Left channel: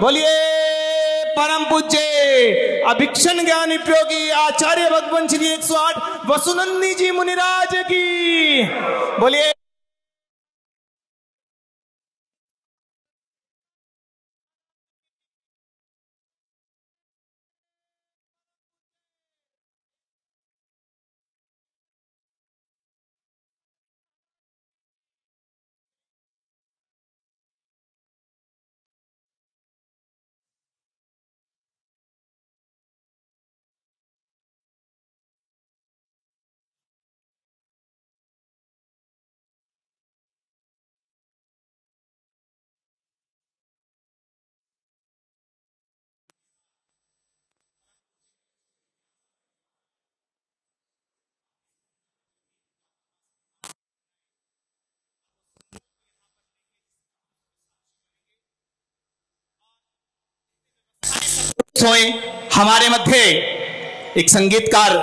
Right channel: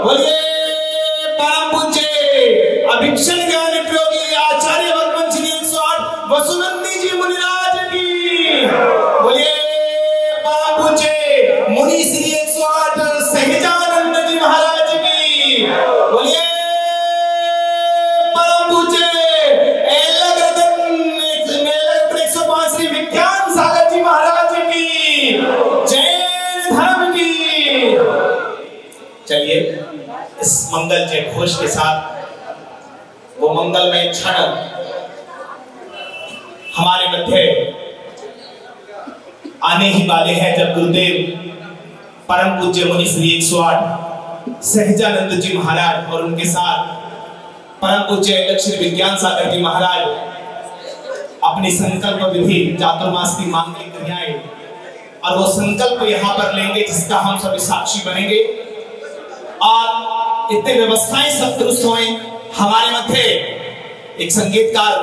बोलिए परम पूज्य अभिक्षण ज्ञान योगी आचार्य वटवंशी 108 वसुनंदी जी मुनिराज की। बोलिए परम पूज्य मुनि श्री 108 सहजानंद जी महाराज की। बोलिए परम पूज्य 105 श्री विज्ञान सागर जी महाराज की। जैन धर्म की। चलिए इस मंगल जय घोष के साथ वो मंगलमय क्षण हमारे मध्य आने ही वाले हैं जब गुरुदेव परम पूज्य मुनि श्री 108 सहजानंद जी महाराज और उनके साथ परम पूज्य लक्ष्मी विज्ञान सागर जी महाराज अपनी संकल्प विधि चातुर्मास की मांगलिक क्रियाएं और वो संकल्प यहाँ पर लेंगे जिसका हम सभी साक्षी बनेंगे। और इतने व्यवस्थाएं सब दुरुस्त हुए हमारे मध्य एक संगीतकार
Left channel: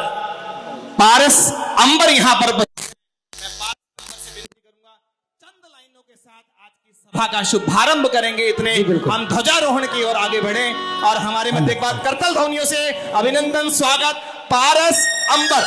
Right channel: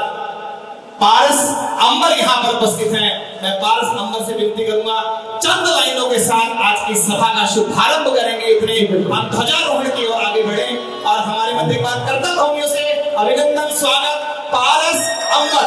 पारस अंबर यहाँ पर उपस्थित हैं। मैं पारस अंबर से विनती करूंगा चंद लाइनों के साथ आज की सभा का शुभारंभ करेंगे। इतने हम ध्वजारोहण की ओर आगे बढ़े और हमारे मध्य एक बार करतल ध्वनियों से अभिनंदन स्वागत पारस अंबर।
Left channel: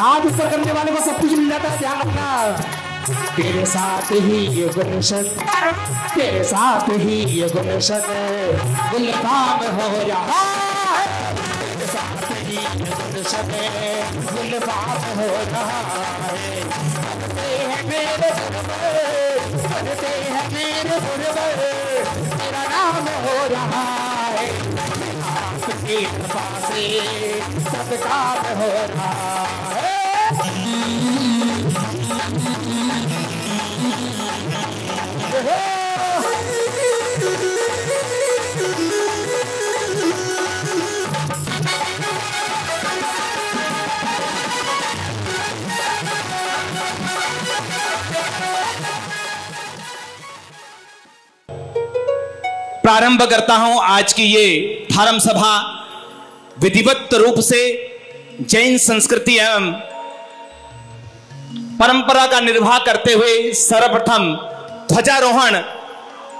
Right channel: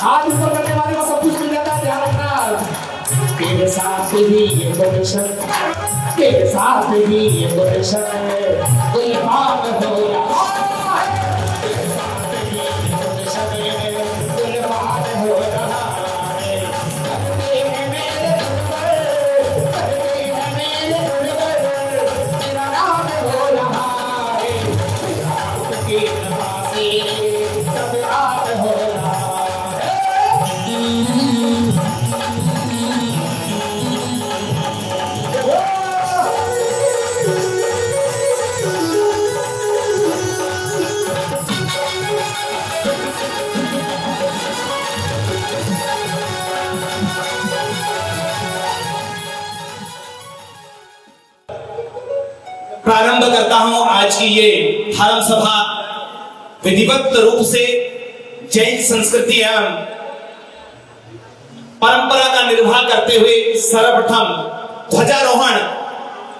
आज ऊपर करने वाले को सब कुछ मिल जाता है यार। तेरे साथ ही ये दर्शन, तेरे साथ ही ये दर्शन, ये भाव हो या तेरे साथ ही ये दर्शन, ये भाव हो रहा है। ये है मेरे ये है मेरे मेरा नाम हो रहा है। आपके नवासे सब रात हो रहा है। प्रारंभ करता हूं आज की ये धर्म सभा विधिवत रूप से जैन संस्कृति एवं परंपरा का निर्वाह करते हुए सर्वप्रथम ध्वजारोहण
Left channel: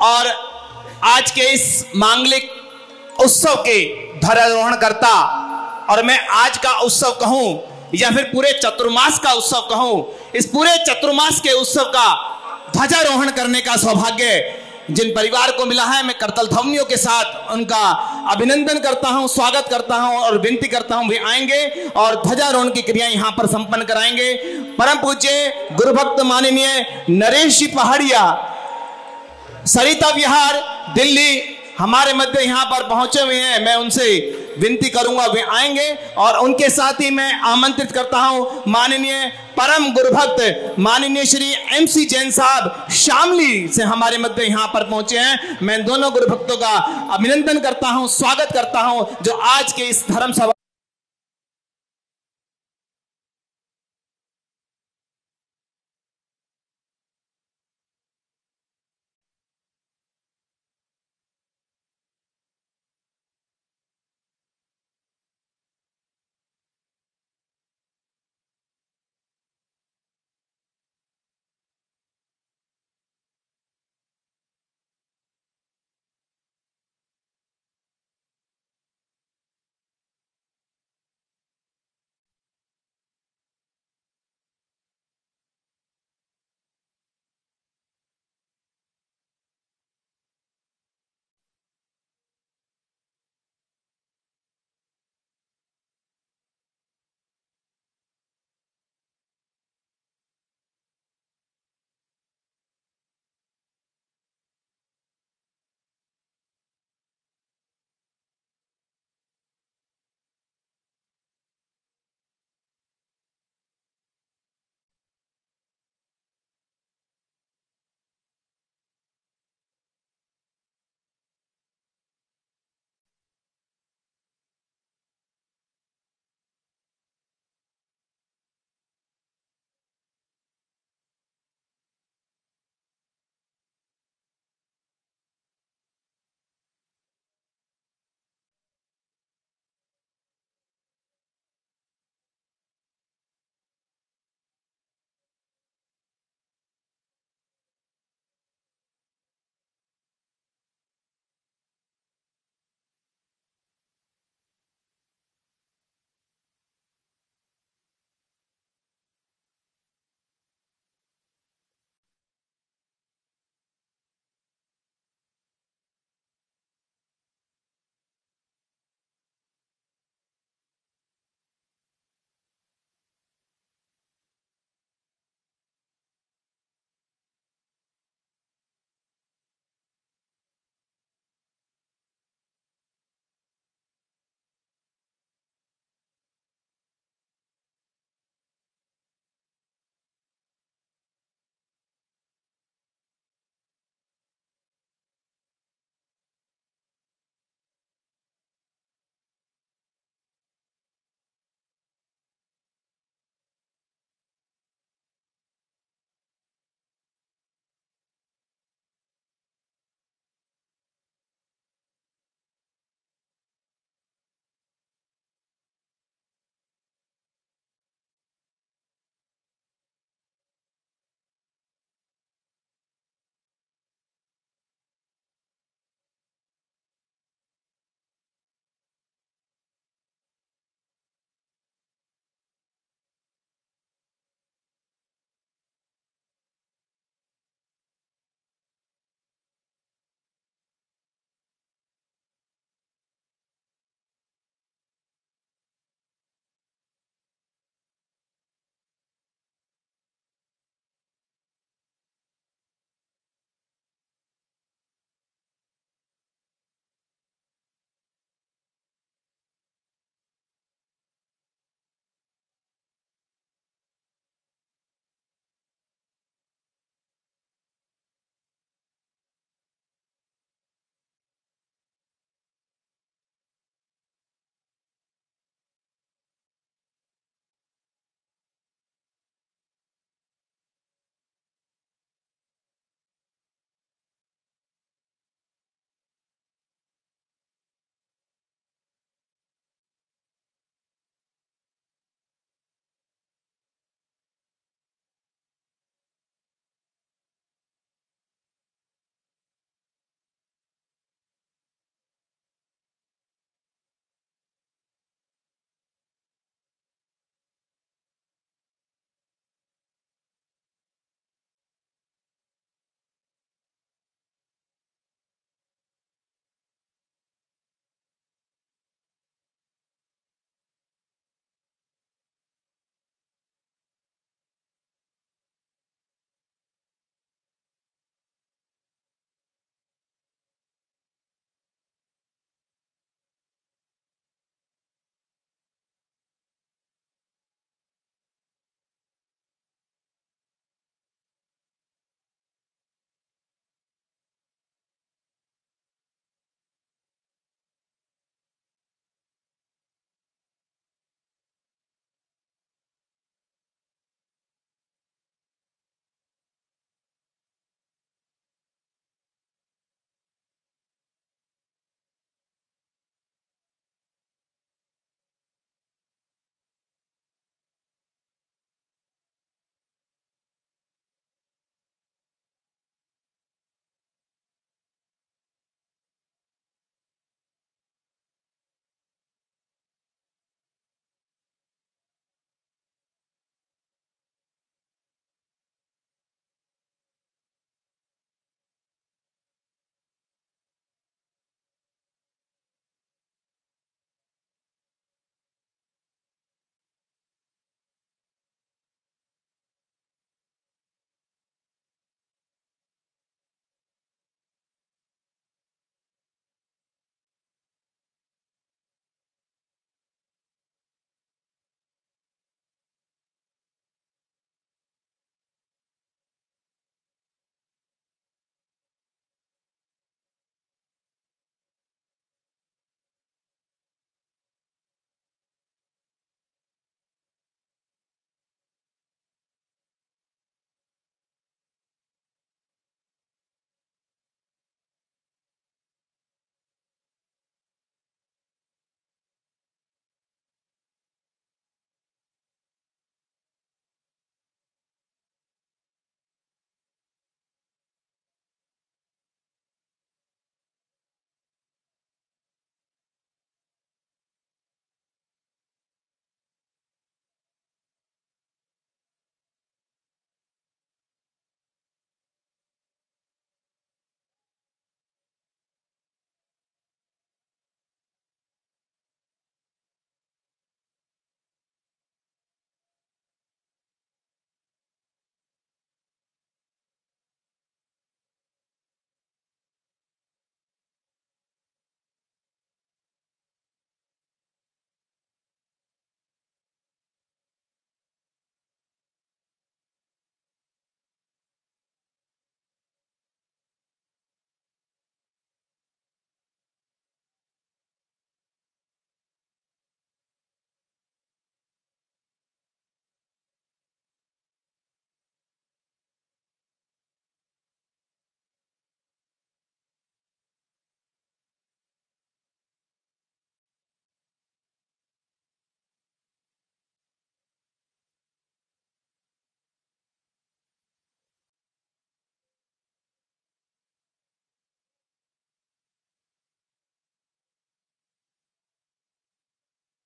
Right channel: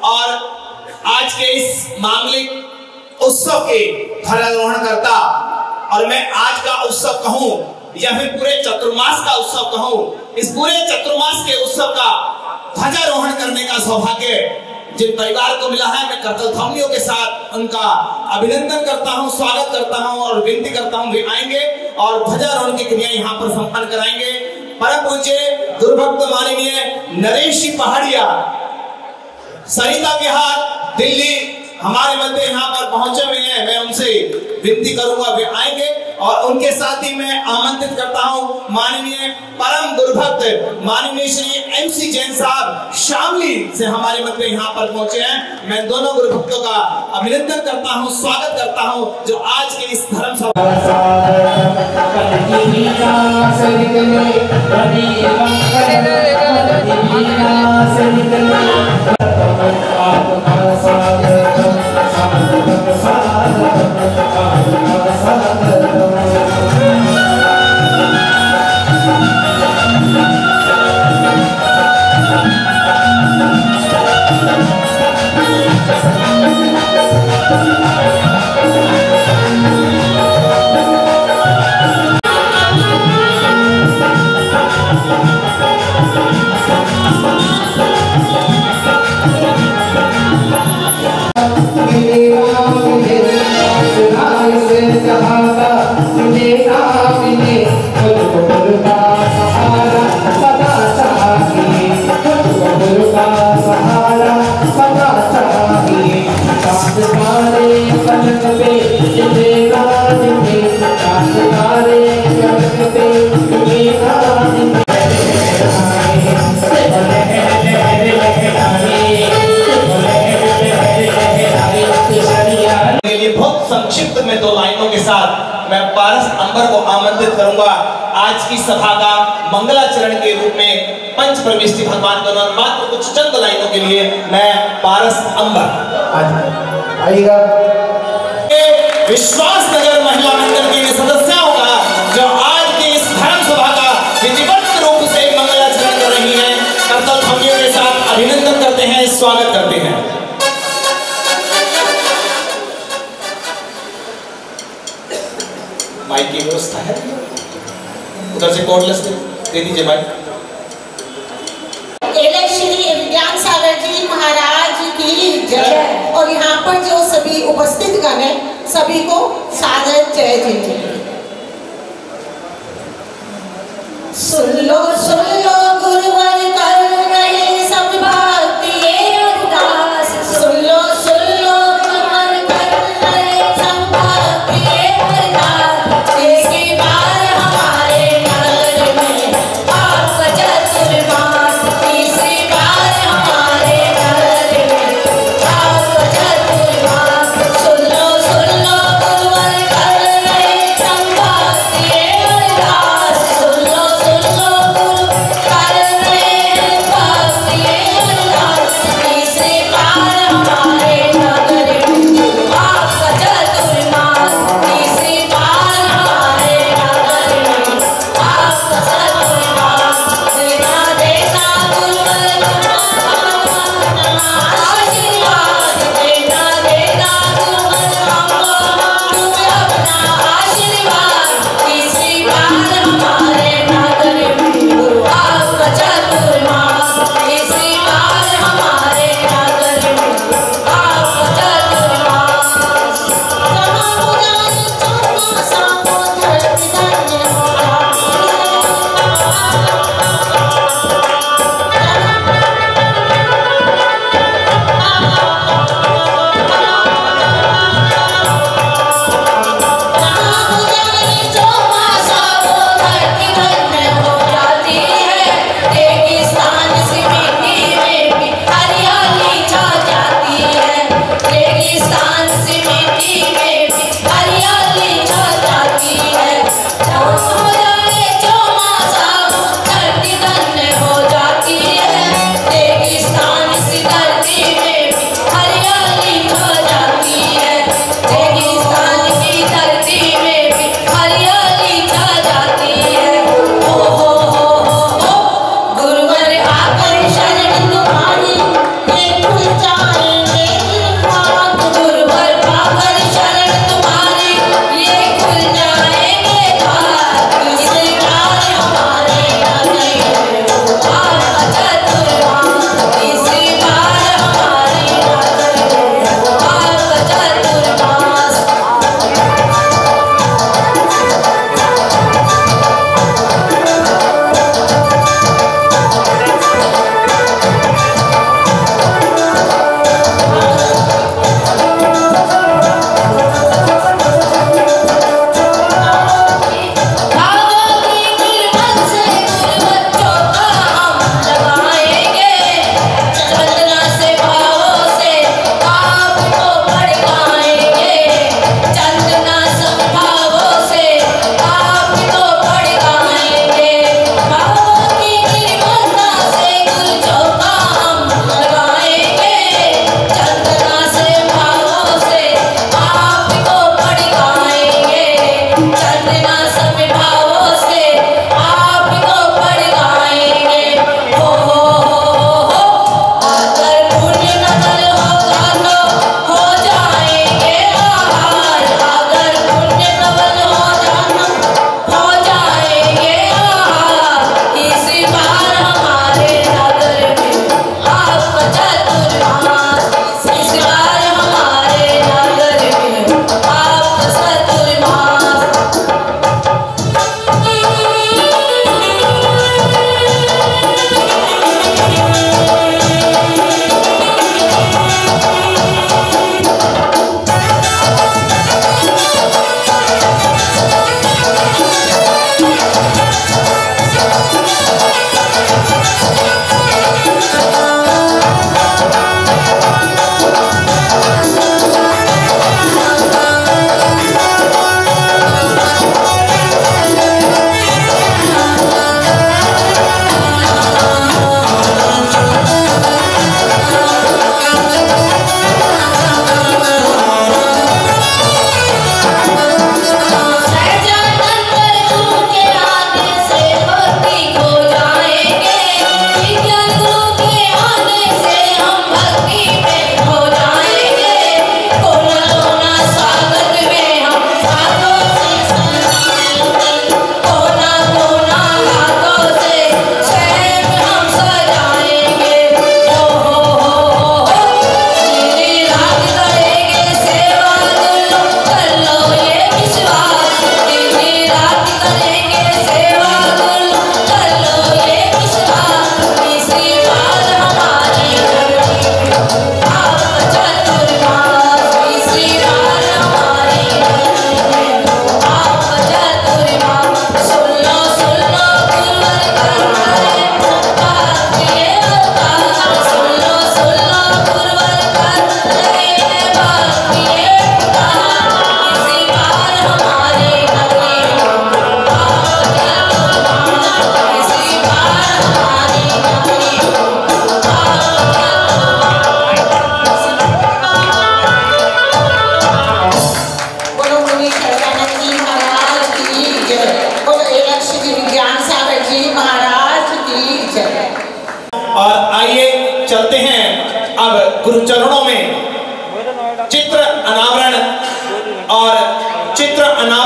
और आज के इस मांगलिक उत्सव के ध्वजारोहण करता और मैं आज का उत्सव कहूं या फिर पूरे चतुर्मास का उत्सव कहूं, इस पूरे चतुर्मास के उत्सव का ध्वजारोहण करने का सौभाग्य जिन परिवार को मिला है, मैं करतल ध्वनियों के साथ उनका अभिनंदन करता हूं, स्वागत करता हूं और विनती करता हूं वे आएंगे और ध्वजारोहण की क्रिया यहां पर संपन्न कराएंगे। परम पूज्य गुरु भक्त माननीय नरेश जी पहाड़िया, सरिता विहार, दिल्ली हमारे मध्य यहाँ पर पहुंचे हुए हैं। मैं उनसे विनती करूंगा वे आएंगे और उनके साथ ही मैं आमंत्रित करता हूं माननीय परम गुरुभक्त माननीय श्री MC जैन साहब शामली से हमारे मध्य यहाँ पर पहुंचे हैं। मैं दोनों गुरुभक्तों का अभिनंदन करता हूं, स्वागत करता हूं जो आज के इस धर्म सभा संक्षिप्त में 2 लाइनों के साथ मैं पारस अंबर को आमंत्रित करूंगा आज की सभा का मंगलाचरण के रूप में पंच प्रविष्टि भगवान का मात्र कुछ चंद लाइनों के लिए मैं पारस अंबर आइएगा। विश्वास नगर महिला मंडल के सदस्यों का जो आज की इस धर्म सभा का विधिवत रूप से मंगलाचरण कर रही है, करतल ध्वनियों के साथ अभिनंदन करते हैं, स्वागत करते हैं। माइक की व्यवस्था है, उधर से कॉर्डलेस दे दीजिए माइक। श्री विज्ञान सागर जी महाराज की जय। और यहाँ पर जो सभी उपस्थित गण हैं सभी को सादर जय जय। सुन लो गुरुवर कर रहे सब भक्ति ये अरदास, सुन लो गुरुवर कर रहे सब भक्ति ये अरदास। इसकी बार हमारे नगर में आपका चतुर्मास, तीसरी बार हमारे नगर में आपका चतुर्मास। सुन लो गुरुवर कर रहे सब भक्ति ये अरदास, सुन लो गुरुवर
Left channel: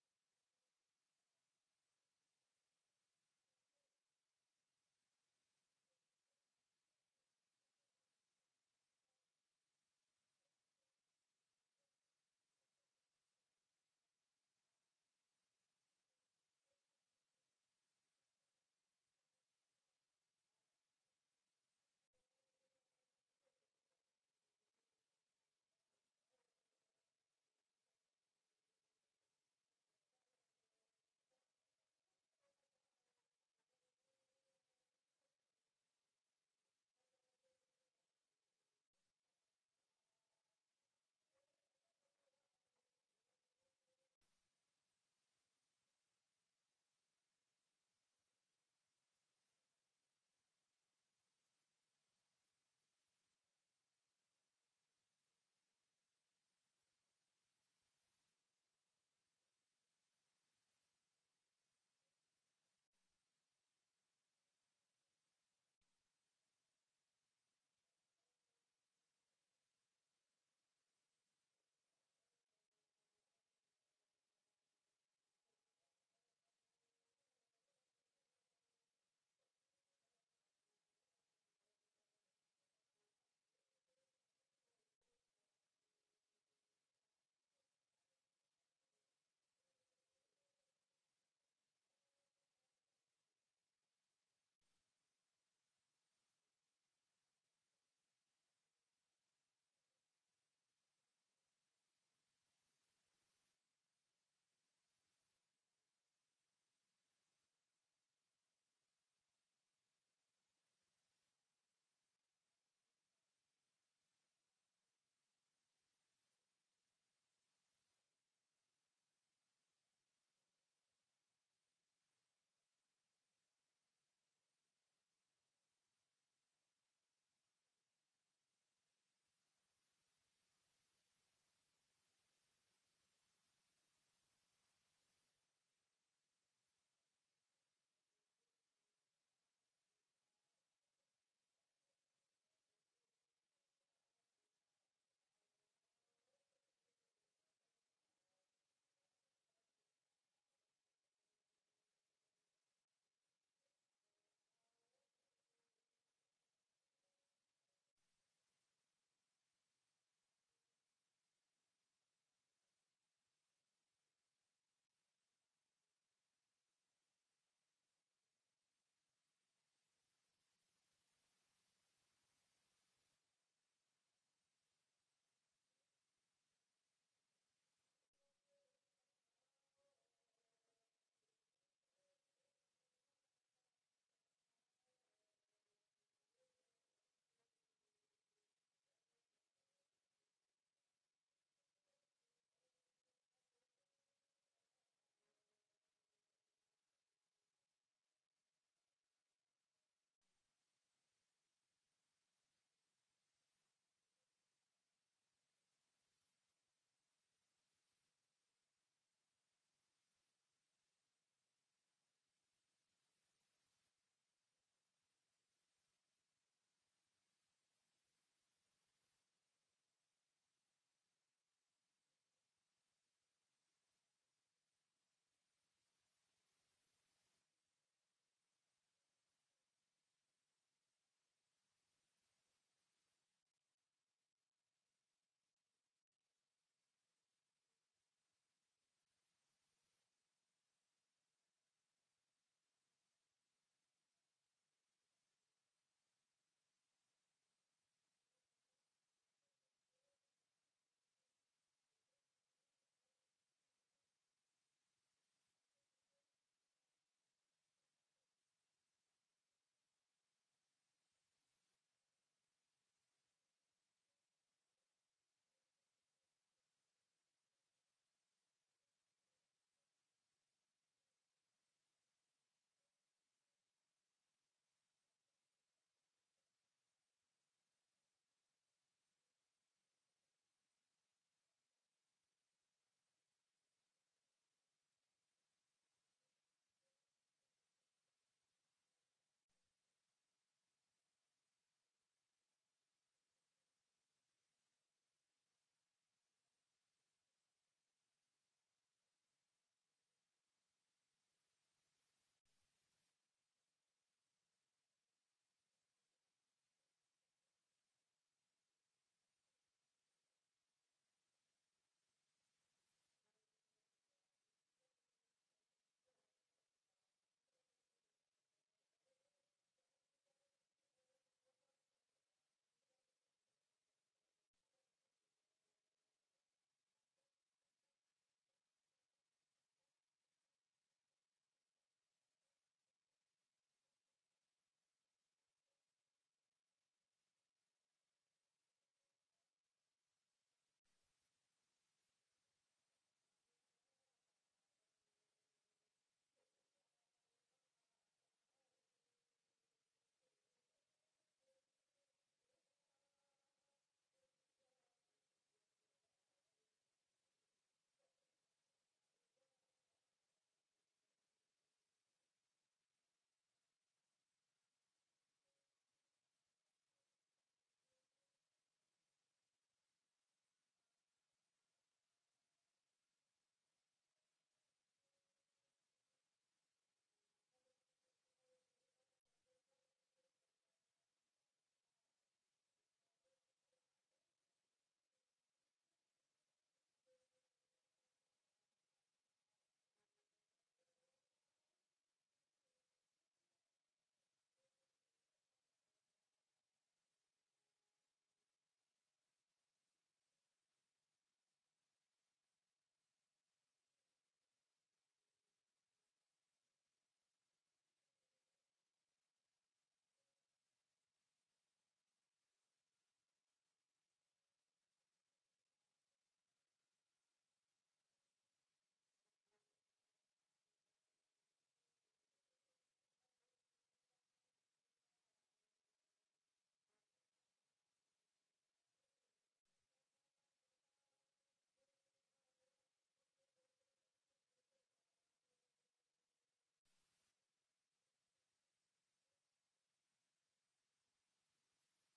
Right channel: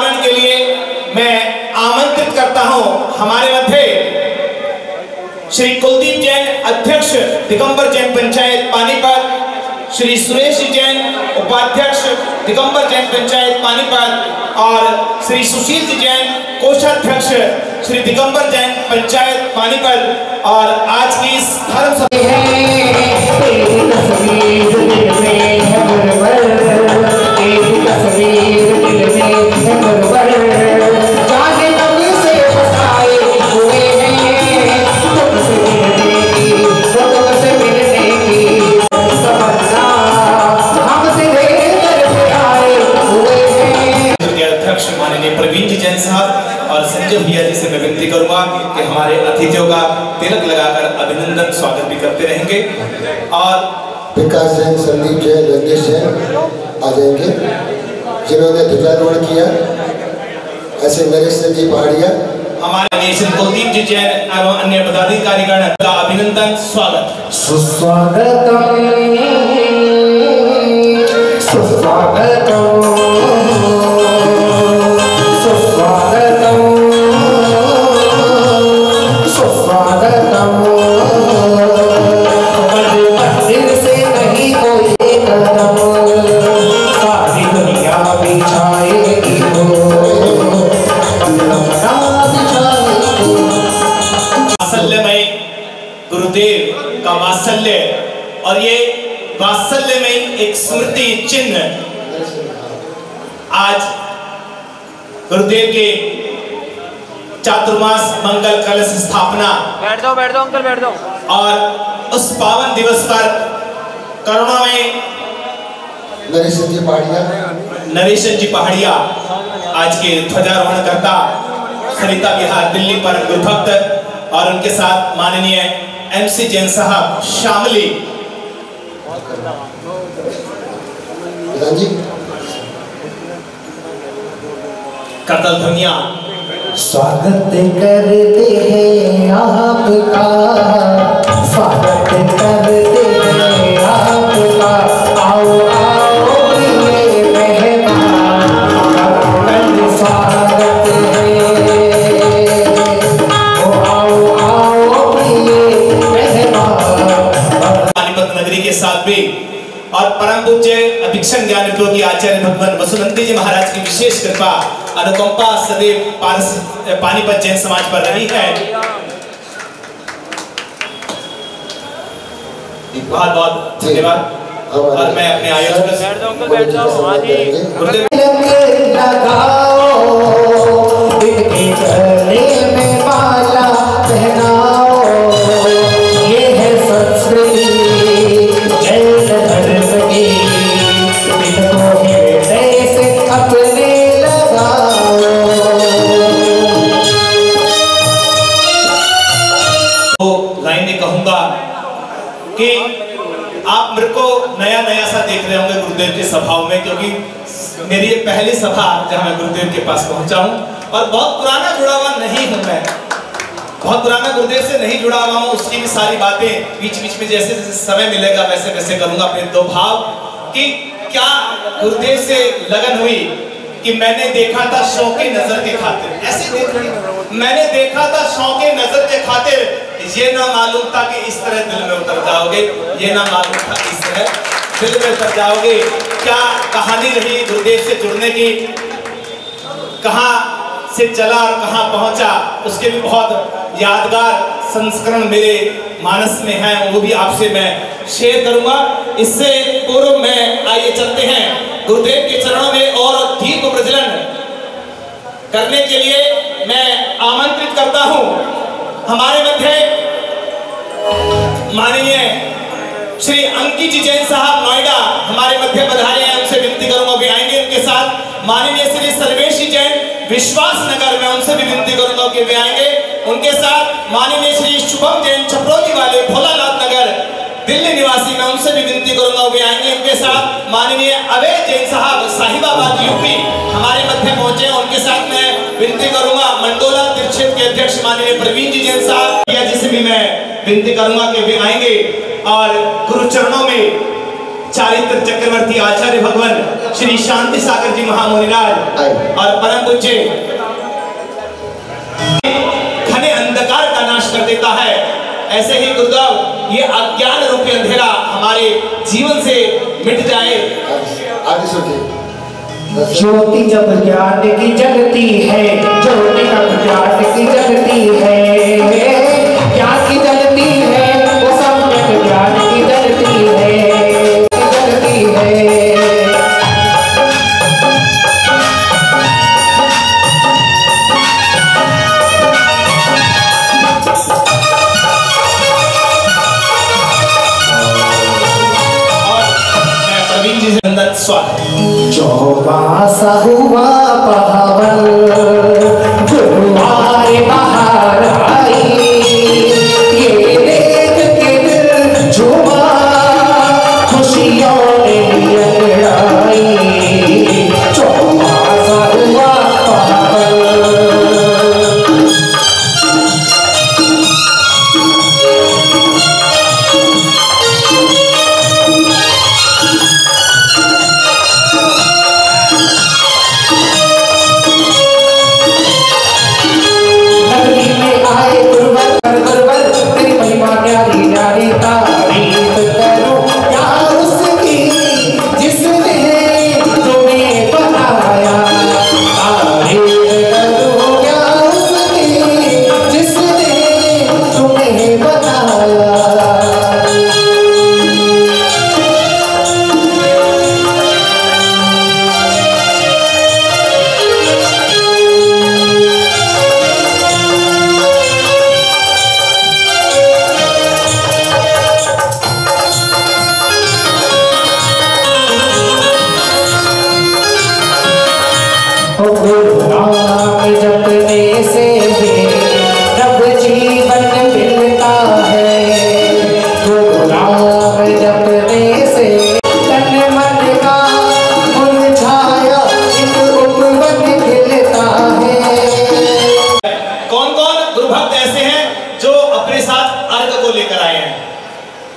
अभिवादन के लिए मैं आमंत्रित करता हूं हमारे मध्य श्री कुलदीप जैन अध्यक्ष दिगंबर जैन पंचायत पानीपत, श्री सुरेश जैन उपाध्यक्ष दिगंबर जैन पंचायत पानीपत और श्री सुशील जैन कोषाध्यक्ष श्री दिगंबर जैन पंचायत पानीपत। और आज की इस धर्म सभा भैया जी से मैं विनती करूंगा कि हमारे अतिथियों का तिलक लगाकर अभिनंदन स्वागत भी करते रहेंगे। और विकास जैन, संदीप जैन, रंगेश जैन आ जाएंगे जिन्होंने ध्वजारोहण किया। ऐसे नरेश जी पहाड़िया, हमारे नेशन कुलदीप जी जैन एवं अन्य पदाधिकारीगण का अभिनंदन स्वागत। सुस्वागतम सुस्वागतम और ये वात्सल्य में एक स्मृति चिन्ह आज गुरुदेव के चातुर्मास मंगल कलश स्थापना। बैठ जाओ अंकल बैठ जाओ। और उस पावन दिवस पर करुणा में नरेशन जी पहाड़िया आज के ध्वजारोहण करता, सरिता विहार दिल्ली पर गुरुभक्त और उनके साथ माननीय MC जैन साहब शामली। करतल ध्वनिया स्वागत करते हैं आपका, स्वागत करते हैं आपका। आओ आओ प्रिय मेहमान, स्वागत है। ओ आओ आओ प्रिय मेहमान। पानीपत नगरी के साथ भी और परम पूज्य अभिक्षण ज्ञान योगी आचार्य भगवान वसुनंदी जी महाराज की विशेष कृपा अनुकंपा सदैव पानीपत जैन समाज पर रही है। बहुत बहुत धन्यवाद। और मैं अपने आयोजक बैठ जाओ। हाँ जी कि आप मेरे को नया सा देख रहे होंगे गुरुदेव की सभाओं में, क्योंकि मेरी ये पहली सभा जहां मैं गुरुदेव के पास पहुंचा हूं और बहुत पुराना जुड़ा हुआ नहीं हूं। मैं बहुत पुराना गुरुदेव से नहीं जुड़ा हुआ हूं। उसकी भी सारी बातें बीच बीच में जैसे जैसे समय मिलेगा वैसे वैसे करूंगा। अपने दो भाव कि क्या गुरुदेव से लगन हुई कि मैंने देखा था शौक़े नजर के खातिर, ऐसे मैंने देखा था शौक़े नजर के खातिर, ये ना मालूम था कि इस तरह दिल में उतर जाओगे, ये ना मालूम था इस तरह दिल में उतर जाओगे। क्या कहानी रही गुरुदेव से जुड़ने की, कहां से चला और कहां पहुंचा, उसके भी बहुत यादगार संस्करण मेरे मानस में है, वो भी आपसे मैं शेयर करूंगा। इससे पूर्व में आइए चलते हैं गुरुदेव के चरणों में और दीप प्रज्वलन करने के लिए मैं आमंत्रित करता हूं हमारे मध्य माननीय श्री अंकित जी जैन साहब नोएडा हमारे मध्य पधारे हैं। उनसे विनती करूंगा भी आएंगे। उनके साथ माननीय श्री सर्वेश जैन विश्वास नगर में, उनसे भी विनती करूंगा कि वे आएंगे। उनके साथ माननीय श्री शुभम जैन छपरोली वाले भोलानाथ नगर दिल्ली निवासी, मैं उनसे भी विनती करूंगा वे आएंगे। उनके साथ माननीय अभय जैन साहब साहिबाबाद यूपी हमारे मध्य पहुंचे। उनके साथ मैं विनती करूंगा मंडोला तीर्थ के अध्यक्ष माननीय प्रवीण जी जैन साहब, जिसे भी मैं विनती करूंगा कि वे आएंगे और गुरु चरणों में चारित्र चक्रवर्ती आचार्य भगवान श्री शांति सागर जी महामुनिराज और परम पूज्य घने अंधकार का नाश कर देता है। ऐसे ही गुरुदेव ये अज्ञान रूपी अंधेरा हमारे जीवन से मिट जाए। आगे सुनिए। ज्योति जब ज्ञान की जलती है, ज्योति जब ज्ञान की जलती है, ज्ञान की जलती है, वो सम्यक ज्ञान की जलती है, जलती है। चौबासा हुआ पावन गुरुवार बाहर आई, ये देख के दिल झूमा, खुशियों ने अंगड़ाई। चौबासा हुआ पावन।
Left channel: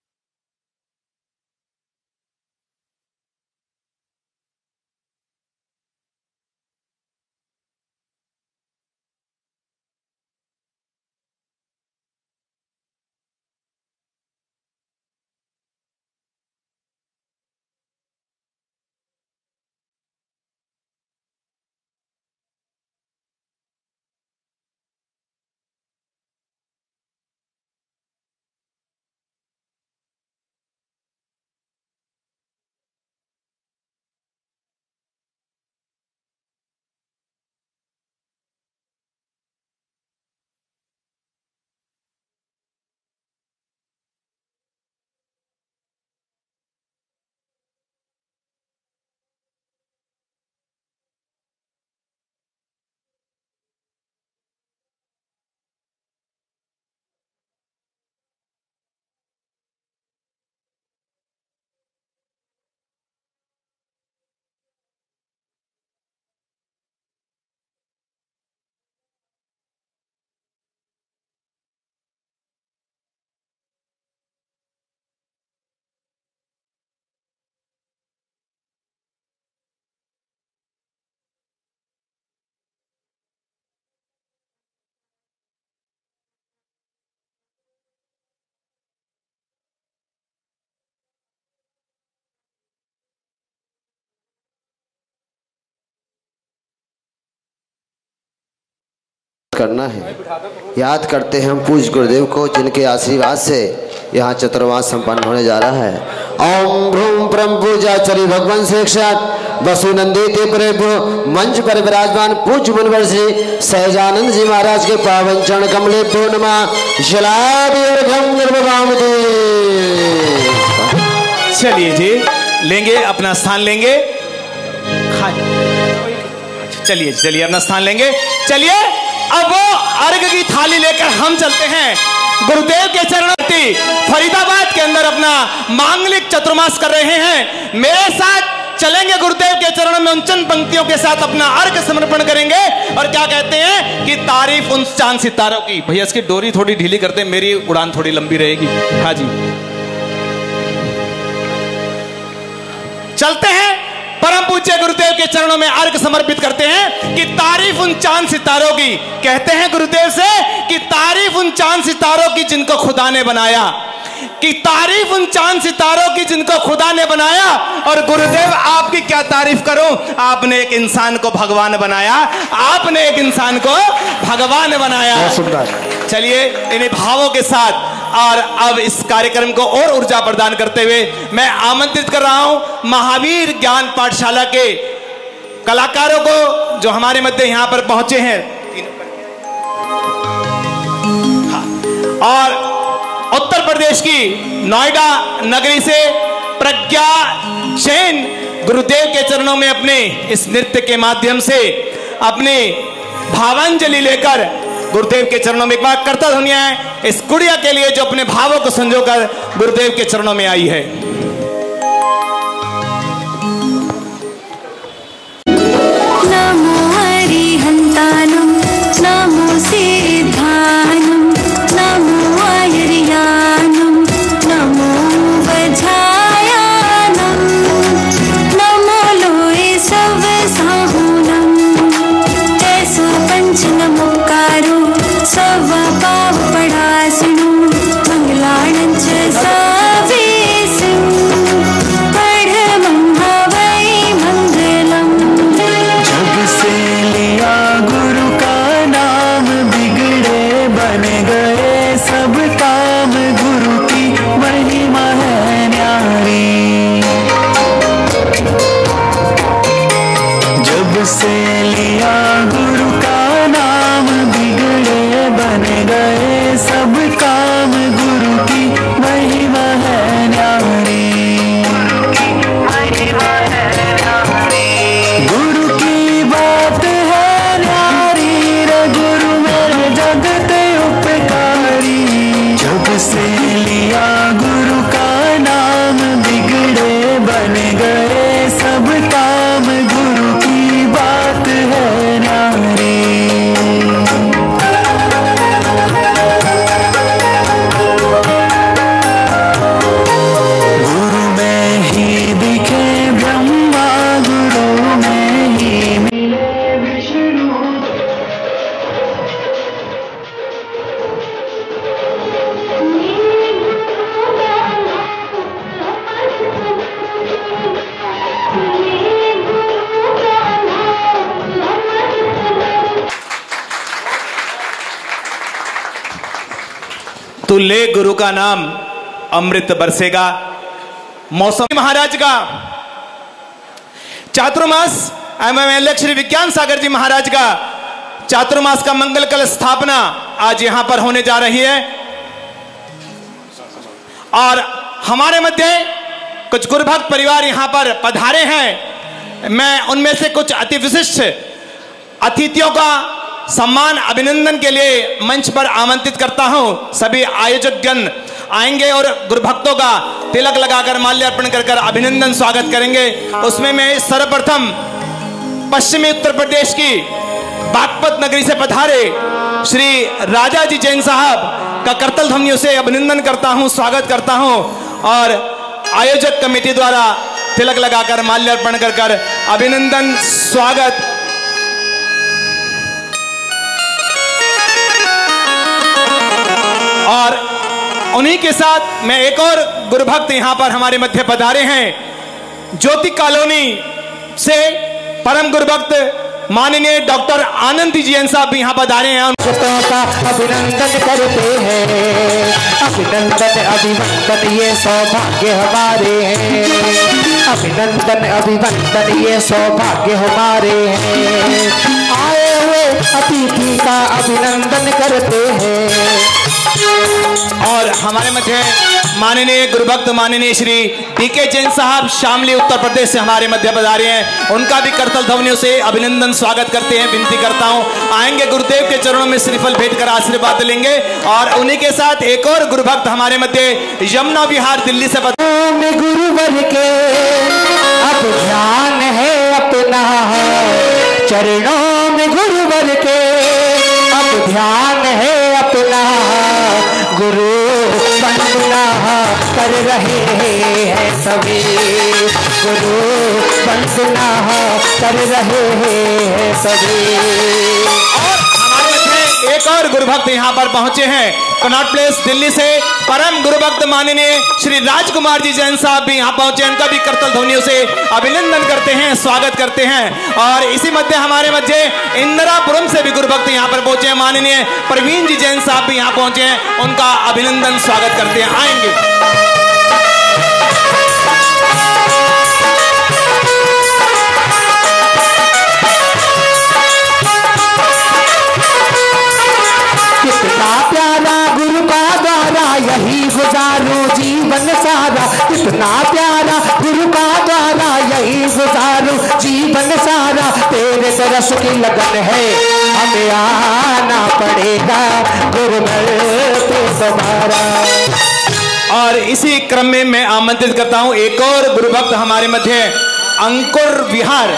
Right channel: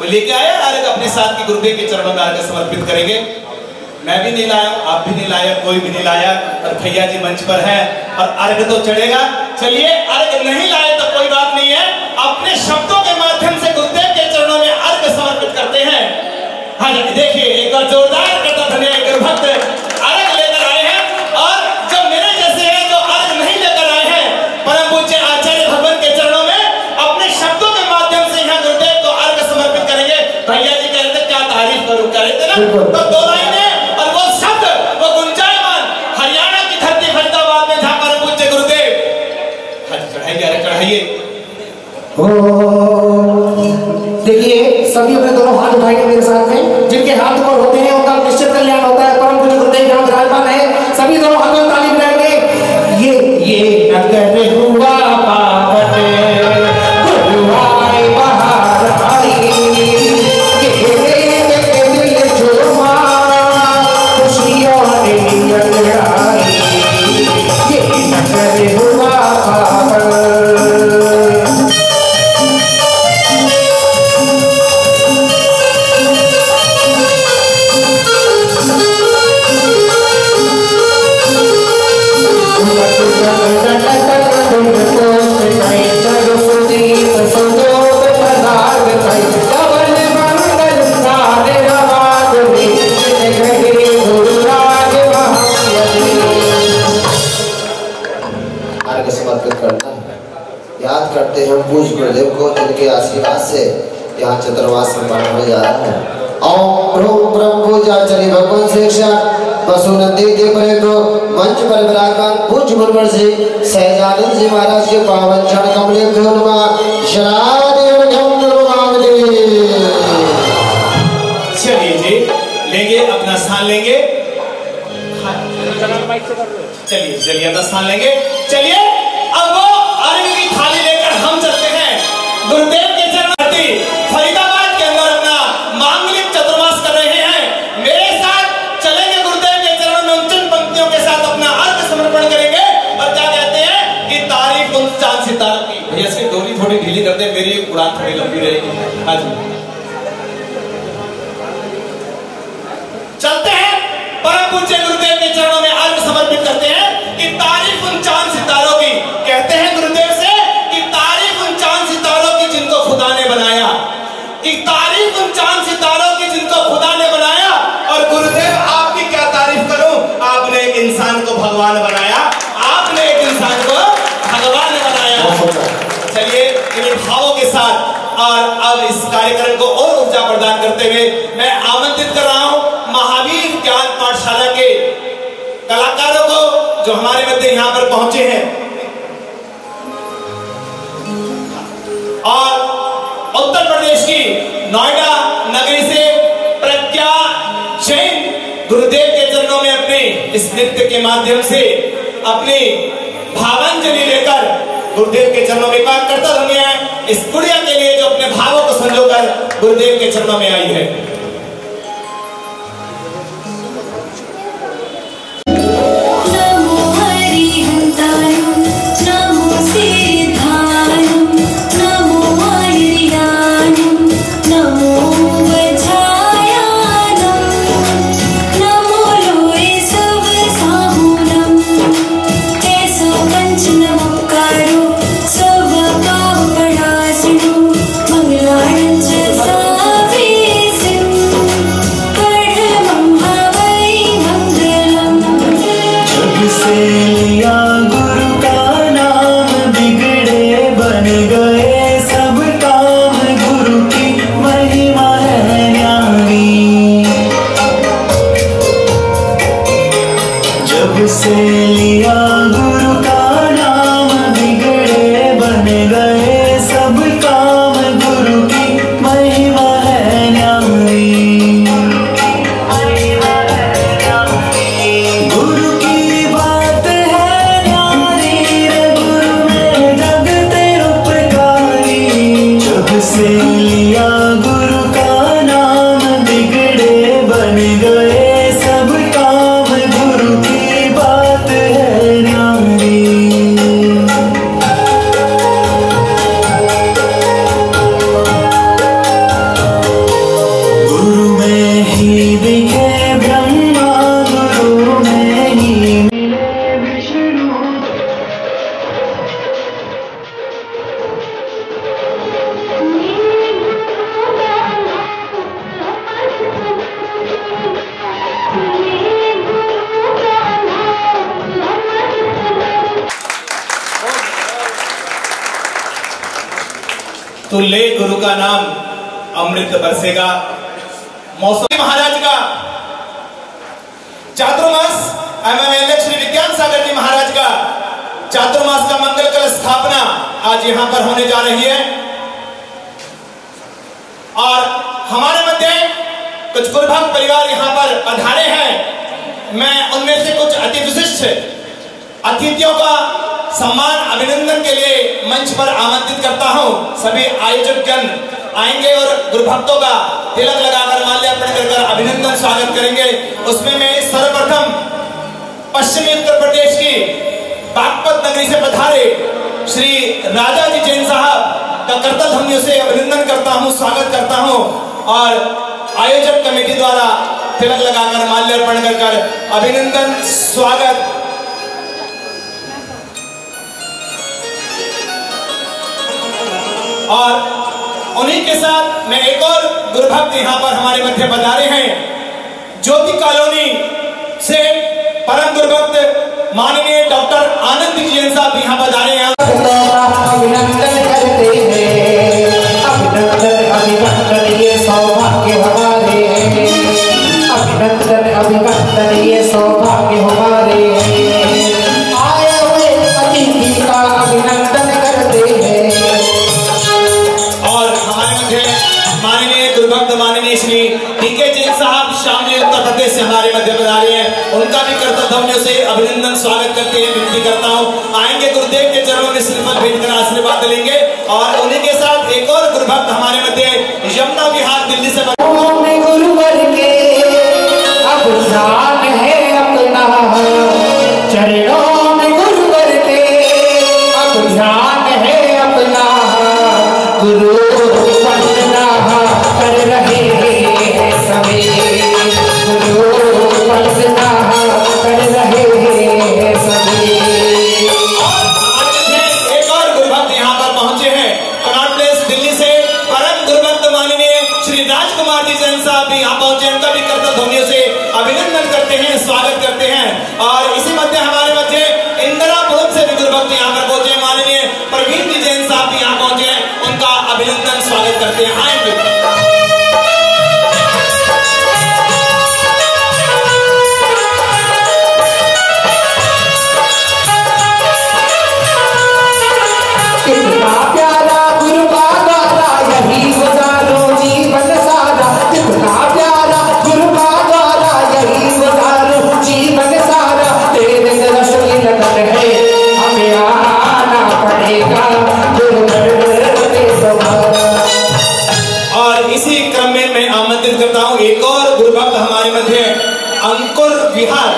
लेके आया अर्घ अपने साथ की गुरुदेव के चरणों में अर्घ समर्पित करेंगे। मैं भी नहीं लाया, आप भी नहीं लाया, कोई भी नहीं लाया, और भैया जी मंच पर हैं और अर्घ तो चढ़ेगा। चलिए, अर्घ नहीं लाए तो कोई बात नहीं है, अपने शब्दों के माध्यम से गुरुदेव के चरणों में अर्घ समर्पित करते हैं। हाँ जी, देखिए एक बार जोरदार करता धन्यवाद। गुरु भक्त अर्घ लेकर आए हैं, और जो मेरे जैसे हैं जो अर्घ नहीं लेकर आए हैं, परम पूज्य आचार्य भगवान के चरणों में अपने शब्दों के माध्यम से यहाँ गुरुदेव को अर्घ समर्पित करेंगे। भैया जी कह रहे थे क्या तारीफ करूं, कह रहे थे ना, तो दो लाइनें और वो शब्द वो गुंजायमान हरियाणा की धरती फरीदाबाद में जहाँ परम पूज्य गुरुदेव चढ़ाइए, अरे चढ़ाइए। देखिए सभी अपने दोनों हाथ उठाएंगे मेरे साथ में, जिनके हाथ ऊपर होते हैं उनका निश्चित कल्याण होता है। परम पूज्य गुरुदेव यहाँ विराजमान है, सभी दोनों हाथों में ताली बजाएंगे। ये नगर हुआ पावन, गुरुवार बाहर आई, ये देख के दिल झूमा, खुशियों ने अंगड़ाई। ये नगर हुआ पावन। करना है। याद करते हैं हम पूज्य गुरुदेव को, जिनके आशीर्वाद से यहाँ चतुर्मास संपन्न होने जा रहा है। ओम ब्रूम परम पूज्याचार्य भगवान साक्षात वसुनंदी मंच पर विराजमान पूज्य गुरुवर से सहजानंद जी महाराज के पावन चरण कमले चलिए जी, लेंगे अपना स्थान लेंगे। चलिए चलिए अपना स्थान लेंगे। चलिए अब वो अर्घ की थाली लेकर हम चलते हैं गुरुदेव के चरण। फरीदाबाद के अंदर अपना मांगलिक चतुर्मास कर रहे हैं, मेरे साथ चलेंगे गुरुदेव के चरण में। चंद पंक्तियों के साथ अपना अर्घ समर्पण करेंगे और क्या कहते हैं कि तारीफ उन चांद सितारों की। भैया इसकी डोरी थोड़ी ढीली कर दे, मेरी उड़ान थोड़ी लंबी रहेगी। हाँ जी, चलते हैं परम पूज्य गुरुदेव के चरणों में अर्घ समर्पित करते हैं कि तारीफ उन चांद सितारों की, कहते हैं गुरुदेव से कि तारीफ उन चांद सितारों की जिनको खुदा ने बनाया, कि तारीफ उन चांद सितारों की जिनको खुदा ने बनाया। और गुरुदेव आपकी क्या तारीफ करूं, आपने एक इंसान को भगवान बनाया, आपने एक इंसान को भगवान बनाया। चलिए इन भावों के साथ और अब इस कार्यक्रम को और ऊर्जा प्रदान करते हुए मैं आमंत्रित कर रहा हूं महावीर ज्ञान पाठशाला के कलाकारों को जो हमारे मध्य यहां पर पहुंचे हैं। और उत्तर प्रदेश की नोएडा नगरी से प्रज्ञा जैन गुरुदेव के चरणों में अपने इस नृत्य के माध्यम से अपनी भावांजलि लेकर गुरुदेव के चरणों में एक बार करता ध्वनि है इस गुड़िया के लिए जो अपने भावों को संजोकर गुरुदेव के चरणों में आई है। तो ले गुरु का नाम अमृत बरसेगा। मौसम महाराज का चातुर्मास एमएमएलए श्री विज्ञान सागर जी महाराज का चातुर्मास का मंगल कल स्थापना आज यहां पर होने जा रही है। और हमारे मध्य कुछ गुरुभक्त परिवार यहां पर पधारे हैं। मैं उनमें से कुछ अति विशिष्ट अतिथियों का सम्मान अभिनंदन के लिए मंच पर आमंत्रित करता हूं। सभी आयोजकगण आएंगे और गुरुभक्तों का तिलक लगाकर माल्यार्पण कर अभिनंदन स्वागत करेंगे। उसमें मैं सर्वप्रथम पश्चिमी उत्तर प्रदेश की बागपत नगरी से पधारे श्री राजा जी जैन साहब का करतल ध्वनियों से अभिनंदन करता हूं, स्वागत करता हूं। और आयोजक कमेटी द्वारा तिलक लगाकर माल्यार्पण कर अभिनंदन स्वागत। और उन्हीं के साथ मैं एक और गुरुभक्त यहां पर हमारे मध्य पधारे हैं। ज्योति कॉलोनी से परम गुरुभक्त माननीय डॉक्टर आनंद जैन साहब भी यहां पधारे हैं। अभिनंदन करते हैं, अभिनंदन अभिनंदन ये सौभाग्य हमारे हैं, अभिनंदन अभिनंदन ये सौभाग्य हमारे हैं। आए हुए अतिथि का अभिनंदन करते हैं। और हमारे मध्य माननीय गुरुभक्त माननीय श्री टीके जैन साहब शामली उत्तर प्रदेश से हमारे मध्य पधारे हैं। उनका भी करतल ध्वनियों से अभिनंदन स्वागत करते हैं। विनती करता हूं आएंगे गुरुदेव के चरणों में श्रीफल भेंट कर आशीर्वाद लेंगे। और उन्हीं के साथ एक और गुरुभक्त हमारे मध्य यमुना विहार दिल्ली से गुरुवर के अब ध्यान है अपना, चरणों में गुरुवर के अब ध्यान है अपना। गुरु वंदना कर रहे हैं सभी, एक और गुरुभक्त यहाँ पर पहुंचे हैं कनॉट प्लेस दिल्ली से। परम गुरुभक्त माननीय श्री राजकुमार जी जैन साहब भी यहाँ पहुंचे। उनका भी करतल ध्वनियों से अभिनंदन करते हैं, स्वागत करते हैं। और इसी मध्य हमारे मध्य इंदिरापुरम से भी गुरुभक्त यहाँ पर पहुंचे। माननीय प्रवीण जी जैन साहब भी यहाँ पहुंचे, उनका अभिनंदन स्वागत करते हैं। आएंगे क्रम में मैं आमंत्रित करता हूं एक और गुरुभक्त हमारे मध्य अंकुर विहार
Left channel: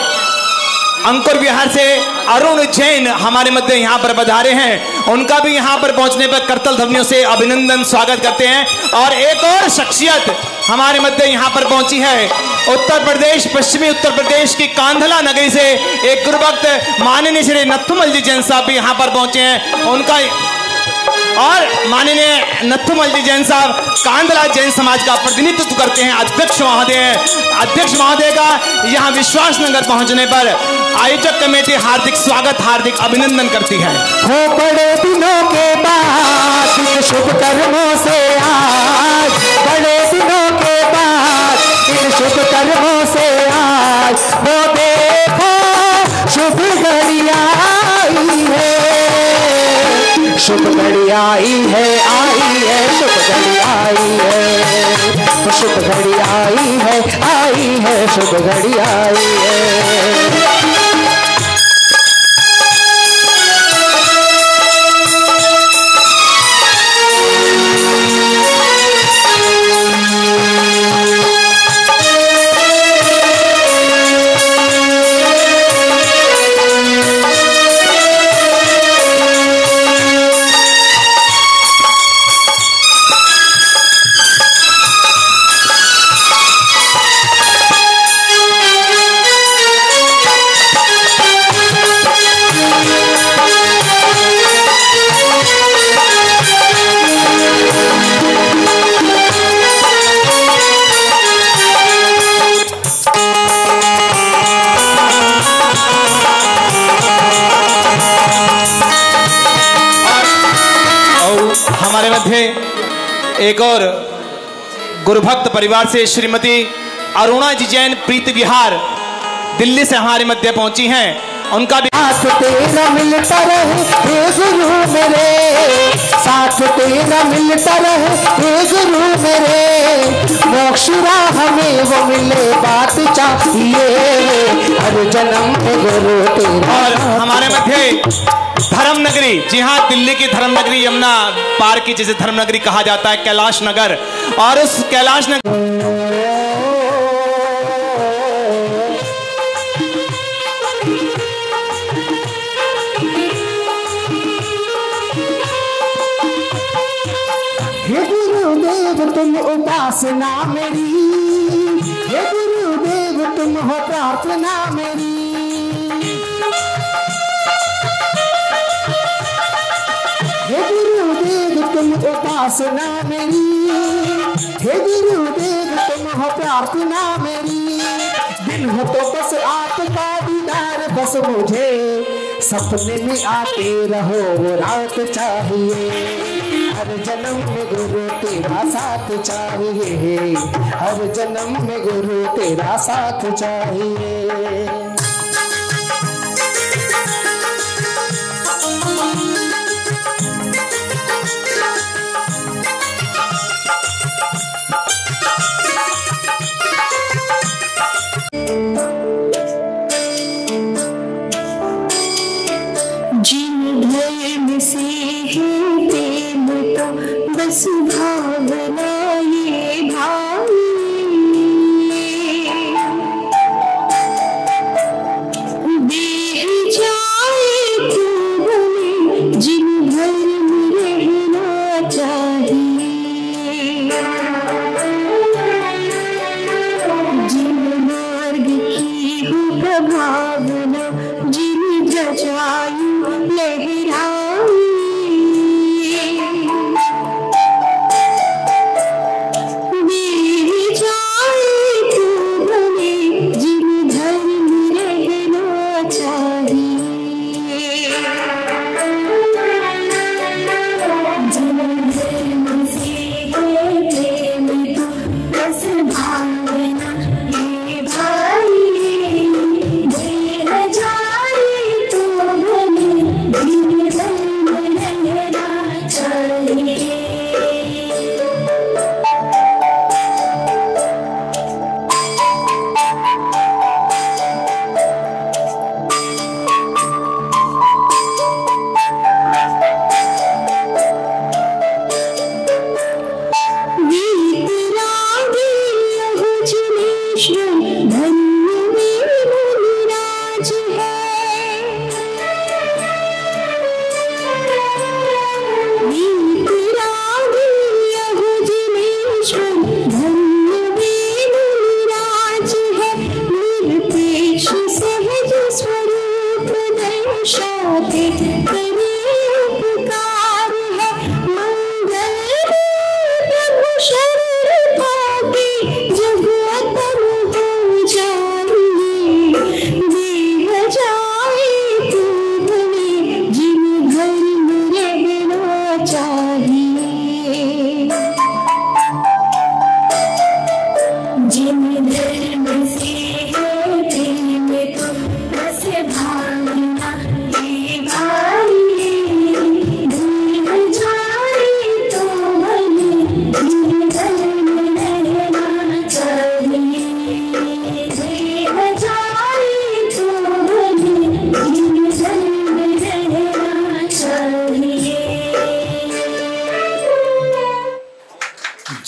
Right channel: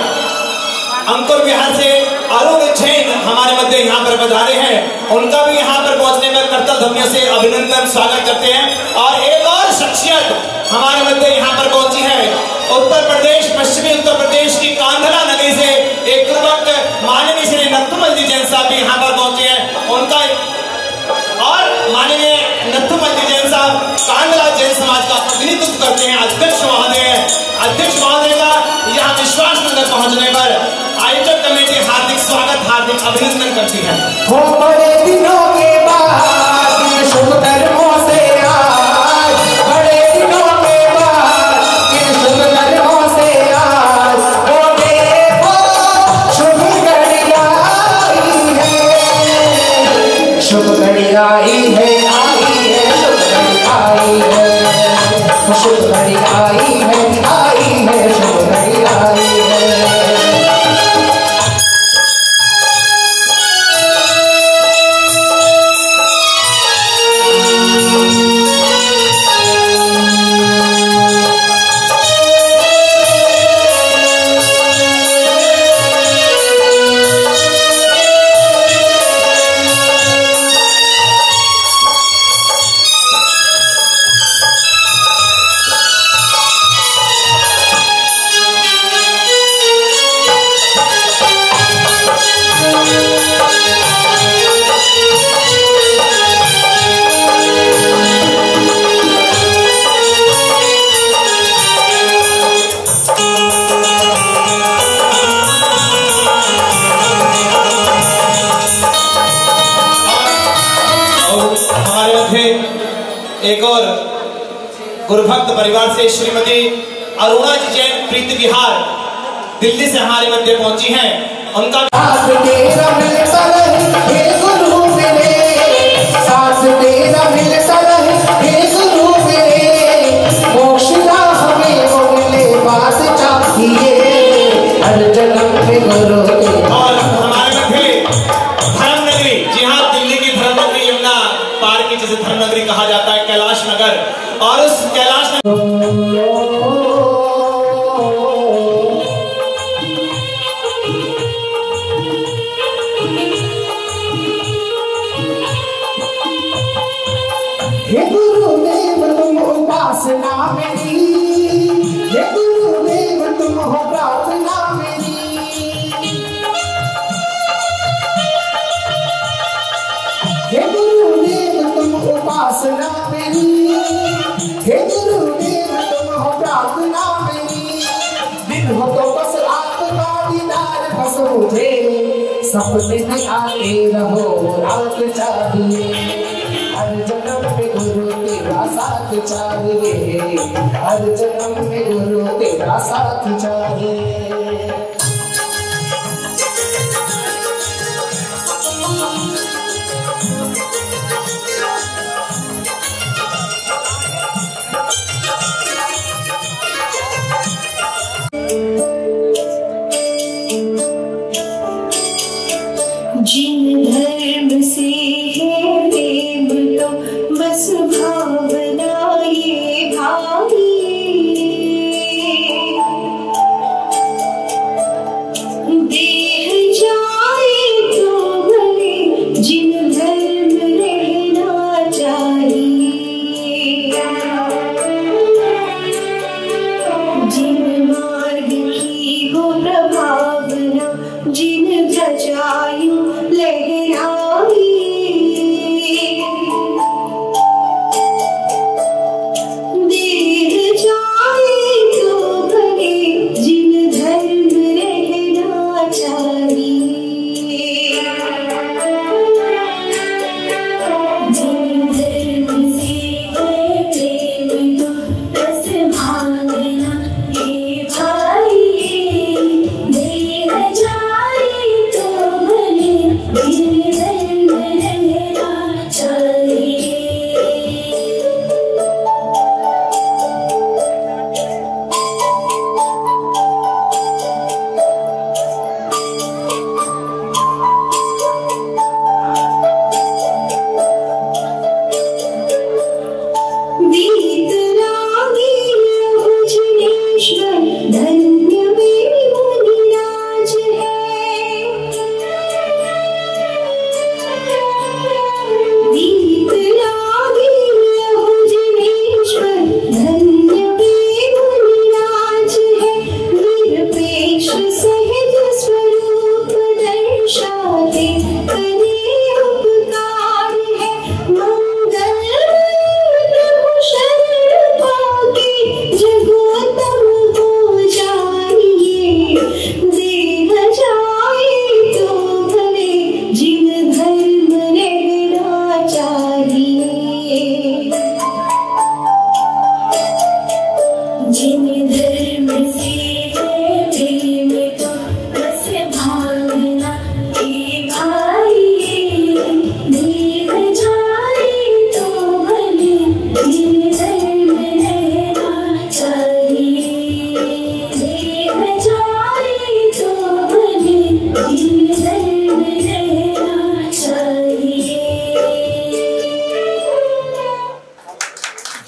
से अरुण जैन हमारे मध्य यहाँ पर पधारे हैं। उनका भी यहाँ पर पहुंचने पर करतल ध्वनियों से अभिनंदन स्वागत करते हैं। और एक और शख्सियत हमारे मध्य यहाँ पर पहुंची है उत्तर प्रदेश, पश्चिमी उत्तर प्रदेश की कांधला नगरी से एक गुरुभक्त माननीय श्री नथुमल जी जैन साहब भी यहाँ पर पहुंचे हैं। उनका और माननीय नथुमल जी जैन साहब कांधला जैन समाज का प्रतिनिधित्व करते हैं। अध्यक्ष महोदय का यहाँ विश्वास नगर पहुंचने पर आयोजक कमेटी हार्दिक स्वागत, हार्दिक अभिनंदन करती है। हो बड़े दिनों के बाद शुभ कर्मों से आज, बड़े दिनों के बाद शुभ कर्मों से आज, वो देखो शुभ घड़ी आई है, शुभ घड़ी आई है, आई है, शुभ घड़ी आई है, शुभ घड़ी आई है, आई है, शुभ घड़ी आई है। एक और गुरुभक्त परिवार से श्रीमती अरुणा जी जैन प्रीति विहार दिल्ली से हमारे मध्य पहुंची हैं। उनका भी साथ तेरा मिलता रहे गुरु मेरे, साथ तेरा मिलता रहे गुरु मेरे, मोक्ष का हमें वो मिले बात चाहिए, हर जन्म के गुरु के। और हमारे मध्य धर्म नगरी, जी हाँ, दिल्ली की धर्म नगरी, यमुना पार की जिसे धर्म नगरी कहा जाता है, कैलाश नगर। और उस कैलाश नगर हे गुरुदेव तुम उपासना मेरी, हे गुरुदेव तुम हो प्रार्थना मेरी, हे गुरुदेव तुम उपासना मेरी, हे गुरुदेव तुम हो प्रार्थना मेरी, दिन हो तो बस आपका दीदार बस मुझे, सपने में आके रहो रात चाहिए, हर जन्म में गुरु तेरा साथ चाहिए, हर जन्म में गुरु तेरा साथ चाहिए। जिन धर्म से है प्रेम तो बस भावना ये भाई, देह जाए तो भले जिन धर्म रहना चाहिए, जिन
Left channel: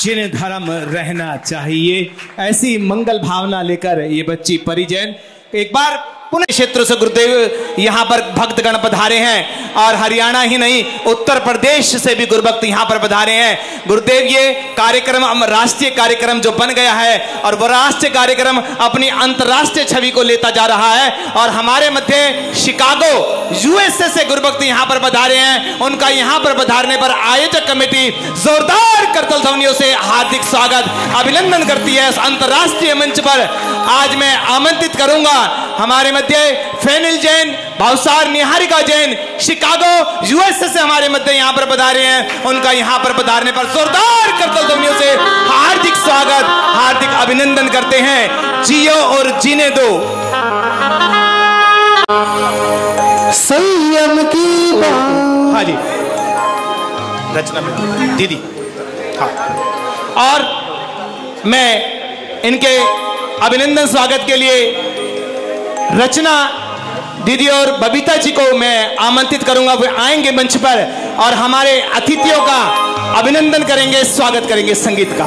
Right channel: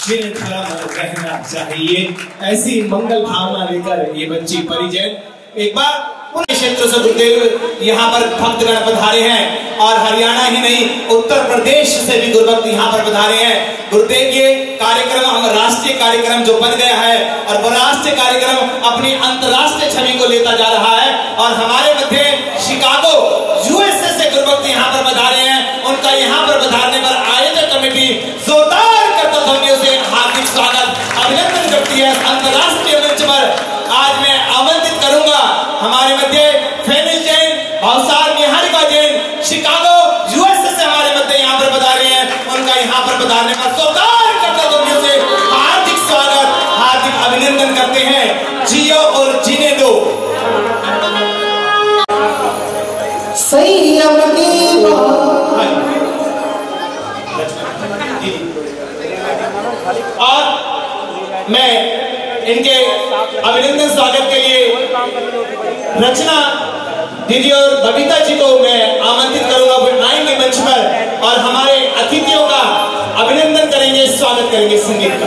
जिन धर्म रहना चाहिए, ऐसी मंगल भावना लेकर ये बच्ची परिजन एक बार पूरे क्षेत्र से गुरुदेव यहाँ पर भक्तगण पधारे हैं और हरियाणा ही नहीं उत्तर प्रदेश से भी गुरुभक्त यहाँ पर पधारे हैं। गुरुदेव ये कार्यक्रम हम राष्ट्रीय कार्यक्रम जो बन गया है और वो राष्ट्रीय कार्यक्रम अपनी अंतर्राष्ट्रीय छवि को लेता जा रहा है और हमारे मध्य शिकागो यूएसए से गुरुभक्त यहाँ पर पधारे हैं। उनका यहाँ पर पधारने पर आयोजक कमेटी जोरदार करतल ध्वनियों से हार्दिक स्वागत अभिनंदन करती है। अंतर्राष्ट्रीय मंच पर आज मैं आमंत्रित करूंगा हमारे मध्य फेनिल जैन, भावसार निहारिका जैन शिकागो यूएसए से हमारे मध्य यहाँ पर पधारे हैं। उनका यहाँ पर पधारने पर जोरदार करतल ध्वनियों से हार्दिक स्वागत हार्दिक अभिनंदन करते हैं। जियो और जीने दो। संयम की रचना दीदी और मैं इनके अभिनंदन स्वागत के लिए रचना दीदी और बबीता जी को मैं आमंत्रित करूंगा। वे आएंगे मंच पर और हमारे अतिथियों का अभिनंदन करेंगे, स्वागत करेंगे संगीत का।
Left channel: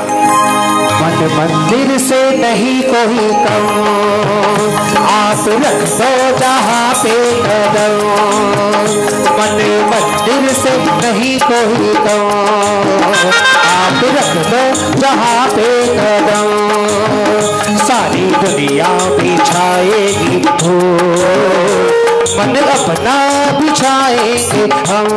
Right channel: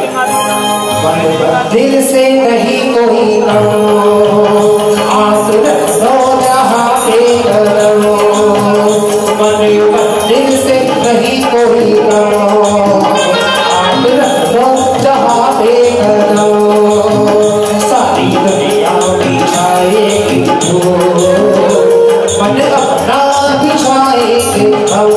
मंदिर से नहीं कोई कम, आप रख दो जहाँ पे कदम। मंदिर से नहीं कोई कम, आप रख दो जहाँ पे कदम। सारी दुनिया बिछाएगी तो मन अपना बिछाएगी हम।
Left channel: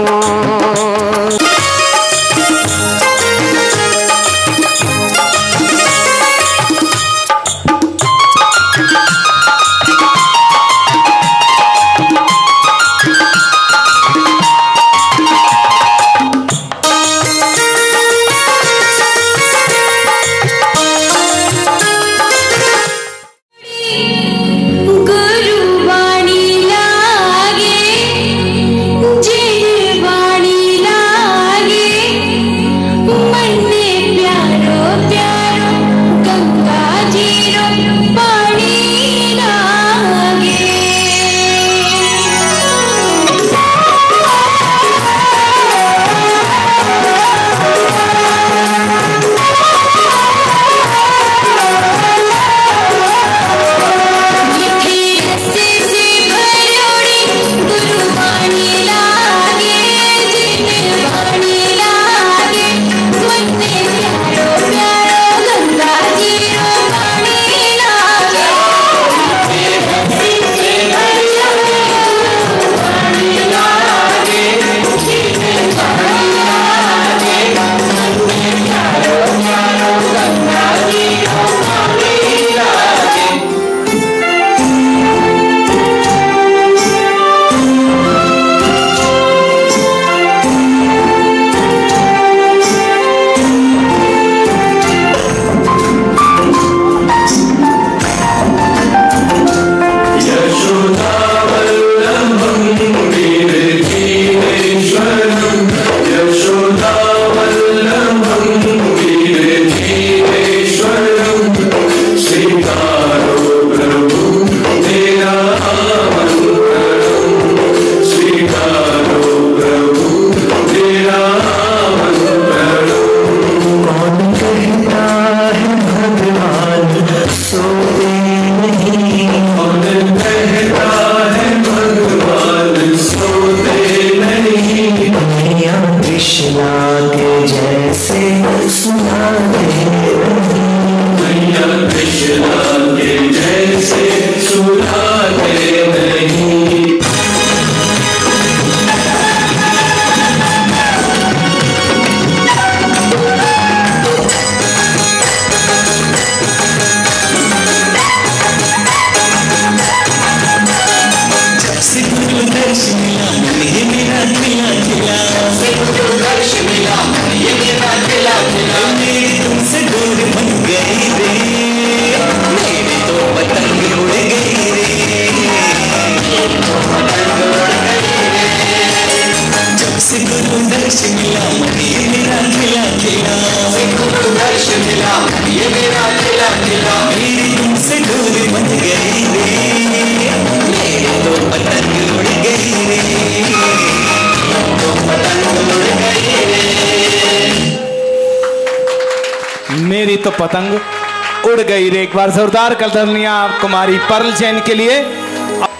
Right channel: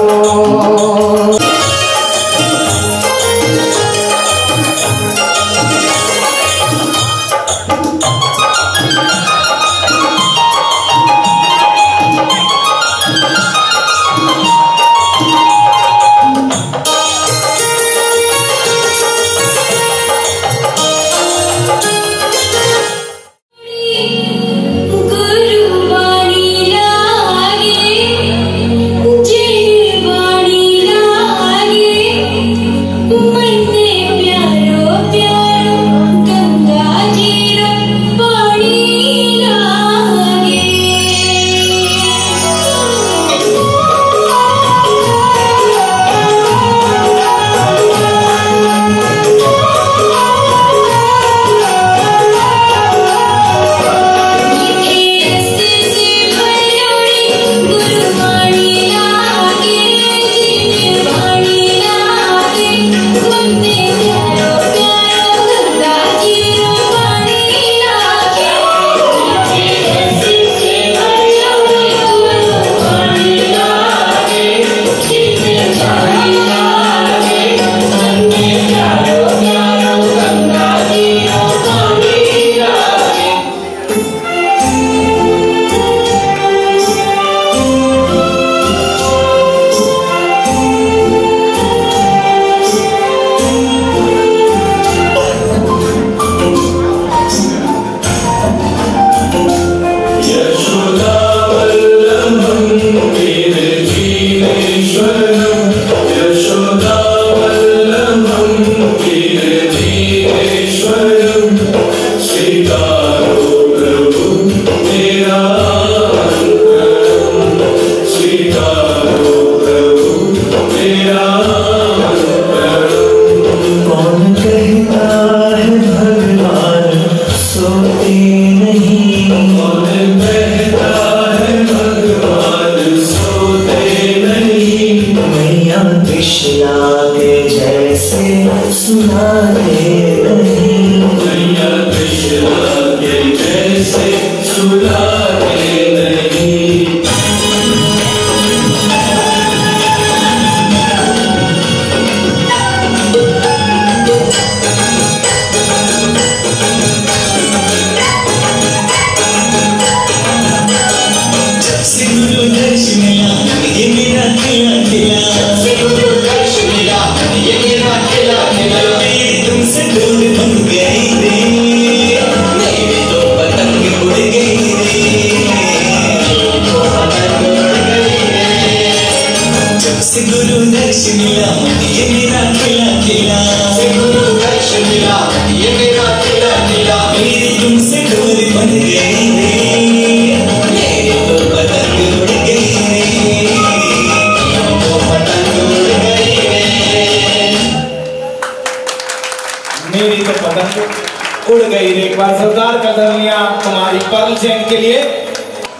मेरी तो पतंग उड़ गई रे। एक बार जोरदार कदमियां कुमारी पर्ल जैन के लिए।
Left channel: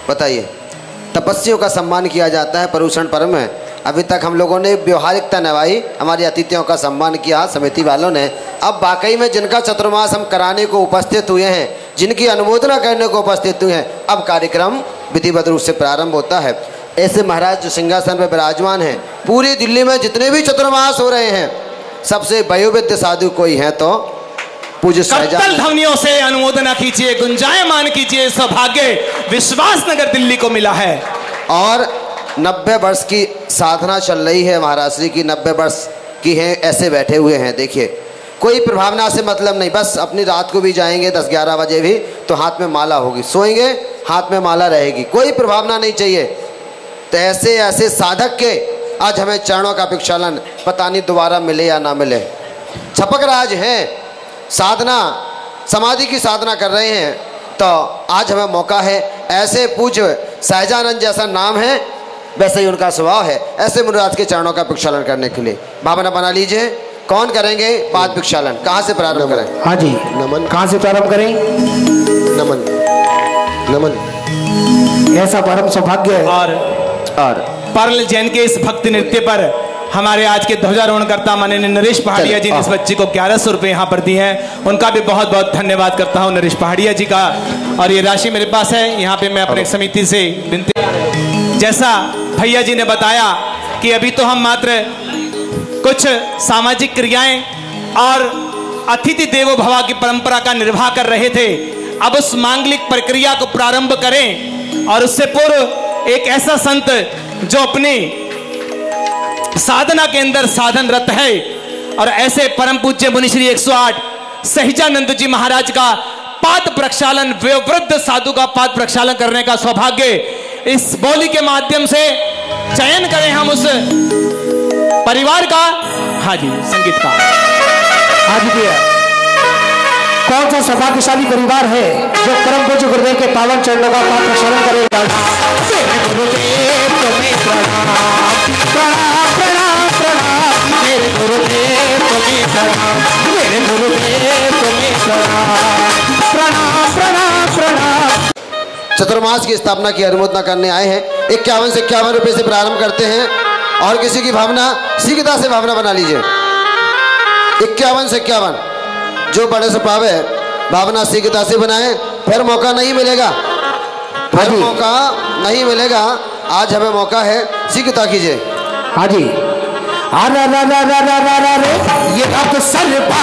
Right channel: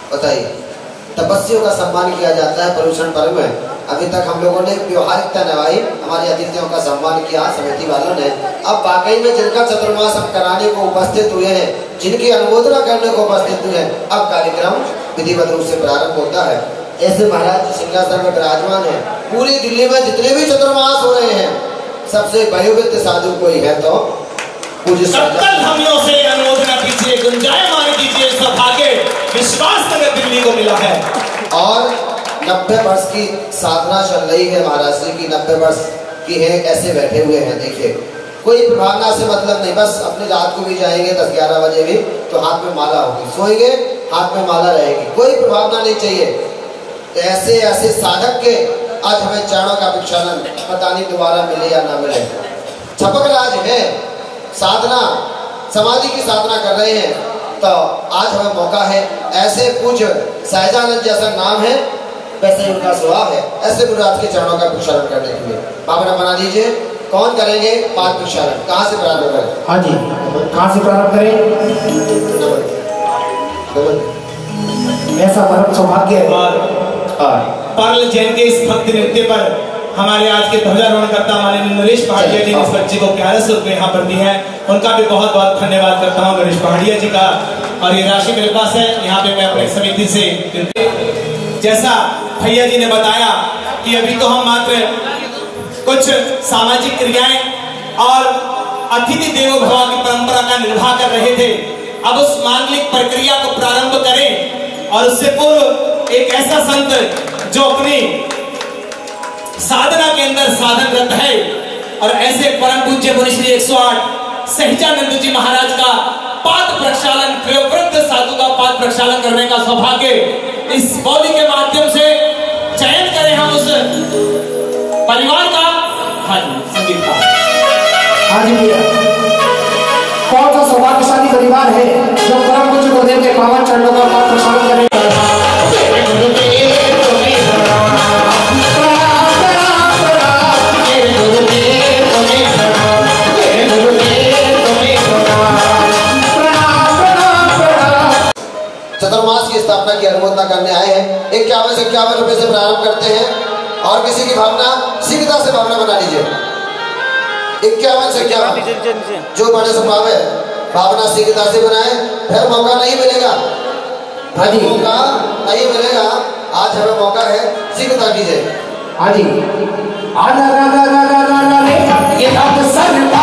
बताइए, तपस्वियों का सम्मान किया जाता है, परूषण पर्व में। अभी तक हम लोगों ने व्यवहारिकता निभाई, हमारे अतिथियों का सम्मान किया समिति वालों ने। अब वाकई में जिनका चतुर्मास हम कराने को उपस्थित हुए हैं, जिनकी अनुमोदना करने को उपस्थित हुए हैं, अब कार्यक्रम विधिवत रूप से प्रारंभ होता है। ऐसे महाराज जो सिंहासन में विराजमान है, पूरी दिल्ली में जितने भी चतुर्मास हो रहे हैं, सबसे वयोवृद्ध साधु कोई है तो पूज्य धमियों से अनुमोदना कीजिए, गुंजायमान कीजिए। सौभाग्य विश्वास नगर दिल्ली को मिला है और 90 वर्ष की साधना चल रही है। महाराज श्री की 90 वर्ष की है, ऐसे बैठे हुए हैं। देखिए, कोई प्रभावना से मतलब नहीं, बस अपनी रात को भी जाएंगे 10-11 बजे भी तो हाथ में माला होगी, सोएंगे हाथ में माला रहेगी, कोई प्रभावना नहीं चाहिए। तो ऐसे ऐसे साधक के आज हमें चरणों का प्रक्षालन पता नहीं दोबारा मिले या ना मिले। छपक राज है, साधना समाधि की साधना कर रहे हैं, तो आज हमें मौका है। ऐसे पूज्य सहजानंद जैसा नाम है, वैसे ही उनका स्वभाव है, ऐसे मुनिराज के चरणों का प्रक्षालन करने के लिए भावना बना लीजिए। कौन करेंगे पाद प्रक्षालन, कहाँ से प्रारंभ करें? हाँ जी, नमन। कहाँ से प्रारंभ करें? नमन नमन। ऐसा परम सौभाग्य है। और पर्ल जैन के इस भक्ति नृत्य पर हमारे आज के ध्वजारोहणकर्ता माननीय नरेश पहाड़िया जी ने इस बच्चे को 1100 रुपए यहाँ पर दिए हैं, उनका भी बहुत बहुत धन्यवाद करता हूँ नरेश पहाड़िया जी का। और ये राशि मेरे पास है, यहाँ पे मैं अपने समिति से विनती, जैसा भैया जी ने बताया कि अभी तो हम मात्र कुछ सामाजिक क्रियाएं और अतिथि देवो भव की परंपरा का निर्वाह कर रहे थे, अब उस मांगलिक प्रक्रिया को प्रारंभ करें। और उससे पूर्व एक ऐसा संत जो अपनी साधना के अंदर साधनरत है और ऐसे परम पूज्य मुनि श्री 108 सहजानंद जी महाराज का पाद प्रक्षालन, वयोवृद्ध साधु का पाद प्रक्षालन करने का सौभाग्य इस बोली के माध्यम से चयन करें हम उस परिवार का। हाँ जी, संगीत का। हाँ जी भैया, कौन सा सौभाग्यशाली परिवार है जो परम पूज्य गुरुदेव के पावन चरणों का पाद प्रक्षालन करेगा? चतुर्मास की स्थापना की अनुमोदना करने आए हैं। 51 से 51 रुपए से प्रारंभ करते हैं और किसी की भावना शीघ्रता से भावना बना लीजिए। 51 से 51 जो बड़े से पावे भावना शीघ्रता से बनाए, फिर मौका नहीं मिलेगा, फिर मौका नहीं मिलेगा। आज हमें मौका है, शीघ्रता कीजिए। हाँ जी, ये बात सरकार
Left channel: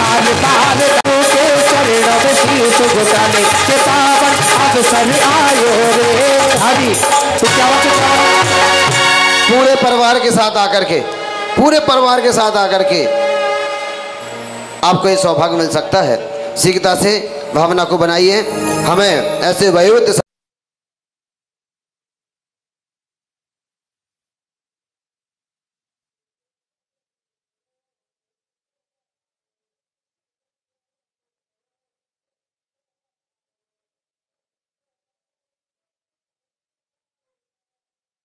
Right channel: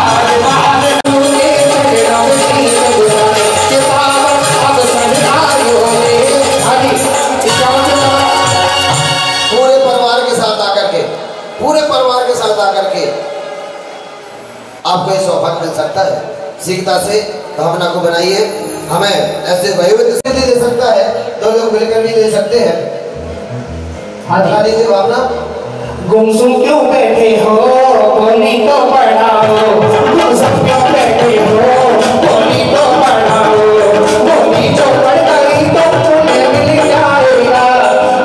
पूरे परिवार के साथ आकर के आपको ये सौभाग्य मिल सकता है। शीघ्रता से भावना को बनाइए। हमें ऐसे वयोवृद्ध दे सकता है, 2 लोग मिलकर भी दे सकते हैं। बना लीजिए भावना। गुमसुम क्यों बैठे हो, बोली तो बढ़ाओ, गुमसुम क्यों बैठे हो, बोली तो बढ़ाओ, बोली जो बढ़ गई तो पुण्य मिल जाएगा,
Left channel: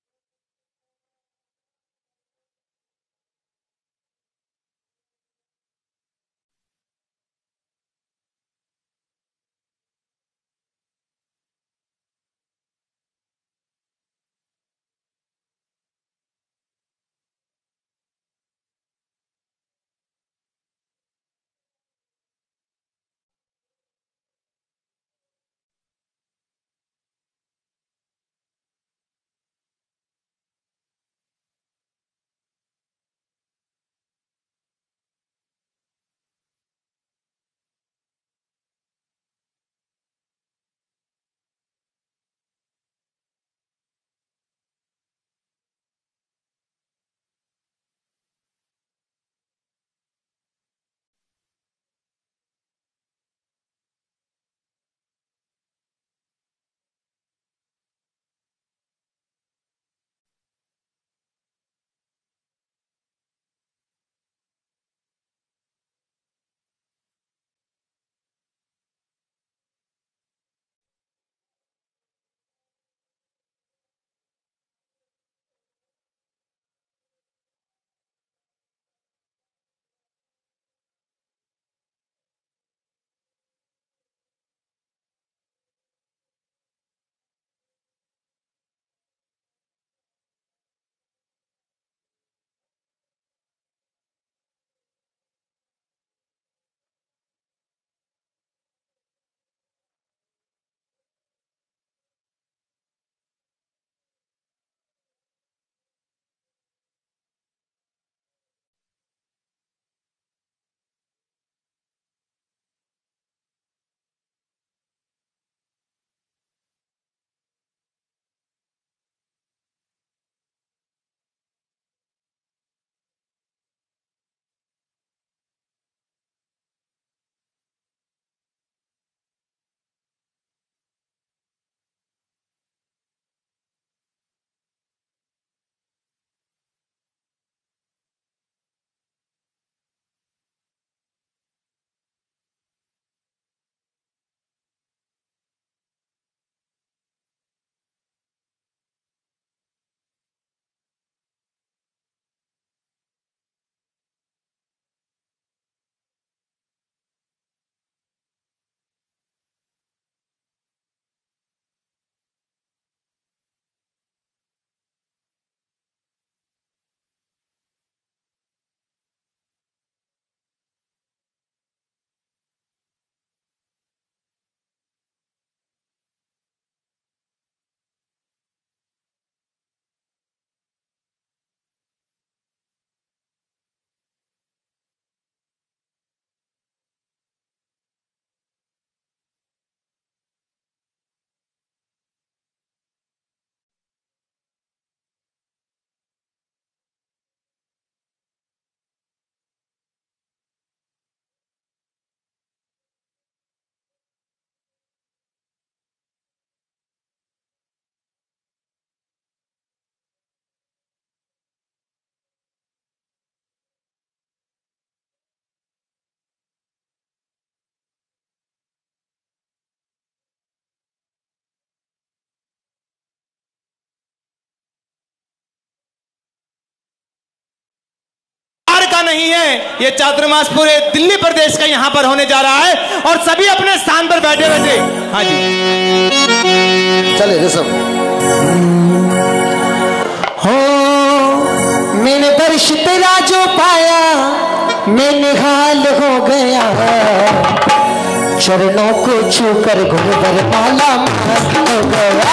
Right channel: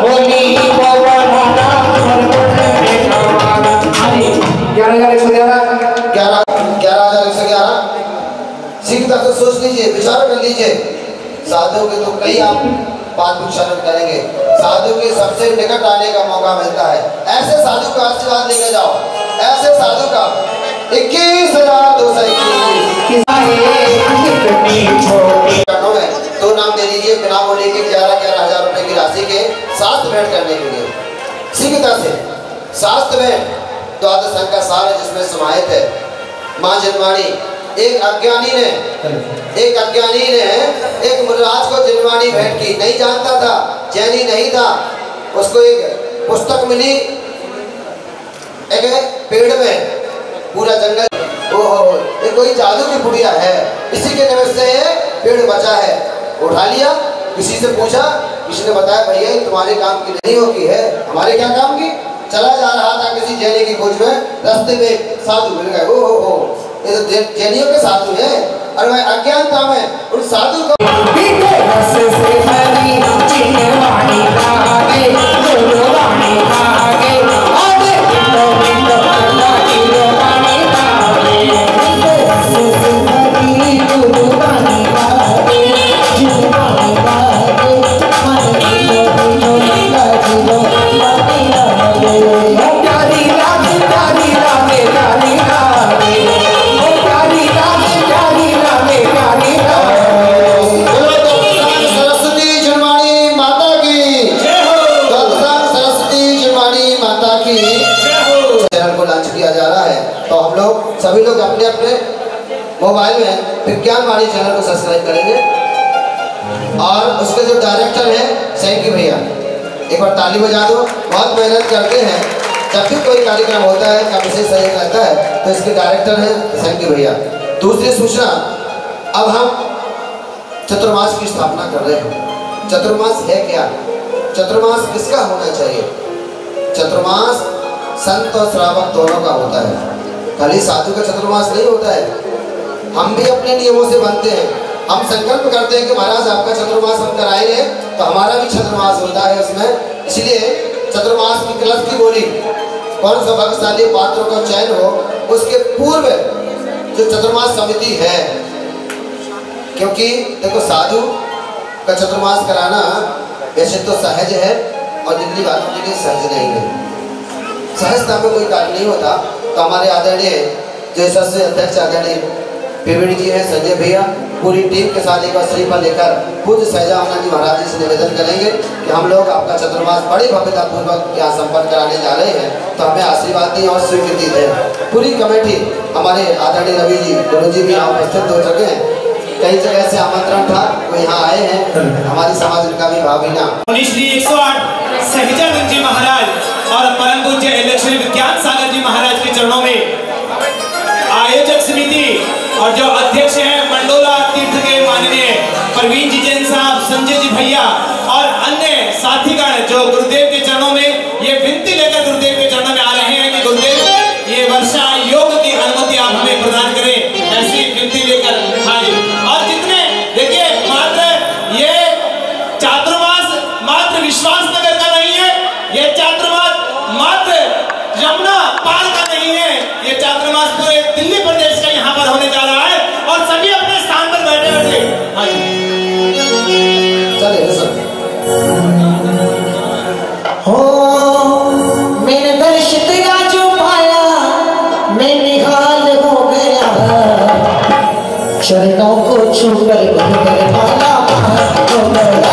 बोली को बढ़ाना और बढ़ने का। 11,111 शीघ्रता से सोच लीजिए, विचार कर लीजिए। साधु के तो कई आप पाद प्रक्षालन करेंगे, साधु के सबसे निकट आने का मौका मिलता है। ऐसे साधु का आशीर्वाद लेके जाओ, ऐसे साधु का 21,221 2 नाम दे दीजिए बिना बोले के 11,000 रुपए की राशि के शास्त्र भेंट करने के लिए। शीघ्रता से शास्त्र भेंट द्वादश अंग का सार है जिसमें समाहित है। माँ जिनवाणी, एक अज्ञानी ने एक मुनिराज को जिनवाणी भेंट की, नहीं जानता था, जैनी नहीं था, उसको एक पुस्तक मिली देखे पेड़ में पूरा जंगल, ओहो ये कोई जादू की पुड़िया है, इसी के निमित्त से ये पेड़ बचा है। उठा लिया, किसी से पूछा, किसी ने बताया भैया तुम्हारे काम की नहीं होगी है, हमारे क्या काम की। चला जा रहा था किसी जैनी की खोज में, रास्ते में साधु मिल गए। ओहो ये तो जैनियों के साधु है। और मैं अज्ञानता में उन साधु को सभी लोग अपने अपने मोबाइल में विज्ञान वाणी चैनल को सब्सक्राइब करेंगे। और उसके जो डायरेक्टर हैं सैंकी भैया, एक बार ताली बजा दो। बहुत मेहनत करते हैं, जब भी कोई कार्यक्रम होता है का विशेष सहयोग रहता है तो इसके डायरेक्टर हैं सैंकी भैया। दूसरी सूचना, अब हम चतुर्मास की स्थापना कर रहे हैं। चतुर्मास है क्या? चतुर्मास किसका होना चाहिए? चतुर्मास संत और श्रावक दोनों का होता है, खाली साधु का चतुर्मास नहीं होता है। हम भी अपने नियमों से बनते हैं, हम संकल्प करते हैं कि महाराज आपका चतुर्मास हम कराएंगे तो हमारा भी चतुर्मास होता है उसमें। इसलिए चतुर्मास की कलश की बोली, कौन सा भाग्यशाली पात्रों का चयन हो, उसके पूर्व जो चतुर्मास समिति है, क्योंकि देखो साधु का चतुर्मास कराना वैसे तो सहज है और दिल्ली वालों के लिए सहज नहीं है। सहजता में कोई कार्य नहीं होता। तो हमारे आदरणीय जो सबसे अध्यक्ष आदरणीय पीवीडी जी हैं, संजय भैया, पूरी टीम के साथ एक बार श्रीफल लेकर पूज्य सहजानंद जी महाराज जी से निवेदन करेंगे कि हम लोग आपका चतुर्मास बड़ी भव्यता पूर्वक यहाँ संपन्न कराने जा रहे हैं, तो हमें आशीर्वाद दें और स्वीकृति दें। पूरी कमेटी हमारे आदरणीय रवि जी, गुरु जी भी यहाँ उपस्थित हो चुके हैं। कई जगह से आमंत्रण था, वो यहाँ आए हैं, हमारी समाज का भी भावना। श्री 108 सहजानंद जी महाराज और परम पूज्य इलेक्शन विज्ञान सागर जी महाराज के चरणों में आयोजक समिति और जो अध्यक्ष हैं मंडोला तीर्थ के माननीय प्रवीण जी जैन साहब, संजय जी भैया और अन्य साथीगण जो गुरुदेव के चरणों में ये विनती लेकर गुरुदेव के चरणों में आ रहे हैं कि गुरुदेव ये वर्षा योग की अनुमति आप हमें प्रदान करें, ऐसी विनती लेकर। हाँ जी, और जितने देखिए मात्र ये चातुर्मास मात्र विश्वास नगर का नहीं है, ये चातुर्मास मात्र यमुना पार का नहीं है, ये चातुर्मास पूरे दिल्ली प्रदेश का यहाँ पर होने जा रहा है और सभी अपने स्थान पर बैठे रहते। हाँ जी चले सब हो मैंने दर्श तेरा जो पाया मैं निहाल हो गया है, चरणों को छूकर घुटकर पाला हो गया,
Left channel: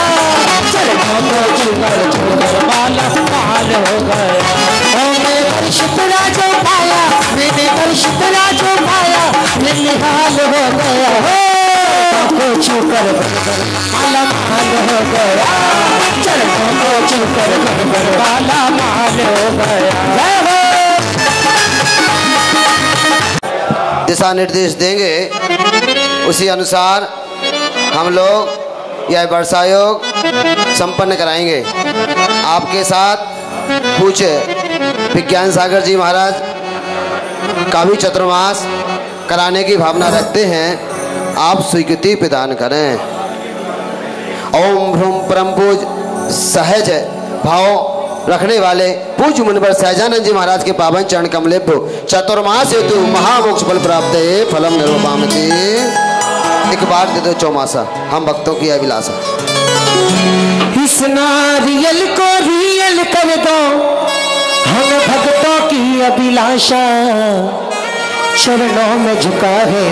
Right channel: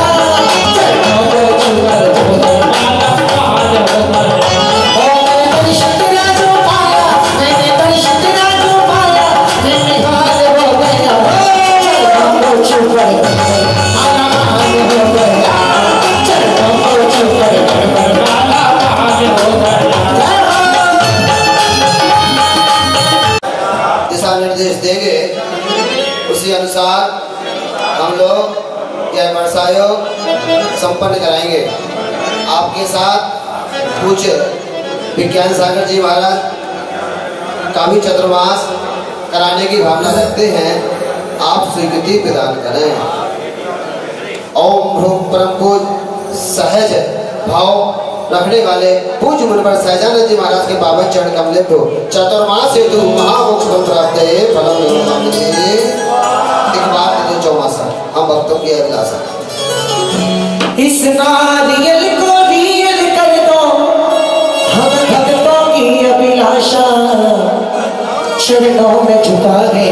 चरणों को छूकर घुटकर पाला हो गया। दिशा निर्देश देंगे उसी अनुसार हम लोग यह वर्षा योग संपन्न कराएंगे। आपके साथ पूज्य विज्ञान सागर जी महाराज का भी चतुर्मास कराने की भावना रखते हैं, आप स्वीकृति प्रदान करें। ओम ह्रूम परम पूज सहज भाव रखने वाले पूज्य मुनिवर सहजानंद जी महाराज के पावन चरण कमले को चतुर्मास हेतु महामोक्ष फल प्राप्त है फलम निर्मामि। एक बात दे दो चौमासा, हम भक्तों की अभिलाषा, इस नारियल को रियल कर दो, हम भक्तों की अभिलाषा, चरणों में झुका है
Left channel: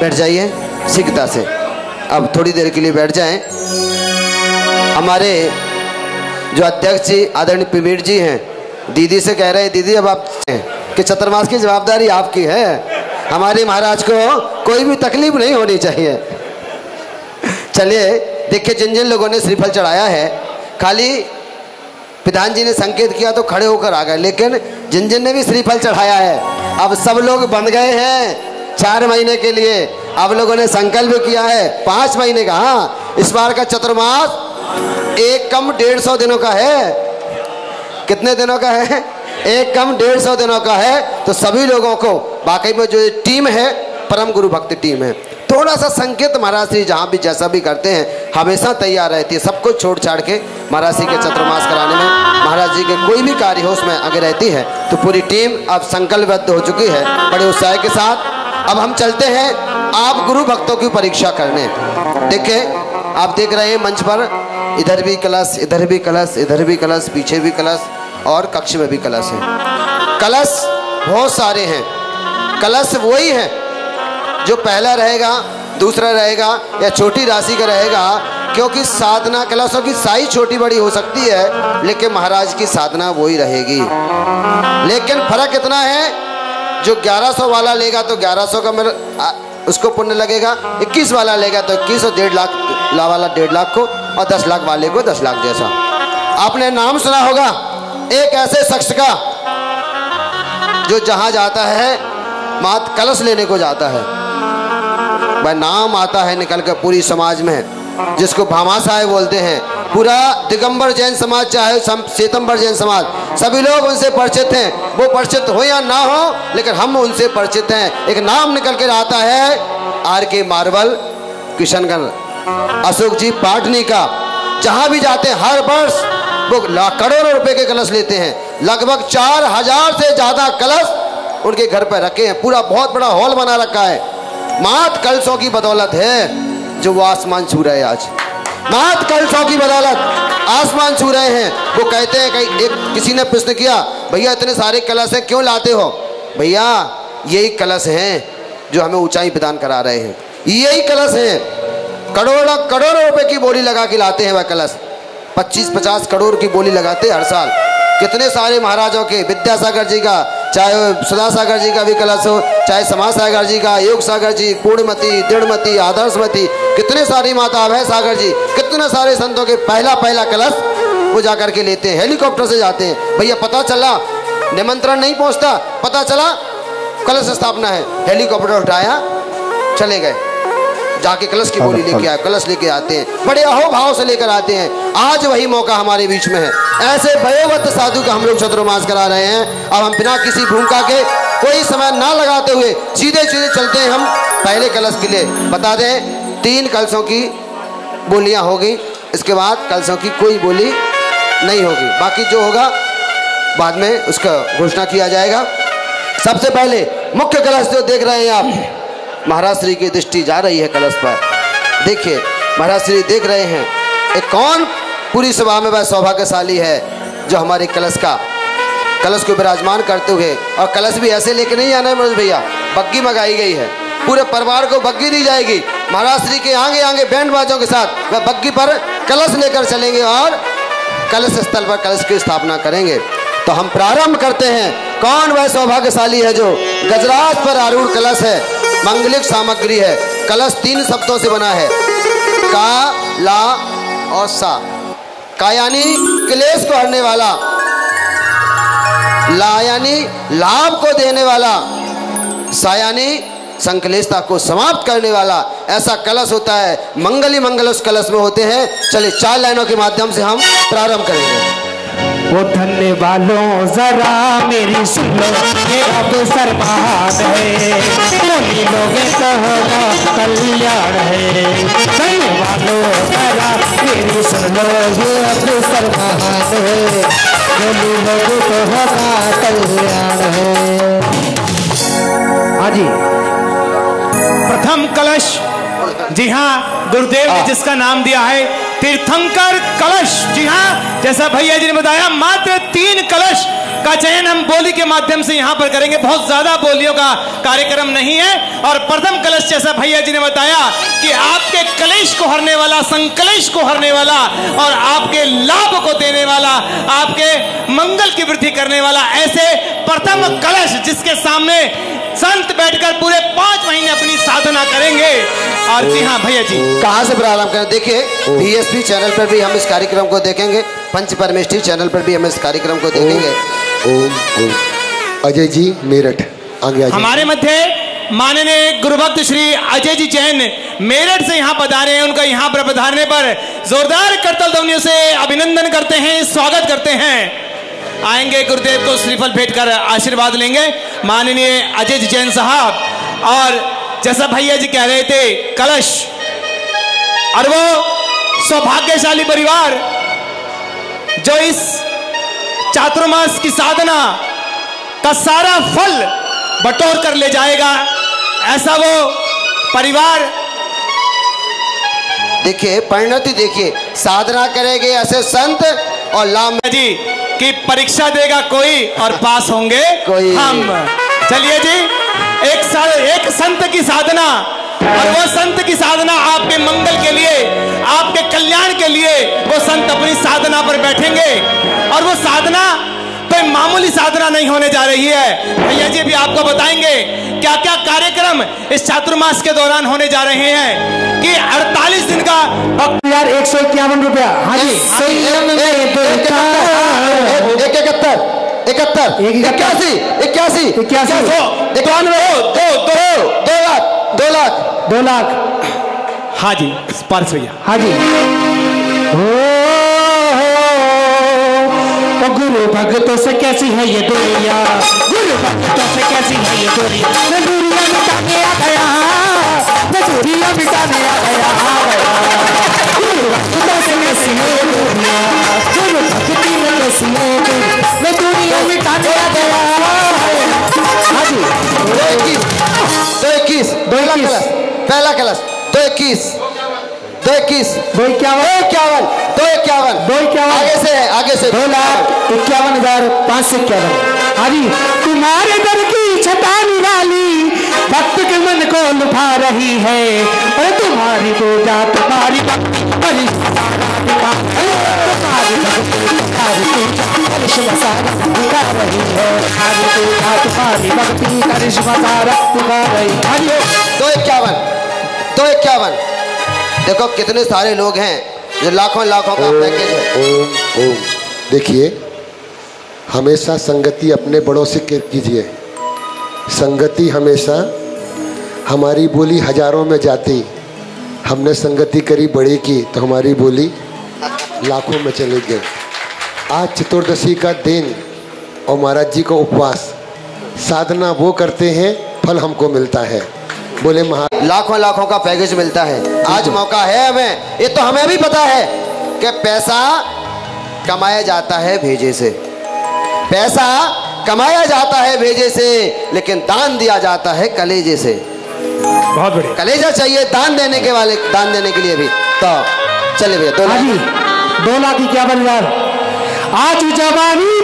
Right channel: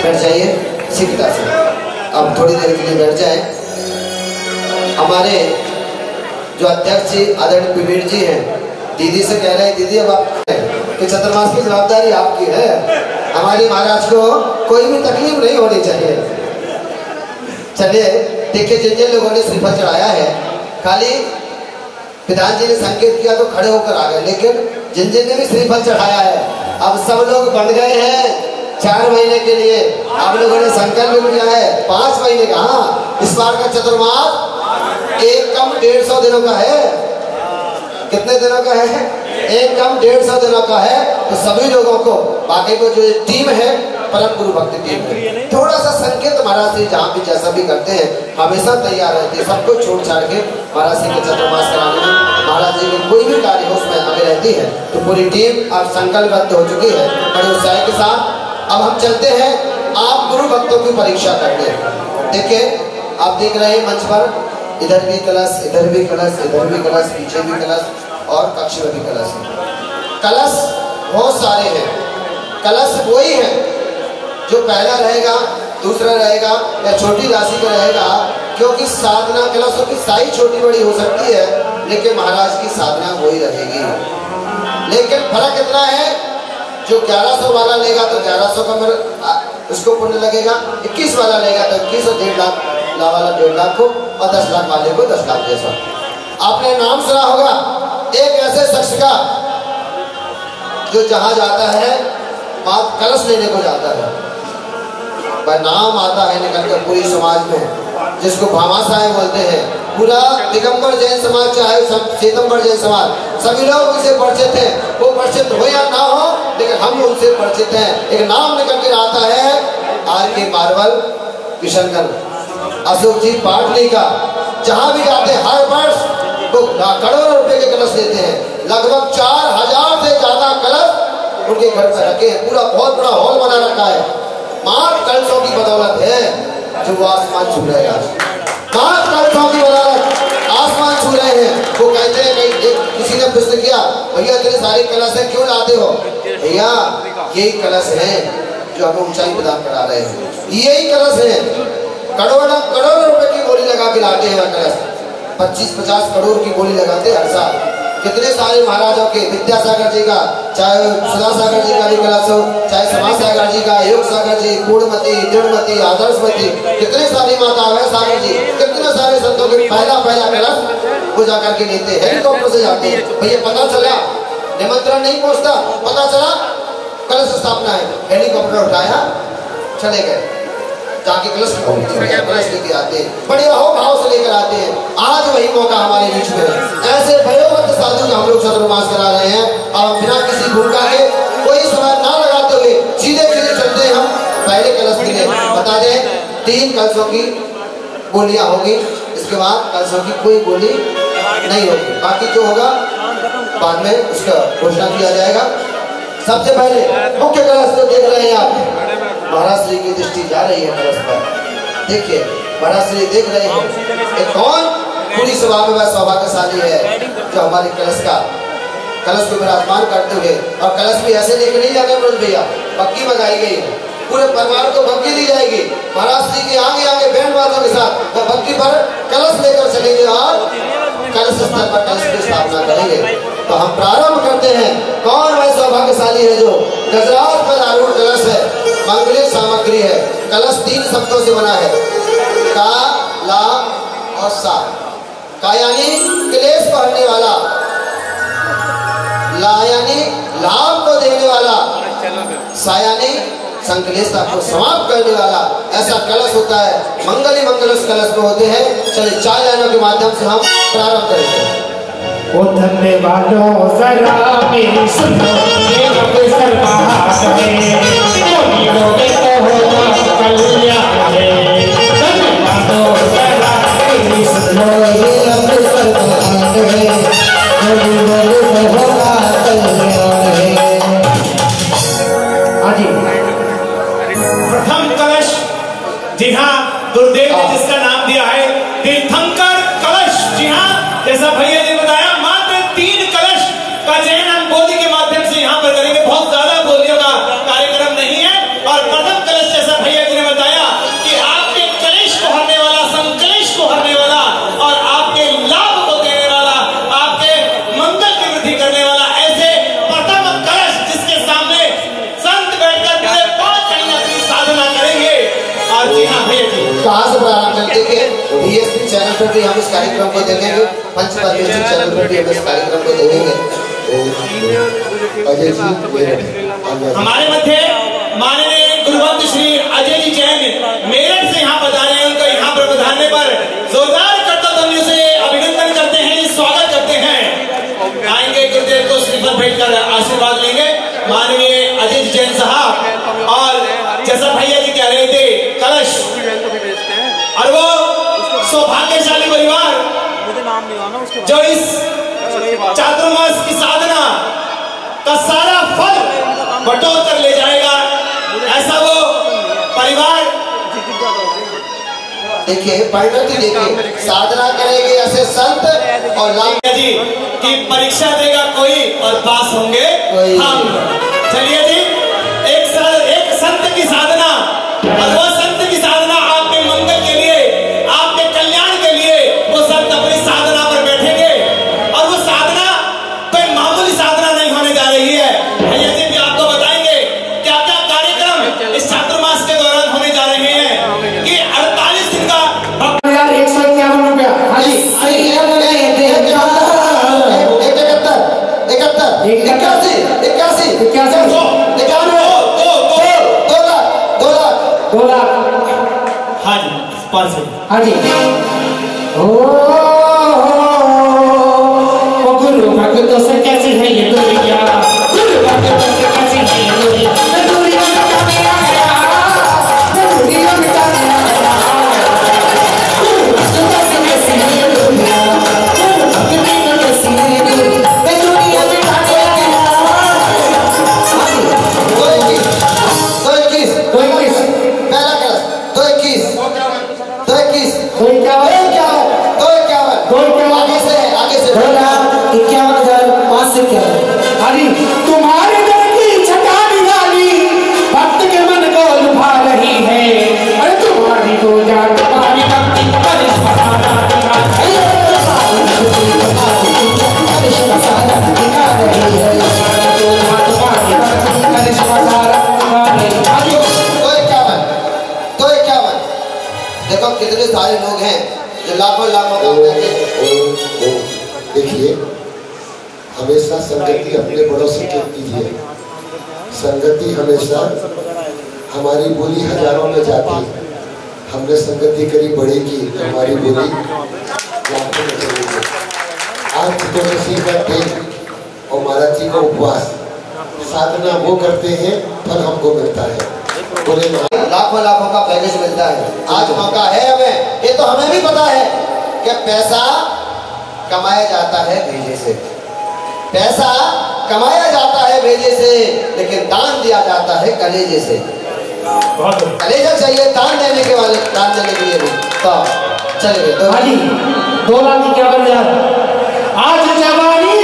बैठ जाइए शीघ्रता से। अब थोड़ी देर के लिए बैठ जाए। हमारे जो अध्यक्ष जी आदरणीय प्रवीण जी हैं, दीदी से कह रहे हैं दीदी अब आप कि चतुर्मास की जवाबदारी आपकी है, हमारे महाराज को कोई भी तकलीफ नहीं होनी चाहिए। चलिए देखिए, जिन जिन लोगों ने श्रीफल चढ़ाया है, खाली प्रधान जी ने संकेत किया तो खड़े होकर आ गए, लेकिन जिन जिन ने भी श्रीफल चढ़ाया है अब सब लोग बन गए हैं 4 महीने के लिए। अब लोगों ने संकल्प किया है 5 महीने का। हाँ, इस बार का चतुर्मास एक कम 150 दिनों का है। कितने दिनों का है? एक कम 150 दिनों का है। तो सभी लोगों को बाकी में जो टीम है, परम गुरु भक्ति टीम है, थोड़ा सा संकेत महाराज जी जहाँ भी जैसा भी करते हैं हमेशा तैयार रहती है। सब कुछ छोड़ छाड़ के महाराज जी के चतुर्मास कराने में, महाराज जी के कोई भी कार्य हो उसमें आगे रहती है। तो पूरी टीम अब संकल्पबद्ध हो चुकी है बड़े उत्साह के साथ। अब हम चलते हैं आप गुरु भक्तों की परीक्षा करने। देखिए, आप देख रहे हैं मंच पर इधर भी कलश, इधर भी कलश, इधर भी कलश, पीछे भी कलश और कक्ष में भी कलश है। कलश बहुत सारे हैं। कलश वही है जो पहला रहेगा, दूसरा रहेगा या छोटी राशि का रहेगा, क्योंकि साधना कलशों की साइज छोटी बड़ी हो सकती है, लेकिन महाराज की साधना वही रहेगी। लेकिन फर्क इतना है, जो 1100 वाला लेगा तो 1100 का उसको पुण्य लगेगा, 21 वाला लेगा तो 21 और 1.5 लाख वाला 1.5 लाख को, और 10 लाख वाले को 10 लाख जैसा। आपने नाम सुना होगा एक ऐसे शख्स का जो जहां जाता है मात कलश लेने को जाता है, वह नाम आता है निकल कर पूरी समाज में, जिसको भामाशाह बोलते हैं। पूरा दिगंबर जैन समाज चाहे श्वेतंबर जैन समाज, सभी लोग उनसे परिचित हैं। वो परिचित हो या ना हो, लेकिन हम उनसे परिचित हैं। एक नाम निकल कर आता है RK मार्बल किशनगढ़, अशोक जी पाटनी का। जहां भी जाते हैं हर वर्ष वो करोड़ों रुपए के कलश लेते हैं। लगभग 4000 से ज्यादा कलश उनके घर पर रखे हैं। पूरा बहुत बड़ा हॉल बना रखा है। मात कलशों की बदौलत है जो वो आसमान छू रहे हैं आज। मात कलशों की बदौलत आसमान छू रहे हैं। वो कहते हैं, कहीं किसी ने प्रश्न किया, भैया इतने सारे कलश हैं क्यों लाते हो? भैया यही कलश हैं जो हमें ऊंचाई प्रदान करा रहे हैं। यही कलश हैं, करोड़ों रुपए की बोली लगा के लाते हैं। वह कलश 25-50 करोड़ की बोली लगाते हैं हर साल। कितने सारे महाराजों के, विद्यासागर जी का, चाहे सुधा सागर जी का भी कलश हो, चाहे समाज सागर जी का, योग सागर जी, पूर्णमती, दृढ़मती, आदर्शमती, कितने सारी माता अभय सागर जी, कितने सारे संतों के पहला कलश वो जाकर के लेते हैं। हेलीकॉप्टर से जाते हैं। भैया पता चला निमंत्रण नहीं पहुंचता, पता चला कलश स्थापना है, हेलीकॉप्टर उठाया चले गए, जाके कलश की बोली लेके आए, कलश लेके आते हैं, बड़े अहोभाव से लेकर आते हैं। आज वही मौका हमारे बीच में है। ऐसे भयवत साधु का हम लोग चतुर्मास करा रहे हैं और हम बिना किसी भूमिका के, कोई समय ना लगाते हुए सीधे चलते हैं हम पहले कलश के लिए। बता दें 3 कलशों की बोलियां होगी, इसके बाद कलशों की कोई बोली नहीं होगी। बाकी जो होगा बाद में उसका घोषणा किया जाएगा। सबसे पहले मुख्य कलश जो देख रहे हैं आप, महाराज श्री की दृष्टि जा रही है कलश पर। देखिए महाराज श्री देख रहे हैं एक कौन पूरी सभा में वह सौभाग्यशाली है जो हमारे कलश को विराजमान करते हुए, और कलश भी ऐसे लेके नहीं आना है मनोज भैया, बग्गी मंगाई गई है। पूरे परिवार को बग्गी दी जाएगी। महाराज श्री के आगे बैंड बाजों के साथ वह बग्गी पर कलश लेकर चलेंगे और कलश स्तर पर कलश की स्थापना करेंगे। तो हम प्रारंभ करते हैं। कौन वह सौभाग्यशाली है जो गजराज पर आरूढ़ कलश है, मंगलिक सामग्री है। कलश 3 शब्दों से बना है, का, ला और सा। का यानी क्लेश को हरने वाला, ला यानी लाभ को देने वाला, सा यानी संकलेशता को समाप्त करने वाला। ऐसा कलश होता है। मंगल ही मंगल उस कलश में होते हैं। चलिए 4 लाइनों के माध्यम से हम प्रारंभ करेंगे। वो धन्य वालों जरा मेरी सुनो, ये अवसर महान है, उम्मीदों में कहो कल्याण है। धन्य वालों जरा मेरी सुनो, ये अवसर महान है, उम्मीदों में कहो कल्याण है। हाँ जी, प्रथम कलश, जी हाँ, गुरुदेव ने जिसका नाम दिया है तीर्थंकर कलश। जी हाँ, जैसा भैया जी ने बताया, मात्र 3 कलश का चयन हम बोली के माध्यम से यहाँ पर करेंगे। बहुत ज्यादा बोलियों का कार्यक्रम नहीं है। और प्रथम कलश जैसा भैया जी ने बताया कि आपके कलेश आरती। हाँ भैया जी, कहाँ से प्रारंभ करें? देखिए बीएसपी चैनल पर भी हम इस कार्यक्रम को देखेंगे, पंच परमेष्ठी चैनल पर भी हम इस कार्यक्रम को देखेंगे। अजय जी मेरठ आगे। हमारे मध्य माननीय गुरुभक्त श्री अजय जी जैन मेरठ से यहाँ पधारे हैं। उनका यहाँ पर पधारने पर जोरदार करतल ध्वनियों से अभिनंदन करते हैं, स्वागत करते हैं। आएंगे गुरुदेव को श्रीफल भेंट कर आशीर्वाद लेंगे माननीय अजय जी जैन साहब। और जैसा भैया जी कह रहे थे, कलश और वो सौभाग्यशाली परिवार जो इस चातुर्मास की साधना का सारा फल बटोर कर ले जाएगा, ऐसा वो परिवार। देखिए परिणति देखिए, साधना करेंगे ऐसे संत और लाम जी की परीक्षा देगा कोई और पास होंगे कोई। हम। चलिए जी, एक संत की साधना, और वो संत की साधना आपके मंगल के लिए, आपके कल्याण के लिए वो संत अपनी साधना पर बैठेंगे। और वो साधना कोई मामूली साधना नहीं होने जा रही है। भैया जी भी आपको बताएंगे क्या क्या कार्यक्रम इस चातुर्मास के दौरान होने जा रहे हैं कि 48 दिन का 151 रुपया। हाँ जी स्पर्श भैया। हाँ जी। गुरु भक्तों से कैसी है ये दुनिया, गुरु भक्तों से कैसी है ये दुनिया, ये दुनिया बिताने आया, ये दुनिया बिताने आया। गुरु भक्तों से कैसी है ये दुनिया, गुरु भक्तों से कैसी है ये दुनिया बिताने आया। पहला कलश 221 आगे से 2,51,551। तुम्हारे मन की छटा निराली भक्त के मन को लुभा रही है, और तुम्हारी पूजा तुम्हारी भक्ति देखो कितने सारे लोग हैं जो लाखों का पैकेज। देखिए हमेशा संगति अपने बड़ों से कीजिए। संगति हमेशा, हमारी बोली हजारों में जाती, हमने संगति करी बड़ी की तो हमारी बोली लाखों में चली गई। आज चतुर्दशी का दिन और महाराज जी का उपवास, साधना वो करते हैं, फल हमको मिलता है। बोले लाखों का पैकेज मिलता है। आज मौका है हमें, ये तो हमें भी पता है कि पैसा कमाया जाता है भेजे से, पैसा कमाया जाता है भेजे से, लेकिन दान दिया जाता है कलेजे से। कलेजा चाहिए दान देने के लिए भी। तो चलिए 2,51,000 आज जवानी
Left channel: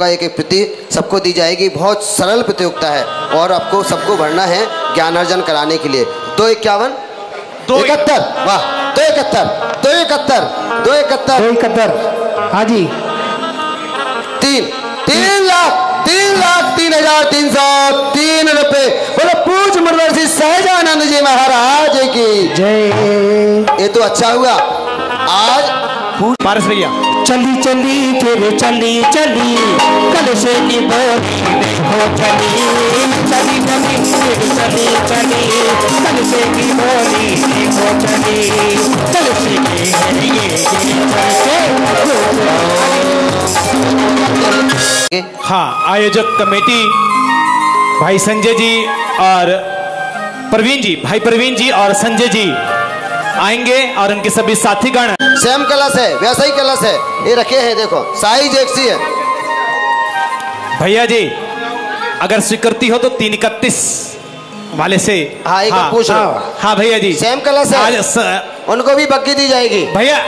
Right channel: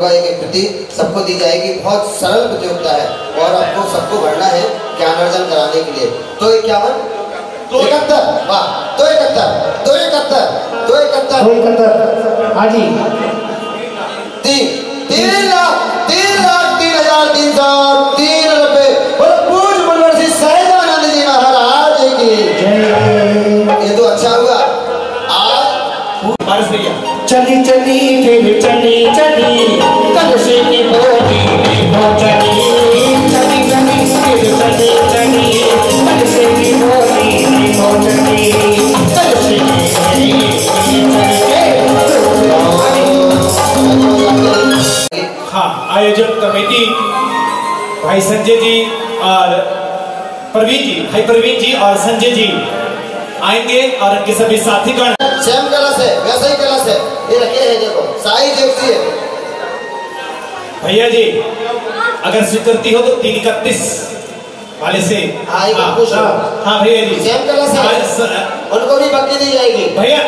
के प्रति सबको दी जाएगी। बहुत सरल प्रतियोगिता है और आपको सबको भरना है ज्ञान अर्जन कराने के लिए। 251 271 वाह 271 हाँ जी 3,03,303 रुपए। बोलो पूज्य मनोहर सहजानंद जी महाराज की जय। ये तो अच्छा हुआ। आज चली चली फिर चली कलशे की बोली देखो चली फिर चली कलशे की बोली देखो चली कलशे की। हाँ, आयोजक कमेटी भाई संजय जी और भाई प्रवीण जी और संजय जी आएंगे और उनके सभी साथीगण। सेम कलश है, वैसा ही कलश है, ये रखे हैं देखो, साइज एक सी है। भैया जी अगर स्वीकृति हो तो 331 वाले से। हाँ भैया जी सेम कलश है, उनको भी बक्की दी जाएगी। भैया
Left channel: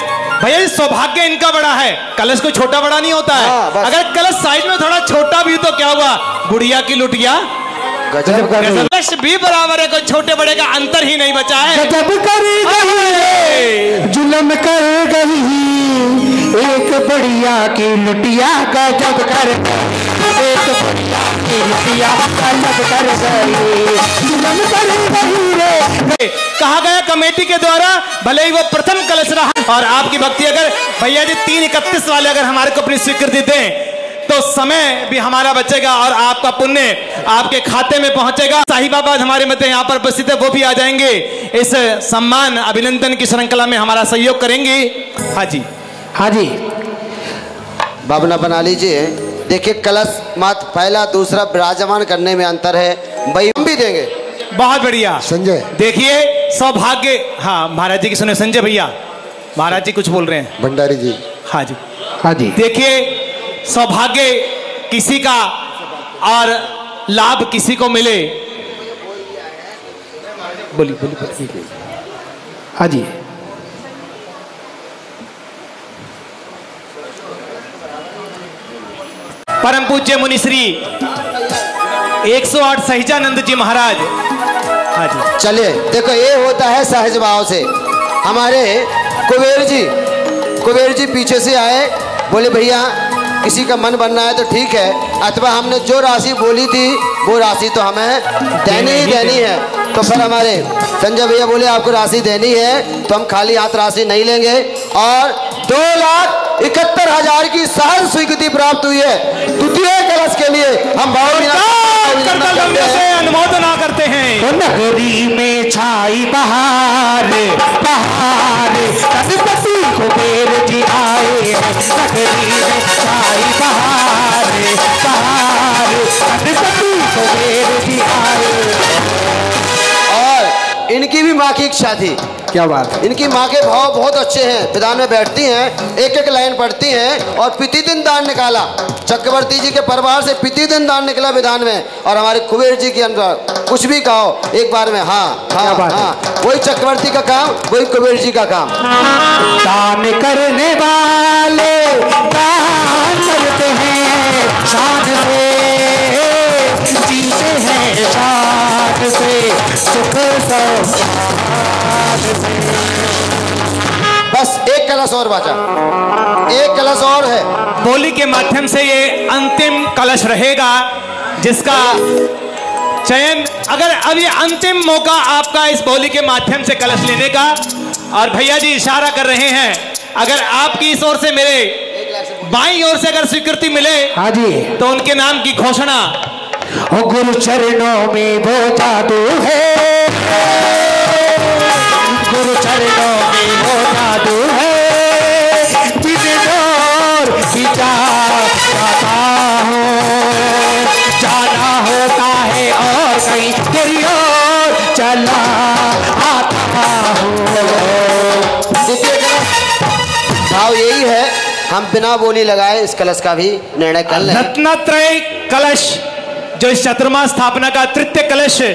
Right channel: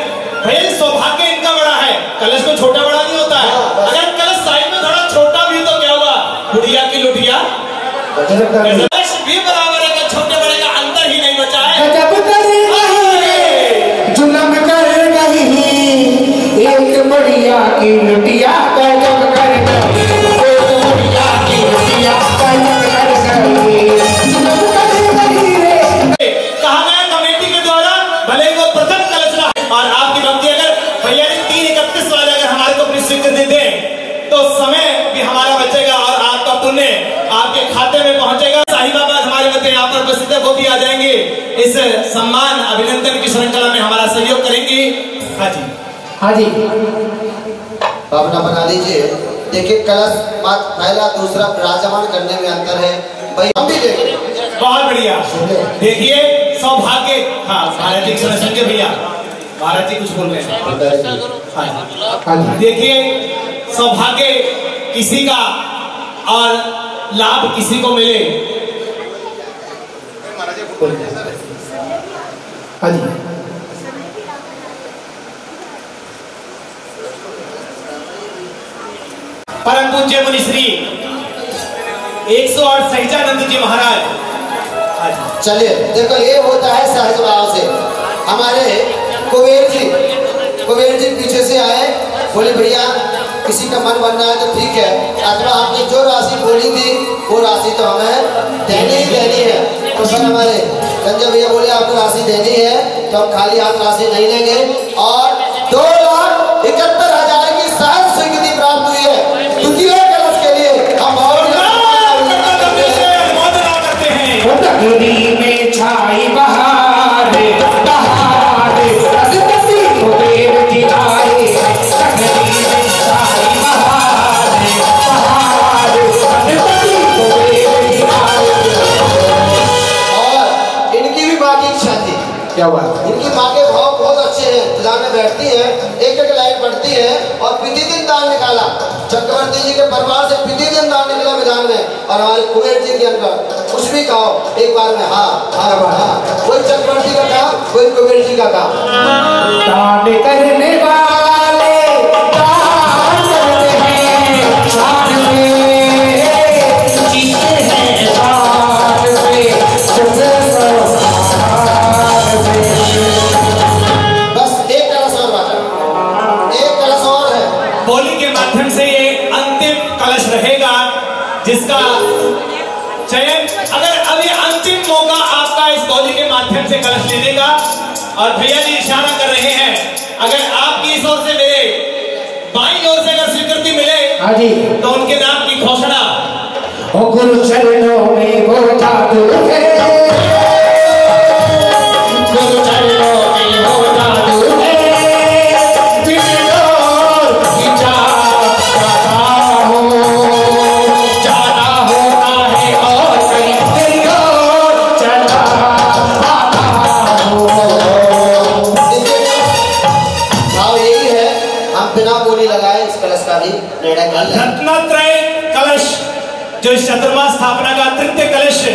सौभाग्य इनका बड़ा है, कलश कोई छोटा बड़ा नहीं होता है। अगर कलश साइज में थोड़ा छोटा भी तो क्या हुआ, बुढ़िया की लुटिया कलश भी बराबर है, कोई छोटे बड़े का अंतर ही नहीं बचा है। जुलम कर रही एक बढ़िया की लुटिया गजब कर गई, एक बढ़िया की लुटिया गजब कर गई। भले ही वो प्रथम कलश रहा। और आपकी भक्ति अगर भैया जी 3:31 वाले अगर हमारे को अपनी स्वीकृति दें तो समय भी हमारा बचेगा और आपका पुण्य आपके खाते में पहुंचेगा। साहिबाबाद हमारे मध्य यहाँ पर उपस्थित है, वो भी आ जाएंगे, इस सम्मान अभिनंदन की श्रृंखला में हमारा सहयोग करेंगे। हाँ जी, हाँ जी, भावना बना लीजिए। देखिए कलश मात्र पहला दूसरा विराजमान करने में अंतर है, भाई हम भी देंगे। बहुत बढ़िया संजय, देखिए सौभाग्य। हाँ महाराज जी की सुने, संजय भैया महाराज जी कुछ बोल रहे हैं। भंडारी जी, हाँ जी, हाँ जी। देखिए सौभाग्य किसी का और लाभ किसी को मिले। बोलिए। हाँ जी, परम पूज्य मुनि श्री 108 सहिजानंद जी महाराज। हाँ जी, चले देखो ये होता है सहज भाव से। हमारे कुबेर जी पीछे से आए, बोले भैया किसी का मन बनना है तो ठीक है, अथवा हमने जो राशि बोली थी वो राशि तो हमें देनी ही देनी है। तो सर हमारे संजय भैया बोले आपको राशि देनी है तो हम खाली हाथ राशि नहीं लेंगे। और 2,71,000 की सहज स्वीकृति प्राप्त हुई है। द्वितीय कलश के लिए हम अनुमोदना करते हैं। नगरी में छाई बहार, बहार, कुबेर जी आए। नगरी में छाई बहार, बहार, कुबेर जी आए। और इनकी भी माँ की इच्छा थी। क्या बात? इनकी माँ के भाव बहुत अच्छे हैं, विधान में बैठती हैं, एक एक लाइन पढ़ती हैं और प्रतिदिन दान निकाला। चक्रवर्ती जी के परिवार से प्रतिदिन दान निकला विधान में। और हमारे कुबेर जी के अंदर कुछ भी कहो एक बार में हाँ हाँ हाँ, वही चक्रवर्ती का काम, वही कुबेर जी का काम। दान करने वाले दान करते हैं, साथ में जीते हैं, साथ में सुख बस एक कलश और बचा, एक कलश और है। बोली के माध्यम से ये अंतिम कलश रहेगा जिसका चयन, अगर अभी अंतिम मौका आपका इस बोली के माध्यम से कलश लेने का। और भैया जी इशारा कर रहे हैं, अगर आपकी इस ओर से मिले, बाईं ओर से अगर स्वीकृति मिले, हाँ जी, तो उनके नाम की घोषणा। गुरु चरणों में वो जादू है, गुरु चरणों में वो जादू है, जाना होता है और सही चला आता भाव यही है, हम बिना बोली लगाए इस कलश का भी निर्णय कर लें। रत्नत्रय कलश जो इस चतुर्मा स्थापना का तृतीय कलश है,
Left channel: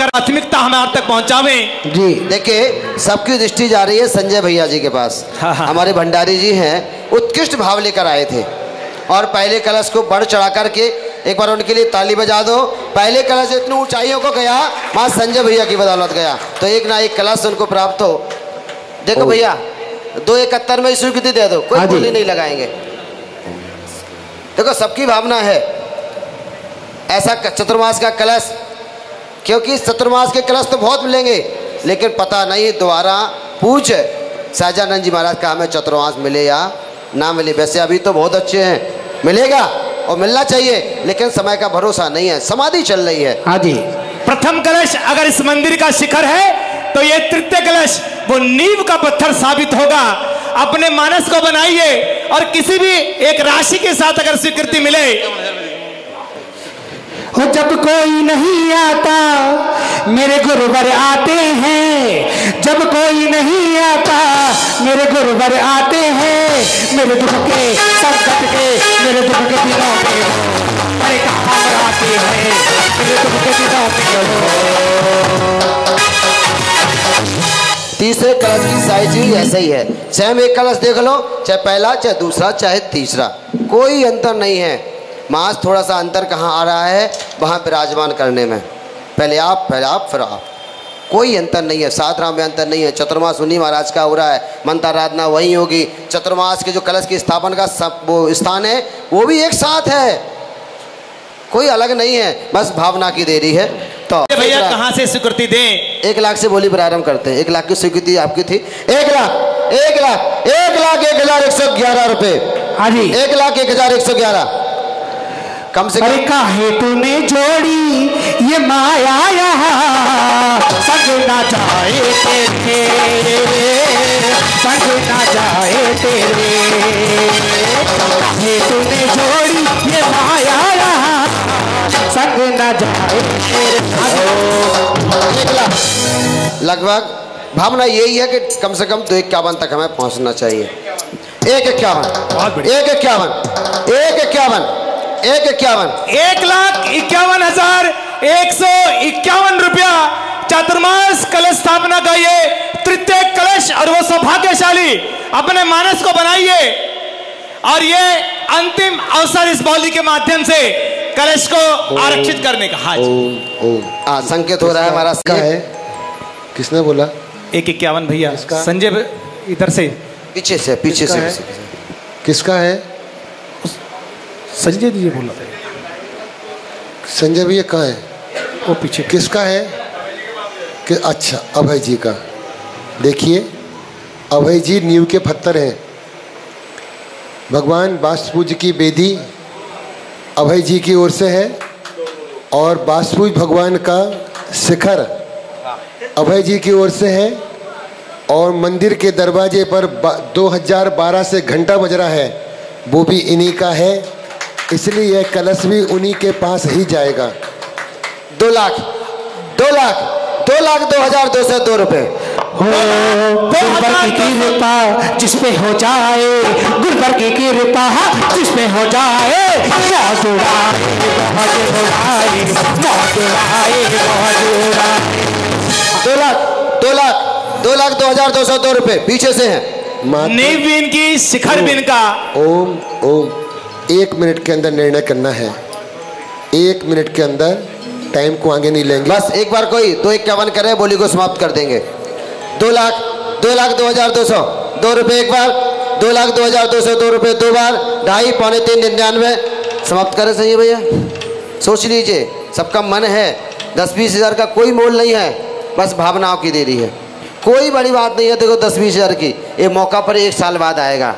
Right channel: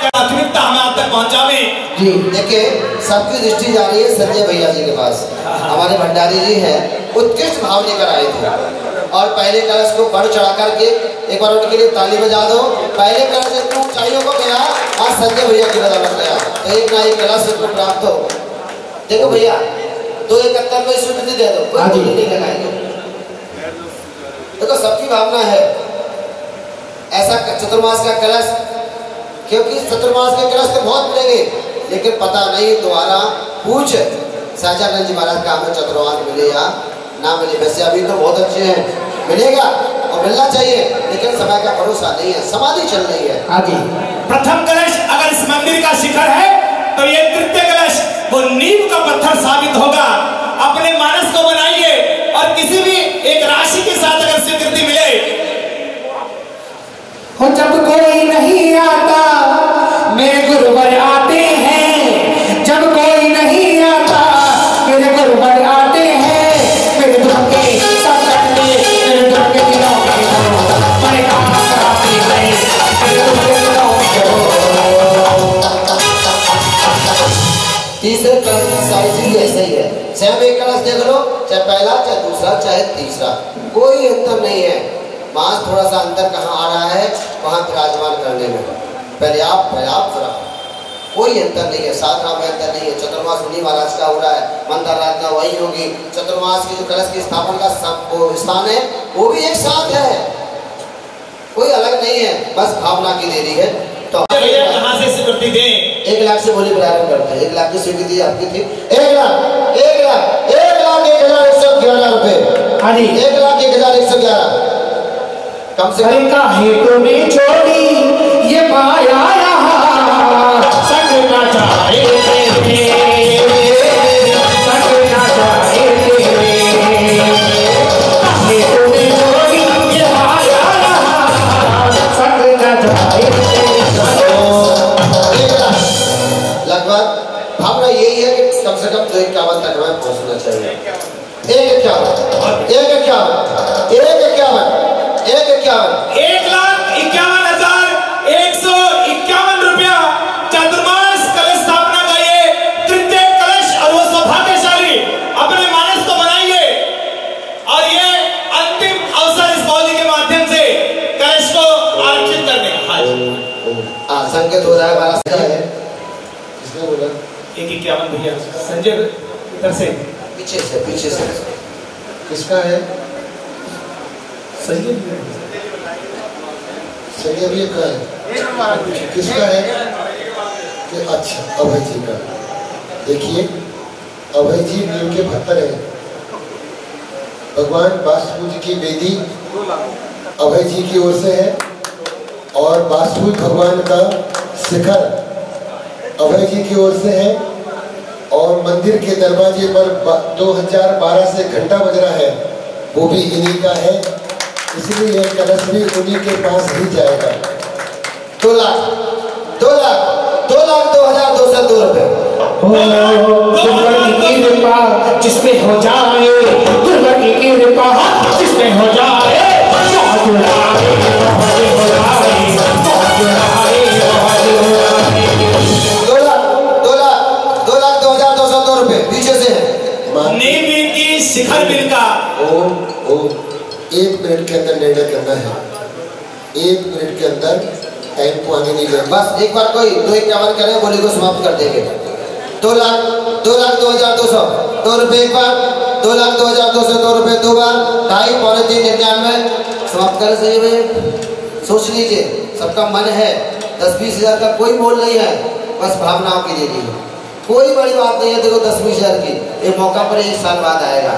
प्राथमिकता हमें आप तक पहुंचावे जी। देखिए सबकी दृष्टि जा रही है संजय भैया जी के पास। हमारे भंडारी जी हैं, उत्कृष्ट भाव लेकर आए थे और पहले कलश को बढ़ चढ़ा करके एक बार उनके लिए ताली बजा दो। पहले कलश इतनी ऊंचाइयों को गया, वहां संजय भैया की बदौलत गया, तो एक ना एक कलश उनको प्राप्त हो। देखो भैया 2,71 में स्वीकृति दे दो, कोई बोली नहीं लगाएंगे। देखो सबकी भावना है ऐसा चतुर्मास का कलश, क्योंकि चतुर्मास के कलश तो बहुत मिलेंगे, लेकिन पता नहीं दोबारा पूछ सहजानंद जी महाराज का हमें चतुर्मास मिले या ना मिले। वैसे अभी तो बहुत अच्छे हैं, मिलेगा और मिलना चाहिए, लेकिन समय का भरोसा नहीं है, समाधि चल रही है। हाँ जी, प्रथम कलश अगर इस मंदिर का शिखर है तो ये तृतीय कलश वो नींव का पत्थर साबित होगा। अपने मानस को बनाइए और किसी भी एक राशि के साथ अगर स्वीकृति मिले, जब कोई नहीं आता मेरे गुरुवर आते हैं, जब कोई नहीं आता मेरे गुरुवर आते हैं, मेरे दुख के संकट में मेरे दुख के दिनों में मेरे कहाँ आते हैं, मेरे दुख के दिनों में। तीसरे कलश की साइज भी ऐसे ही है, चाहे एक कलश देख लो, चाहे पहला चाहे दूसरा चाहे तीसरा, कोई अंतर नहीं है। मास थोड़ा सा अंतर कहाँ आ रहा है, वहाँ विराजमान करने में, पहले आप फिर आप, कोई अंतर नहीं है। साधना में अंतर नहीं है। चतुर्मास उन्हीं महाराज का हो रहा है, मंत्र आराधना वही होगी। चतुर्मास के जो कलश की स्थापन का सब वो स्थान है वो भी एक साथ है, कोई अलग नहीं है, बस भावना की देरी है। तो भैया कहाँ से स्वीकृति दें? 1 लाख से बोली प्रारंभ करते हैं। 1 लाख की स्वीकृति आपकी थी। 1 लाख 1,01,111 रुपए। 1,01,111 कम से कम। काहे तूने जोड़ी ये माया सजना जाए तेरे, सजना जाए तेरे, काहे तूने जोड़ी ये माया सजना जाए। लगभग भावना यही है कि कम से कम 251 तक हमें पहुंचना चाहिए। 1,51 1,51,151 रुपया चतुर्मास कलश स्थापना का ये तृतीय कलश, और वो सौभाग्यशाली अपने मानस को बनाइए। और ये अंतिम अवसर इस बौली के माध्यम से कलश को आरक्षित करने का। हाँ संकेत हो रहा है हमारा है। किसने बोला? 1,51 भैया संजय इधर से पीछे से किसका है? संजय जी बोला। संजय भैया कहाँ है? वो पीछे किसका है? कि अच्छा अभय जी का। देखिए अभय जी नींव के पत्थर हैं। भगवान वासुदेव की बेदी अभय जी की ओर से है और वासुदेव भगवान का शिखर अभय जी की ओर से है और मंदिर के दरवाजे पर 2012 से घंटा बज रहा है, वो भी इन्हीं का है। इसलिए यह कलश भी उन्हीं के पास ही जाएगा। 2,02,202 रुपए। गुरुवर की कृपा जिसपे हो जाए, गुरुवर की कृपा जिसपे हो जाए, रुपए पीछे से है। नीवीन की शिखर बिन का। ओम 1 मिनट के अंदर निर्णय करना है। 1 मिनट के अंदर, टाइम को आगे नहीं लेंगे। बस एक बार कोई 2,51 करे, बोली को समाप्त कर देंगे। 2,02,202 2 रुपए एक बार, 2,02,202 रुपए 2 बार, 2.5 पौने 3,99 समाप्त करें। सही है भैया? सोच लीजिए, सबका मन है। 10-20 हजार का कोई मोल नहीं है, बस भावना आपकी दे दी है। कोई बड़ी बात नहीं है। देखो 10-20 हजार की ये मौका पर 1 साल बाद आएगा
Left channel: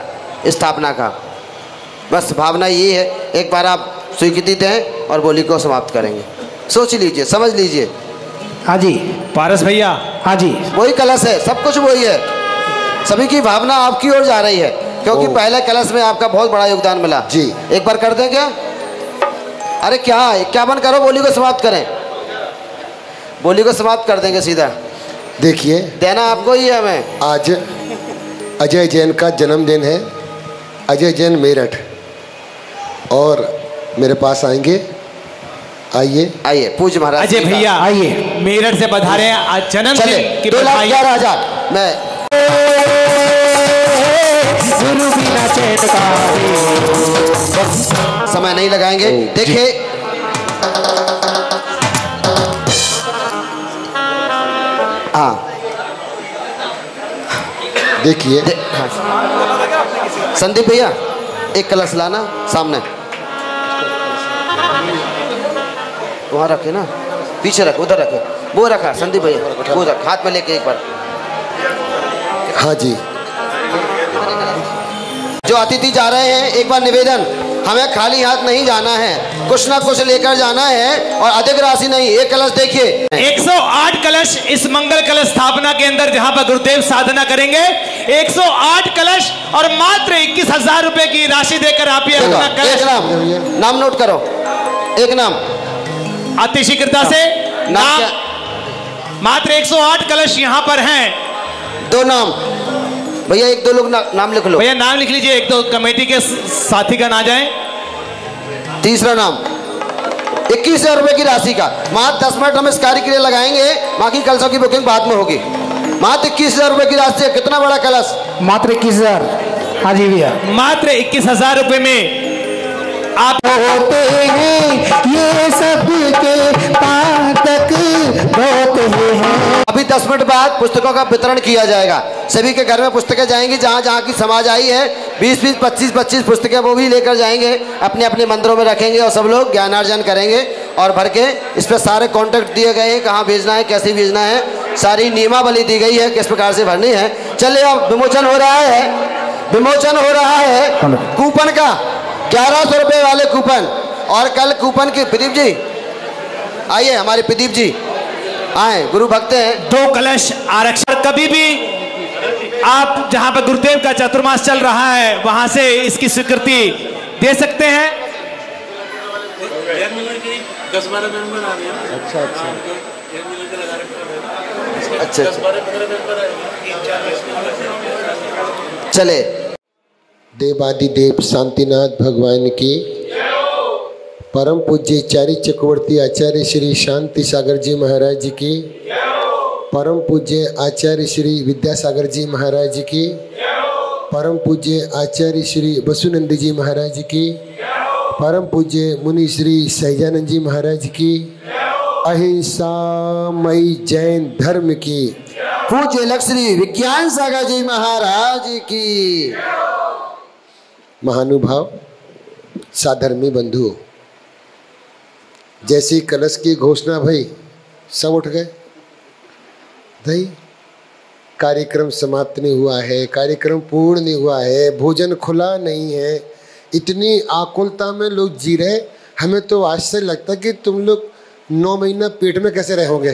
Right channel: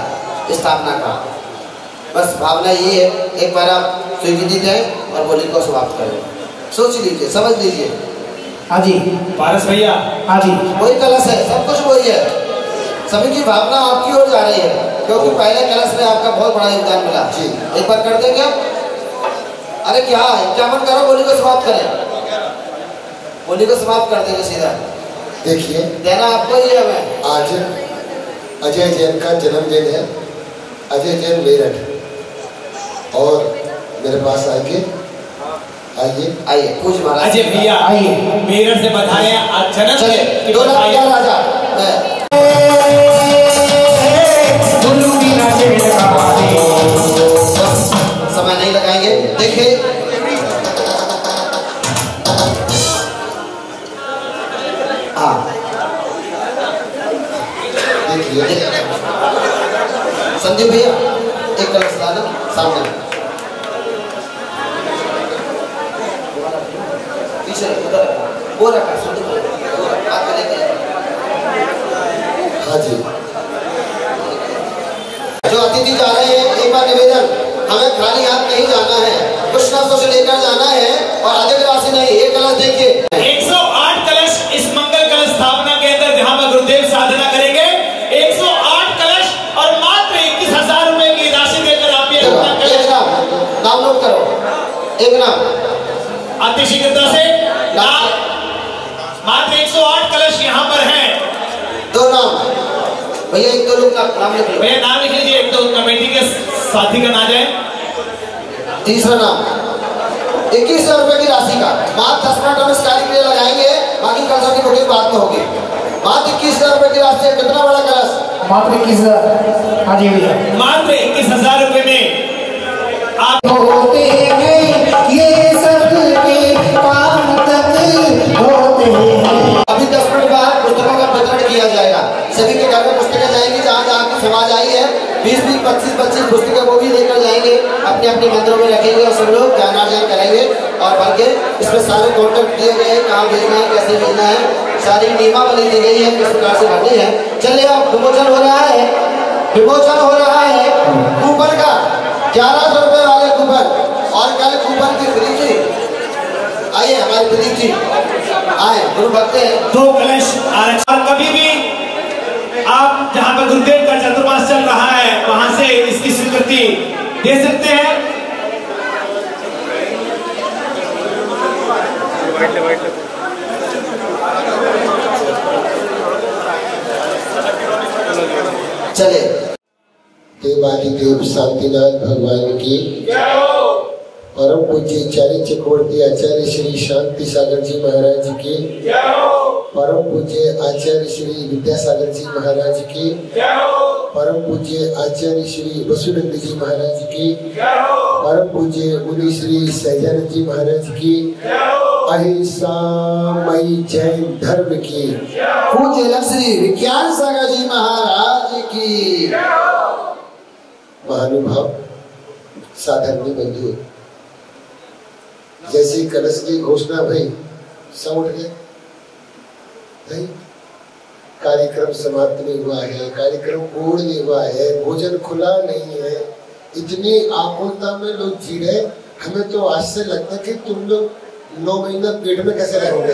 स्थापना का। बस भावना ये है। एक बार आप स्वीकृति दें और बोली को समाप्त करेंगे। सोच लीजिए, समझ लीजिए। हाँ जी पारस भैया। हाँ जी वही कलश है, सब कुछ वही है। सभी की भावना आपकी ओर जा रही है क्योंकि पहले कलश में आपका बहुत बड़ा योगदान मिला। जी एक बार कर दें क्या? अरे क्या 51 करो, बोली को समाप्त करें। बोली को समाप्त कर देंगे सीधा। देखिए देना आपको ही है। हमें आज अजय जैन का जन्मदिन है। अजय जैन मेरठ और मेरे पास आएंगे। आइए पूज महाराज। अजय भैया आइए मेरठ से बधाई आज जन्मदिन की 2,11,000 मैं समय नहीं लगाएंगे। देखिए देखिए संदीप भैया एक कलश लाना सामने, वहाँ रखे ना, पीछे रखे, उधर रखे। वो रखा संदीप भैया, वो रख, हाथ में लेके एक बार। हाँ जी जो अतिथि जा रहे हैं, एक बार निवेदन, हमें खाली हाथ नहीं जाना है, कुछ ना कुछ लेकर जाना है और अधिक राशि नहीं। एक कलश देखिए 108 कलश इस मंगल कलश स्थापना के अंदर जहां पर गुरुदेव साधना करेंगे। 108 कलश और मात्र 21,000 रुपए की राशि देकर आप ये अपना कलश। नाम नोट करो। एक नाम अतिशीघ्रता से नाम। मात्र 108 कलश यहाँ पर हैं। 2 नाम भैया, 1-2 लोग नाम लिख लो भैया। नाम लिख लीजिए, एक तो कमेटी के साथी का ना जाए। तीसरा नाम 21,000 रुपए की राशि का। मात्र 10 मिनट हम इस कार्य के लिए लगाएंगे, बाकी कलशों की बुकिंग बाद में होगी। मात्र 21,000 रुपए की राशि है। कितना बड़ा कलश? मात्र 21,000। हाँ जी भैया मात्र 21,000 रुपए में आप ये सब के पार तक अभी 10 मिनट बाद पुस्तकों का वितरण किया दिया जाएगा। सभी के घर में पुस्तकें जाएंगी, जहाँ जहाँ की समाज आई है 20-20, 25-25 पुस्तकें वो भी लेकर जाएंगे, अपने अपने मंदिरों में रखेंगे और सब लोग ज्ञानार्जन करेंगे। और भर के इस पर सारे कॉन्टेक्ट दिए गए हैं, कहाँ भेजना है, कैसे भेजना है, सारी नियमावली दी गई है, किस प्रकार से भरनी है। चलिए अब विमोचन हो रहा है, विमोचन हो रहा है कूपन का, 1100 रुपये वाले कूपन। और कल कूपन के प्रदीप जी आइए, हमारे प्रदीप जी आए, गुरु भक्त हैं। 2 कलश आरक्षण। कभी भी आप जहां पर गुरुदेव का चातुर्मास चल रहा है वहां से इसकी स्वीकृति दे सकते हैं। चले देवादिदेव शांतिनाथ भगवान की परम पूज्य चारी चक्रवर्ती आचार्य श्री शांति सागर जी महाराज जी की, परम पूज्य आचार्य श्री विद्यासागर जी महाराज जी की, परम पूज्य आचार्य श्री वसुनंद जी महाराज जी की, परम पूज्य मुनि श्री सहजानंद जी महाराज की, अहिंसामयी जैन धर्म की, पूज्य लक्ष्मी विज्ञान सागर जी महाराज की। महानुभाव साधर्मी बंधुओं, जैसी कलश की घोषणा भई सब उठ गए। नहीं, कार्यक्रम समाप्त नहीं हुआ है, कार्यक्रम पूर्ण नहीं हुआ है, भोजन खुला नहीं है। इतनी आकुलता में लोग जी रहे, हमें तो आश्चर्य लगता कि तुम लोग 9 महीना पेट में कैसे रहोगे।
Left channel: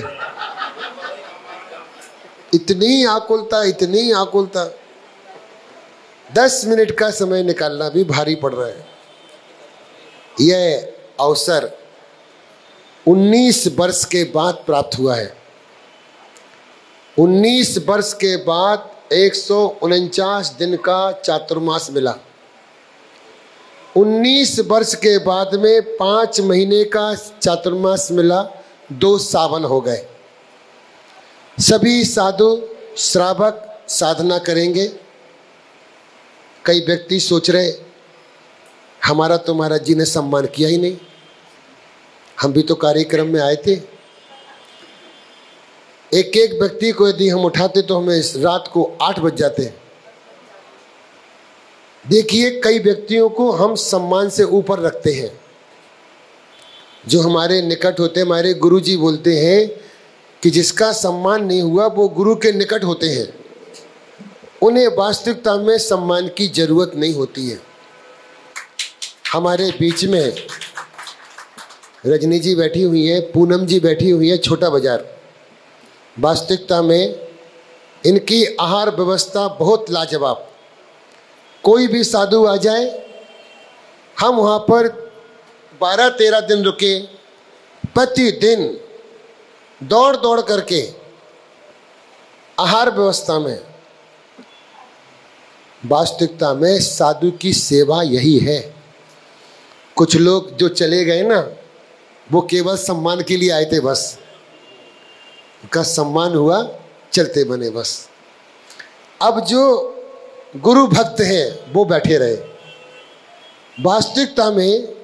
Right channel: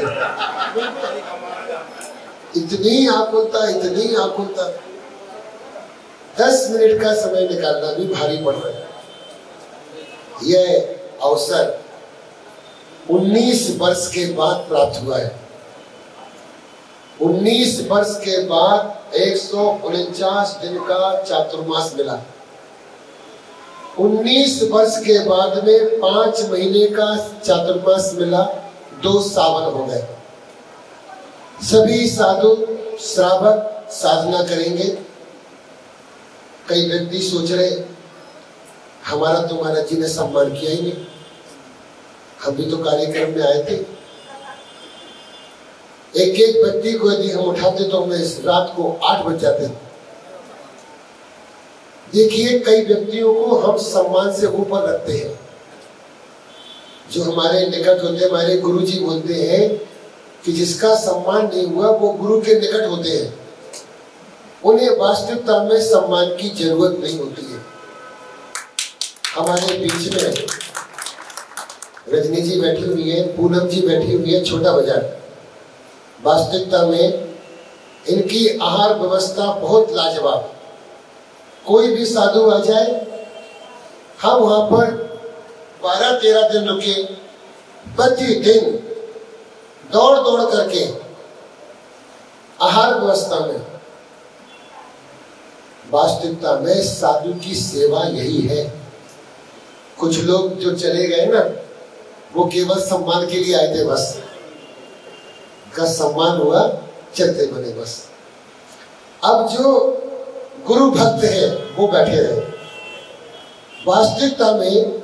इतनी आकुलता, इतनी आकुलता। 10 मिनट का समय निकालना भी भारी पड़ रहा है। यह अवसर 19 वर्ष के बाद प्राप्त हुआ है। 19 वर्ष के बाद 149 दिन का चातुर्मास मिला। 19 वर्ष के बाद में 5 महीने का चातुर्मास मिला, 2 सावन हो गए। सभी साधु श्रावक साधना करेंगे। कई व्यक्ति सोच रहे हमारा तो महाराज जी ने सम्मान किया ही नहीं, हम भी तो कार्यक्रम में आए थे। एक एक व्यक्ति को यदि हम उठाते तो हमें रात को 8 बज जाते। देखिए, कई व्यक्तियों को हम सम्मान से ऊपर रखते हैं। जो हमारे निकट होते, हमारे गुरु जी बोलते हैं कि जिसका सम्मान नहीं हुआ वो गुरु के निकट होते हैं। उन्हें वास्तविकता में सम्मान की जरूरत नहीं होती है। हमारे बीच में रजनी जी बैठी हुई है, पूनम जी बैठी हुई है, छोटा बाजार। वास्तविकता में इनकी आहार व्यवस्था बहुत लाजवाब। कोई भी साधु आ जाए, हम वहां पर 12-13 दिन रुके, प्रतिदिन दौड़ दौड़ करके आहार व्यवस्था में। वास्तविकता में साधु की सेवा यही है। कुछ लोग जो चले गए ना, वो केवल सम्मान के लिए आए थे, बस का सम्मान हुआ, चलते बने बस। अब जो गुरु भक्त हैं वो बैठे रहे। वास्तविकता में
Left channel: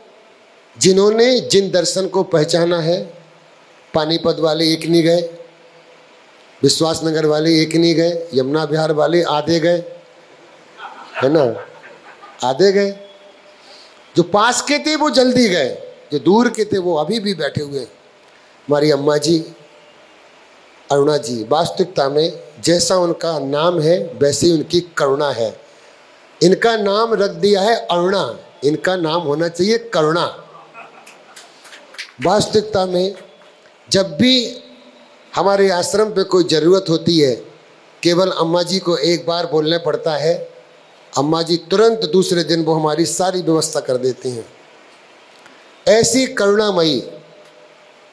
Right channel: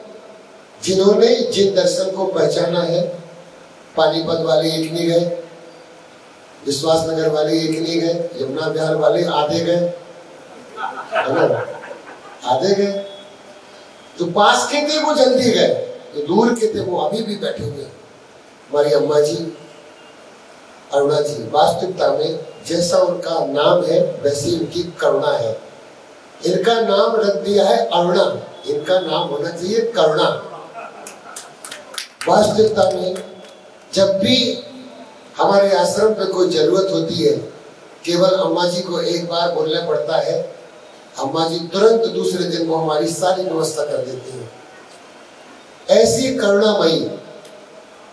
जिन्होंने जिन दर्शन को पहचाना है, पानीपत वाले एक नहीं गए, विश्वास नगर वाले एक नहीं गए, यमुना विहार वाले आधे गए, है ना, आधे गए। जो पास के थे वो जल्दी गए, जो दूर के थे वो अभी भी बैठे हुए। हमारी अम्मा जी अरुणा जी, वास्तविकता में जैसा उनका नाम है वैसे उनकी करुणा है। इनका नाम रख दिया है अरुणा, इनका नाम होना चाहिए करुणा। वास्तविकता में जब भी हमारे आश्रम पे कोई जरूरत होती है, केवल अम्मा जी को एक बार बोलना पड़ता है, अम्मा जी तुरंत दूसरे दिन वो हमारी सारी व्यवस्था कर देती हैं। ऐसी करुणामयी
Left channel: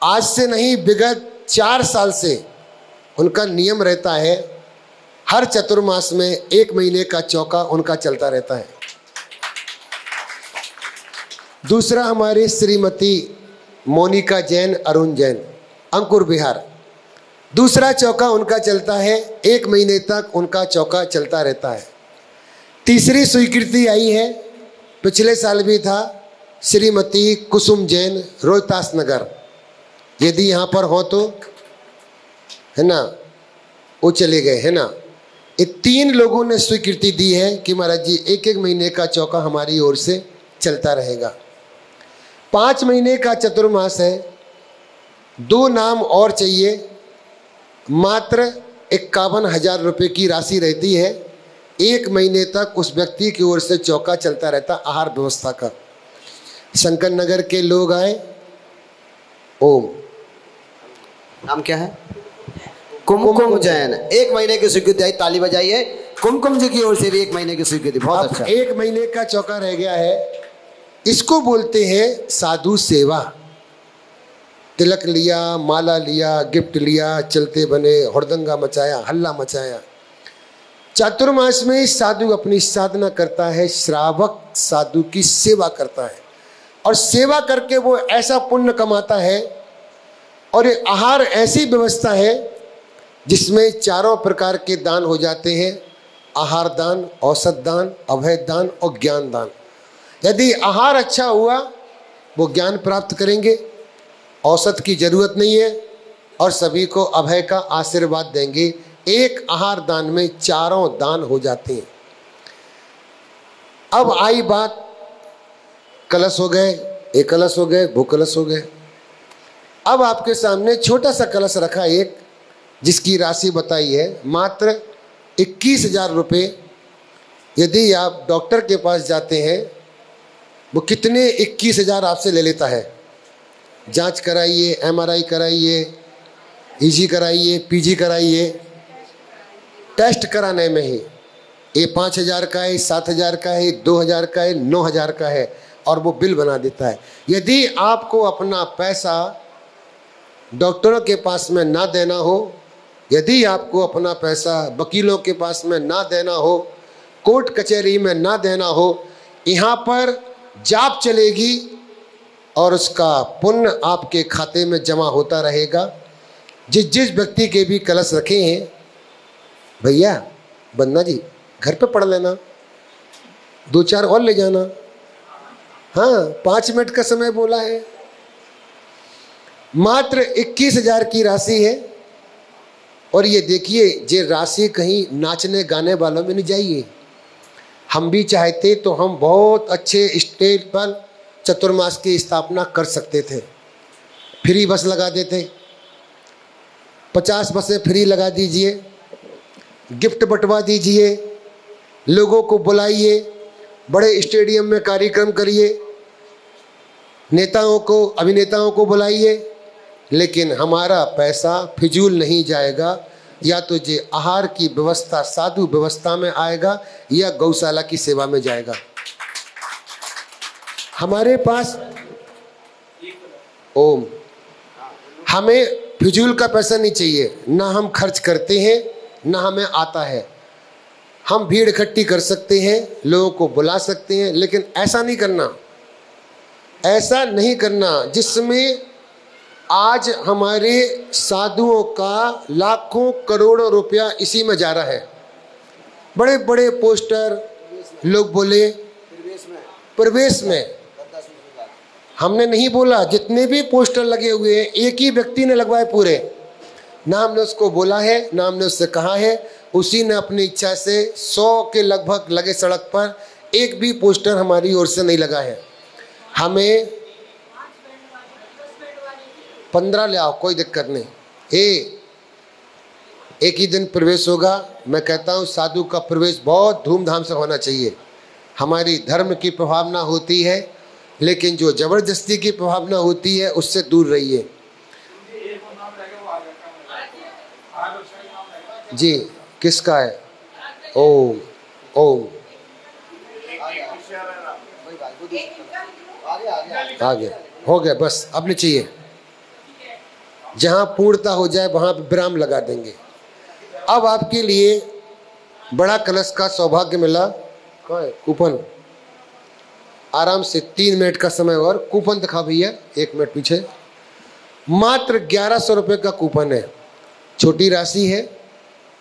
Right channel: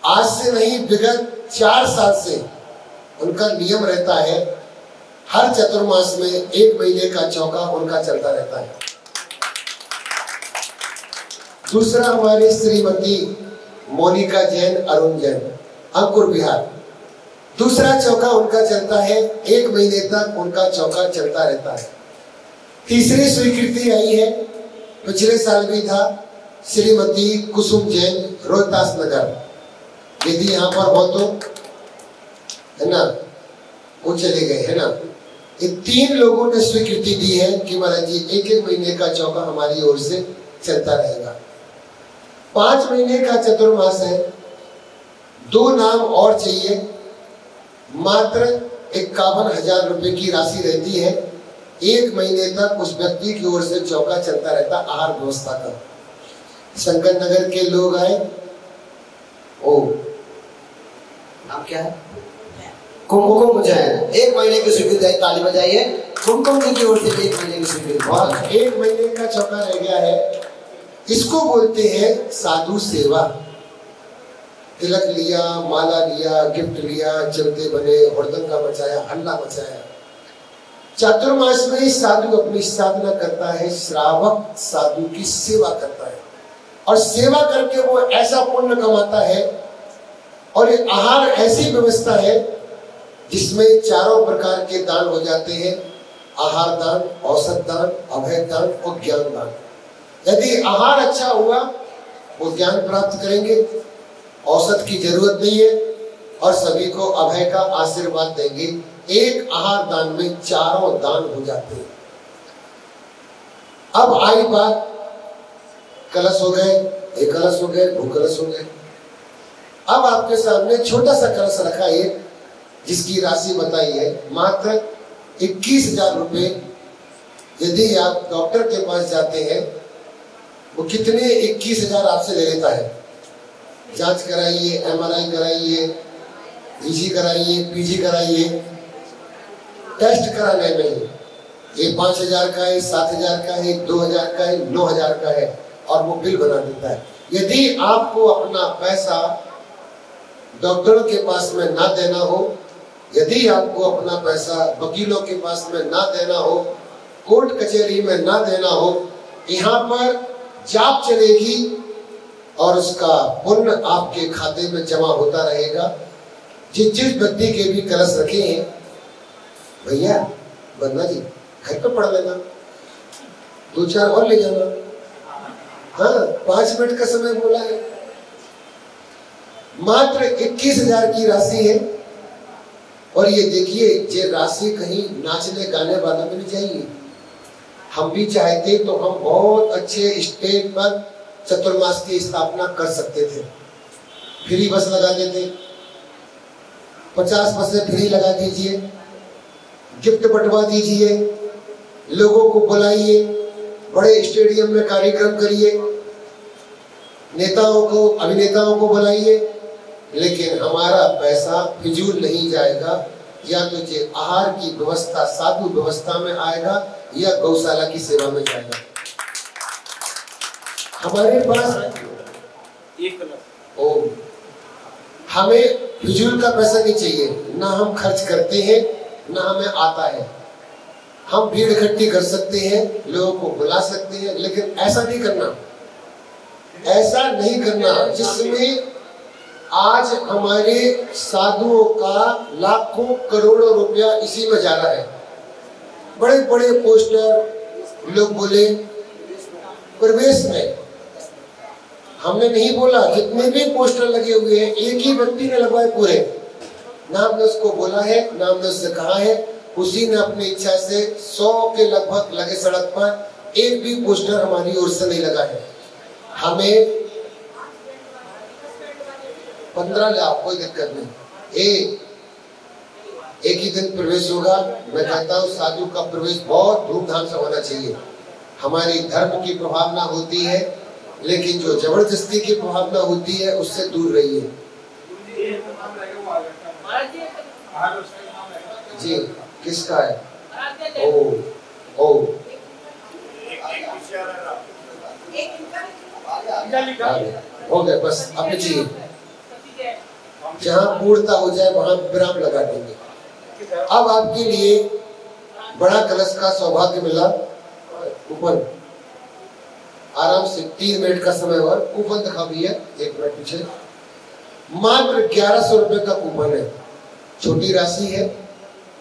आज से नहीं, विगत 4 साल से उनका नियम रहता है, हर चतुर्मास में 1 महीने का चौका उनका चलता रहता है। दूसरा हमारी श्रीमती मोनिका जैन, अरुण जैन, अंकुर बिहार, दूसरा चौका उनका चलता है, 1 महीने तक उनका चौका चलता रहता है। तीसरी स्वीकृति आई है, पिछले साल भी था, श्रीमती कुसुम जैन, रोहतास नगर। यदि यहाँ पर हो तो, है ना, वो चले गए, है ना, 3 लोगों ने स्वीकृति दी है कि महाराज जी 1-1 महीने का चौका हमारी ओर से चलता रहेगा। 5 महीने का चतुर्मास है। 2 नाम और चाहिए। मात्र 51,000 रुपये की राशि रहती है। 1 महीने तक उस व्यक्ति की ओर से चौका चलता रहता आहार व्यवस्था का। शंकर नगर के लोग आए। ओ नाम क्या है? कुमकुम जैन। 1 महीने की स्वीकृति है, ताली बजाइए। कुमकुम जी की ओर से 1 महीने की स्वीकृति। बहुत अच्छा। 1 महीने का चौका रह गया है। इसको बोलते हैं साधु सेवा। तिलक लिया, माला लिया, गिफ्ट लिया, चलते बने, हुड़दंगा मचाया, हल्ला मचाया। चातुर्मास में साधु अपनी साधना करता है, श्रावक साधु की सेवा करता है और सेवा करके वो ऐसा पुण्य कमाता है। और ये आहार ऐसी व्यवस्था है जिसमें 4 प्रकार के दान हो जाते हैं। आहार दान, औषध दान, अभय दान और ज्ञान दान। यदि आहार अच्छा हुआ वो ज्ञान प्राप्त करेंगे, औषध की जरूरत नहीं है और सभी को अभय का आशीर्वाद देंगे। एक आहार दान में 4 दान हो जाते हैं। अब आई बात, कलश हो गए, 1 कलश हो गए, 2 कलश हो गए। अब आपके सामने छोटा सा कलश रखा एक, जिसकी राशि बताई है मात्र 21,000 रुपये। यदि आप डॉक्टर के पास जाते हैं, वो कितने 21,000 आपसे ले लेता है। जांच कराइए, MRI कराइए, EG कराइए, PG कराइए, टेस्ट कराने में ही ये 5,000 का है, 7,000 का है, 2,000 का है, 9,000 का है और वो बिल बना देता है। यदि आपको अपना पैसा डॉक्टरों के पास में ना देना हो, यदि आपको अपना पैसा वकीलों के पास में ना देना हो, कोर्ट कचहरी में ना देना हो, यहाँ पर जाप चलेगी और उसका पुण्य आपके खाते में जमा होता रहेगा। जिस व्यक्ति के भी कलश रखे हैं, भैया बंदा जी घर पे पढ़ लेना, 2-4 और ले जाना। हाँ, 5 मिनट का समय बोला है। मात्र 21,000 की राशि है। और ये देखिए, ये राशि कहीं नाचने गाने वालों में नहीं जाएगी। हम भी चाहते तो हम बहुत अच्छे स्टेज पर चतुर्मास की स्थापना कर सकते थे। फ्री बस लगा देते, 50 बसें फ्री लगा दीजिए, गिफ्ट बंटवा दीजिए, लोगों को बुलाइए, बड़े स्टेडियम में कार्यक्रम करिए, नेताओं को, अभिनेताओं को बुलाइए। लेकिन हमारा पैसा फिजूल नहीं जाएगा। या तो ये आहार की व्यवस्था साधु व्यवस्था में आएगा या गौशाला की सेवा में जाएगा। हमारे पास हमें फिजूल का पैसा नहीं चाहिए। ना हम खर्च करते हैं, ना हमें आता है। हम भीड़ इकट्ठी कर सकते हैं, लोगों को बुला सकते हैं, लेकिन ऐसा नहीं करना, ऐसा नहीं करना जिसमें आज हमारे साधुओं का लाखों करोड़ों रुपया इसी में जा रहा है। बड़े बड़े पोस्टर लोग बोले प्रवेश में, हमने नहीं बोला। जितने भी पोस्टर लगे हुए हैं एक ही व्यक्ति ने लगवाए पूरे। ना हमने उसको बोला है, ना हमने उससे कहा है, उसी ने अपनी इच्छा से 100 के लगभग लगे सड़क पर, एक भी पोस्टर हमारी ओर से नहीं लगा है। हमें 15 ले आओ, कोई दिक्कत नहीं। एक ही दिन प्रवेश होगा। मैं कहता हूँ साधु का प्रवेश बहुत धूमधाम से होना चाहिए। हमारी धर्म की प्रभावना होती है, लेकिन जो जबरदस्ती की प्रभावना होती है उससे दूर रहिए। जी, किसका है? ओ आगे हो गया, बस अब नहीं चाहिए। जहां पूर्णता हो जाए वहां विराम लगा देंगे। अब आपके लिए बड़ा कलश का सौभाग्य मिला। कूपन आराम से 3 मिनट का समय और कूपन दिखा भी है, 1 मिनट पीछे। मात्र 1100 रुपए का कूपन है। छोटी राशि है,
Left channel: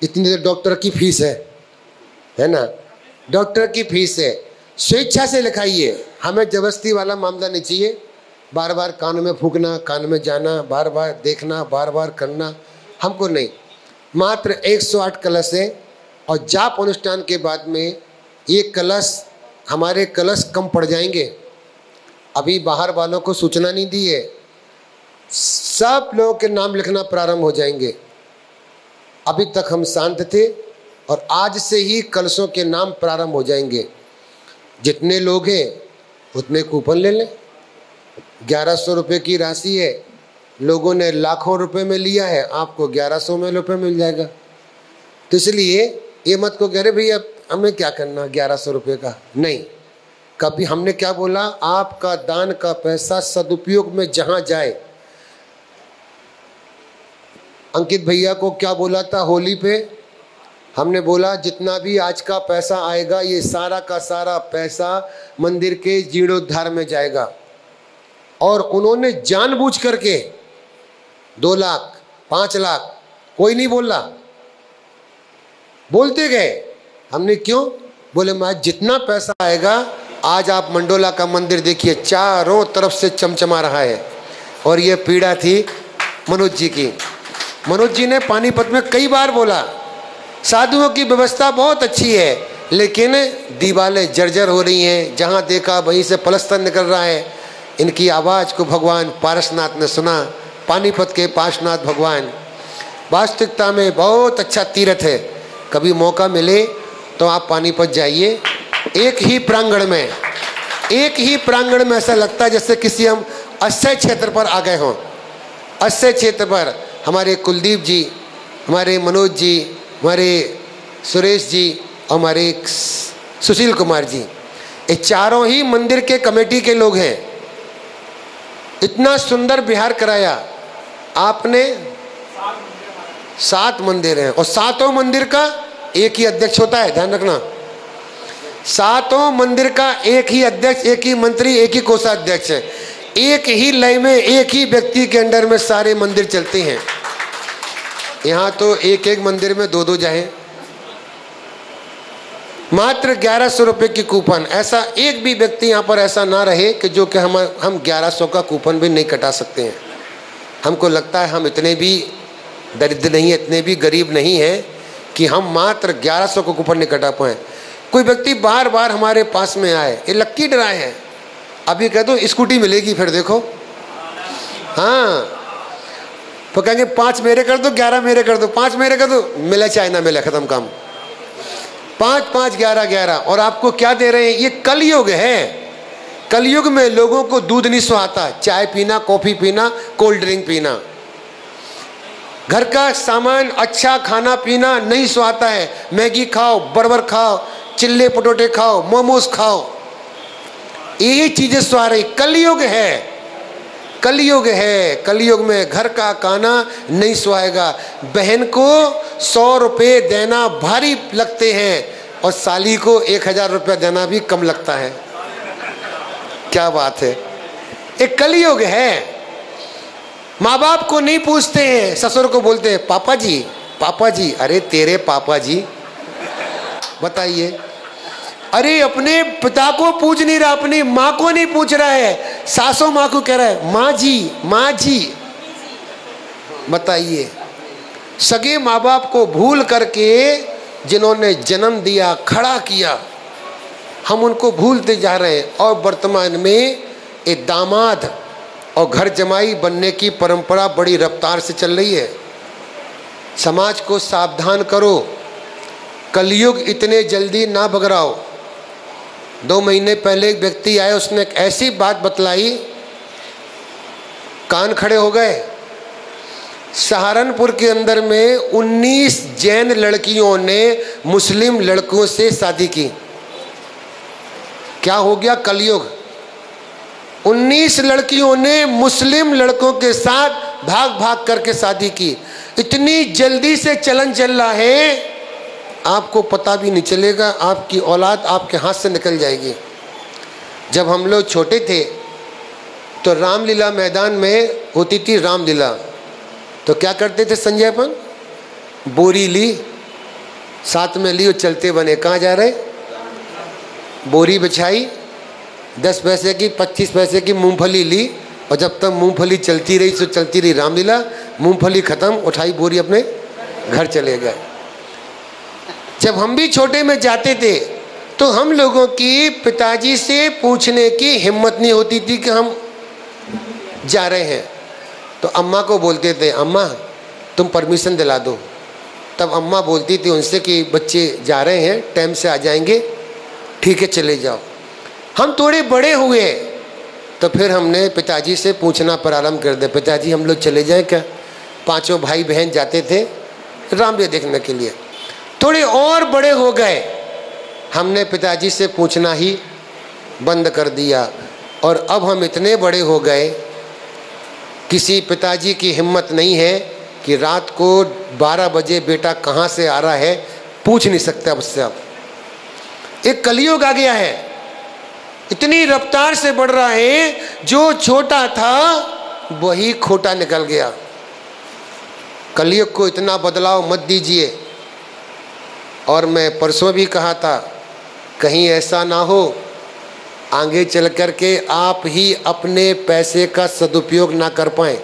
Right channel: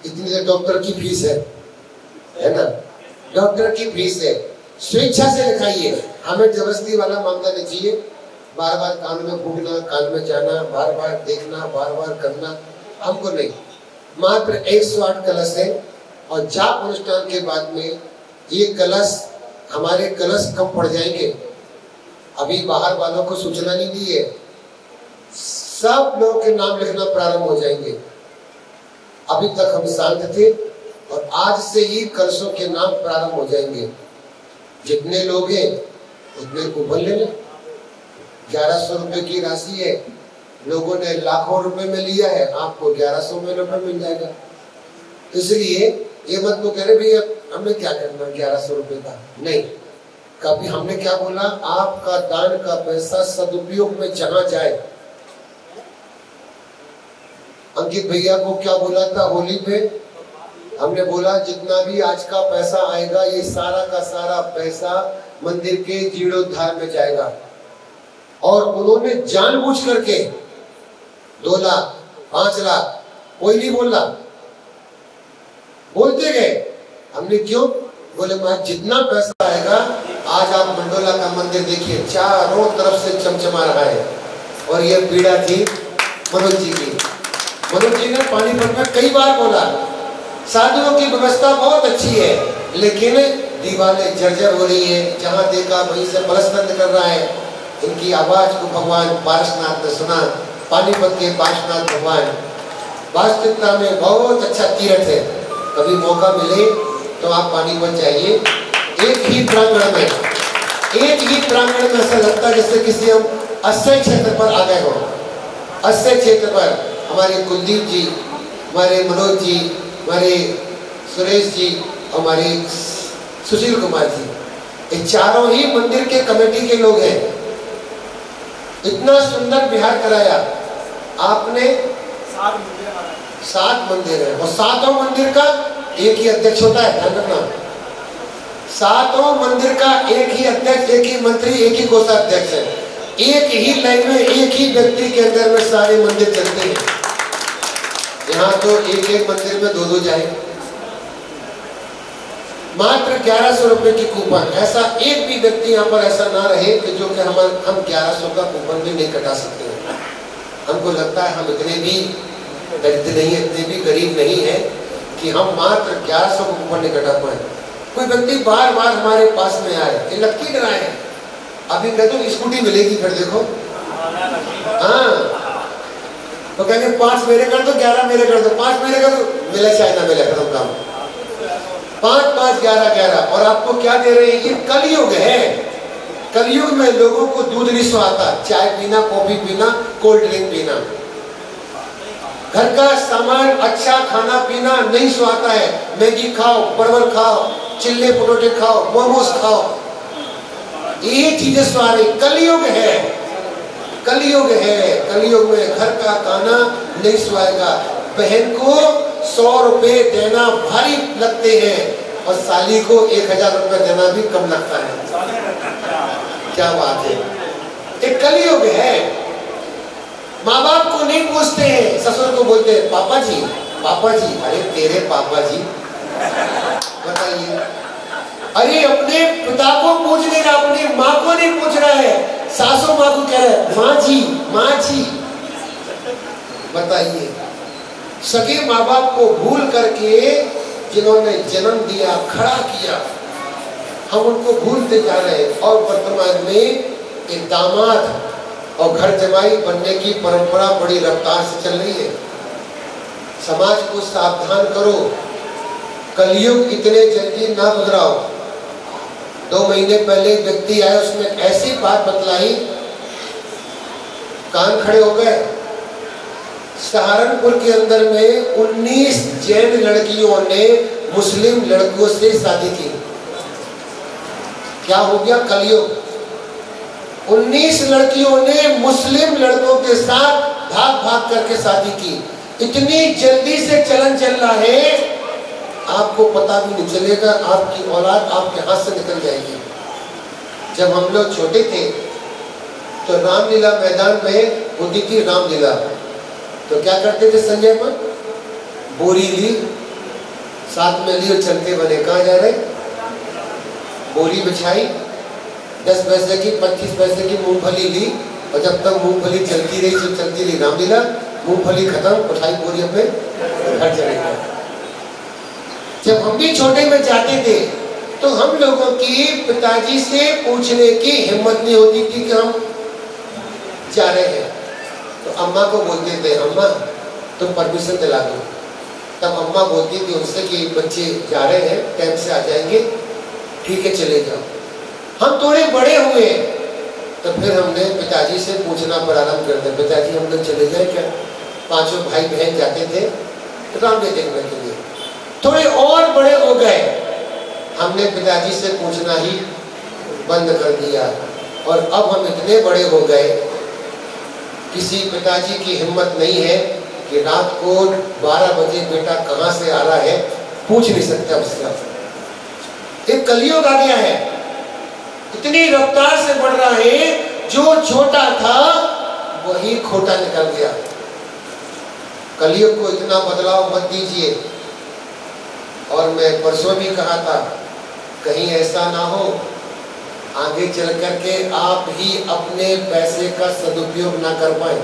इतनी डॉक्टर की फीस है ना, डॉक्टर की फीस है। स्वेच्छा से लिखाइए, हमें जबरदस्ती वाला मामला नहीं चाहिए। बार बार कान में फूकना, कान में जाना, बार बार देखना, बार बार करना, हमको नहीं। मात्र 108 कलश है और जाप अनुष्ठान के बाद में ये कलश, हमारे कलश कम पड़ जाएंगे। अभी बाहर वालों को सूचना नहीं दी है, सब लोगों के नाम लिखना प्रारंभ हो जाएंगे। अभी तक हम शांत थे और आज से ही कलशों के नाम प्रारंभ हो जाएंगे। जितने लोग हैं उतने कूपन ले लें। 1100 रुपये की राशि है, लोगों ने लाखों रुपए में लिया है, आपको 1100 में रुपये मिल जाएगा। तो इसलिए ये मत को कह रहे भैया हमें क्या करना 1100 रुपये का, नहीं। कभी हमने क्या बोला, आपका दान का पैसा सदुपयोग में जहां जाए। अंकित भैया को क्या बोला था होली पे, हमने बोला जितना भी आज का पैसा आएगा ये सारा का सारा पैसा मंदिर के जीर्णोद्धार में जाएगा। और उन्होंने जानबूझ करके 2 लाख 5 लाख कोई नहीं बोला, बोलते गए। हमने क्यों बोले, मैं जितना पैसा आएगा, आज आप मंडोला का मंदिर देखिए चारों तरफ से चमचमा रहा है। और ये पीड़ा थी मनोज जी की। मनोज जी ने पानीपत में कई बार बोला साधुओं की व्यवस्था बहुत अच्छी है, लेकिन दीवारें जर्जर हो रही हैं, जहां देखा वहीं से पलस्तर निकल रहा है। इनकी आवाज को भगवान पार्श्वनाथ ने सुना, पानीपत के पार्श्वनाथ भगवान। वास्तविकता में बहुत अच्छा तीर्थ है, कभी मौका मिले तो आप पानीपत जाइए। एक ही प्रांगण में ऐसा लगता है जैसे किसी हम अक्षय क्षेत्र पर आ गए हों। अक्षय क्षेत्र पर हमारे कुलदीप जी, हमारे मनोज जी, हमारे सुरेश जी, हमारे सुशील कुमार जी, ये चारों ही मंदिर के कमेटी के लोग हैं। इतना सुंदर विहार कराया आपने। 7 मंदिर हैं और 7 मंदिर का एक ही अध्यक्ष होता है, ध्यान रखना। 7 मंदिर का एक ही अध्यक्ष, एक ही मंत्री, एक ही कोषाध्यक्ष है। एक ही लय में एक ही व्यक्ति के अंडर में सारे मंदिर चलते हैं। यहाँ तो एक एक मंदिर में 2-2 जाए। मात्र 1100 रुपए की कूपन। ऐसा एक भी व्यक्ति यहाँ पर ऐसा ना रहे कि जो कि हम 1100 का कूपन भी नहीं कटा सकते हैं। हमको लगता है हम इतने भी दरिद्र नहीं, इतने भी गरीब नहीं है कि हम मात्र 1100 का कूपन नहीं कटा पाए। कोई व्यक्ति बार बार हमारे पास में आए, ये लक्की ड्राई है, अभी कह दो स्कूटी मिलेगी, फिर देखो। हाँ, तो कहेंगे 5 मेरे कर दो, 11 मेरे कर दो, 5 मेरे कर दो, मिले चाहे ना मिले, खत्म काम। 5 5 11 11। और आपको क्या दे रहे हैं, ये कलयुग है। कलयुग में लोगों को दूध नहीं सुहाता, चाय पीना, कॉफी पीना, कोल्ड ड्रिंक पीना, घर का सामान, अच्छा खाना पीना नहीं सुहाता है। मैगी खाओ, बर्गर खाओ, चिल्ले पटोटे खाओ, मोमोज खाओ, यही चीजें सुहा रही। कलयुग है, कलयुग है। कलयुग में घर का खाना नहीं सुहाएगा। बहन को 100 रुपए देना भारी लगते हैं और साली को 1000 रुपए देना भी कम लगता है। क्या बात है, एक कलयुग है। माँ बाप को नहीं पूछते हैं, ससुर को बोलते हैं पापा जी, पापा जी। अरे तेरे पापा जी, बताइए। अरे अपने पिता को पूछ नहीं रहा, अपनी माँ को नहीं पूछ रहा है, सासू माँ को कह रहा है माँ जी, माँ जी। बताइए, सगे माँ बाप को भूल करके जिन्होंने जन्म दिया, खड़ा किया, हम उनको भूलते जा रहे हैं। और वर्तमान में एक दामाद और घर जमाई बनने की परंपरा बड़ी रफ्तार से चल रही है। समाज को सावधान करो, कलयुग इतने जल्दी ना बगराओ। 2 महीने पहले एक व्यक्ति आया, उसने एक ऐसी बात बतलाई, कान खड़े हो गए। सहारनपुर के अंदर में 19 जैन लड़कियों ने मुस्लिम लड़कों से शादी की। क्या हो गया, कलयुग। 19 लड़कियों ने मुस्लिम लड़कों के साथ भाग भाग करके शादी की। इतनी जल्दी से चलन चल रहा है, आपको पता भी नहीं चलेगा, आपकी औलाद आपके हाथ से निकल जाएगी। जब हम लोग छोटे थे तो रामलीला मैदान में होती थी रामलीला, तो क्या करते थे संजय अपन, बोरी ली, साथ में ली और चलते बने। कहाँ जा रहे, बोरी बिछाई, 10 पैसे की 25 पैसे की मूंगफली ली, और जब तक मूंगफली चलती रही तो चलती रही रामलीला। मूंगफली खत्म, उठाई बोरी, अपने घर चले गए। जब हम भी छोटे में जाते थे तो हम लोगों की पिताजी से पूछने की हिम्मत नहीं होती थी कि हम जा रहे हैं। तो अम्मा को बोलते थे, अम्मा तुम परमिशन दिला दो। तब अम्मा बोलती थी उनसे कि बच्चे जा रहे हैं, टाइम से आ जाएंगे, ठीक है चले जाओ। हम थोड़े बड़े हुए तो फिर हमने पिताजी से पूछना प्रारंभ कर दिया, पिताजी हम लोग चले जाए क्या? पांचों भाई बहन जाते थे रामलीला देखने के लिए। थोड़े और बड़े हो गए, हमने पिताजी से पूछना ही बंद कर दिया। और अब हम इतने बड़े हो गए, किसी पिताजी की हिम्मत नहीं है कि रात को 12 बजे बेटा कहाँ से आ रहा है, पूछ नहीं सकता उससे। अब एक कलयुग आ गया है, इतनी रफ्तार से बढ़ रहा है, जो छोटा था वही खोटा निकल गया। कलयुग को इतना बदलाव मत दीजिए। और मैं परसों भी कहा था, कहीं ऐसा ना हो आगे चल कर के आप ही अपने पैसे का सदुपयोग ना कर पाए,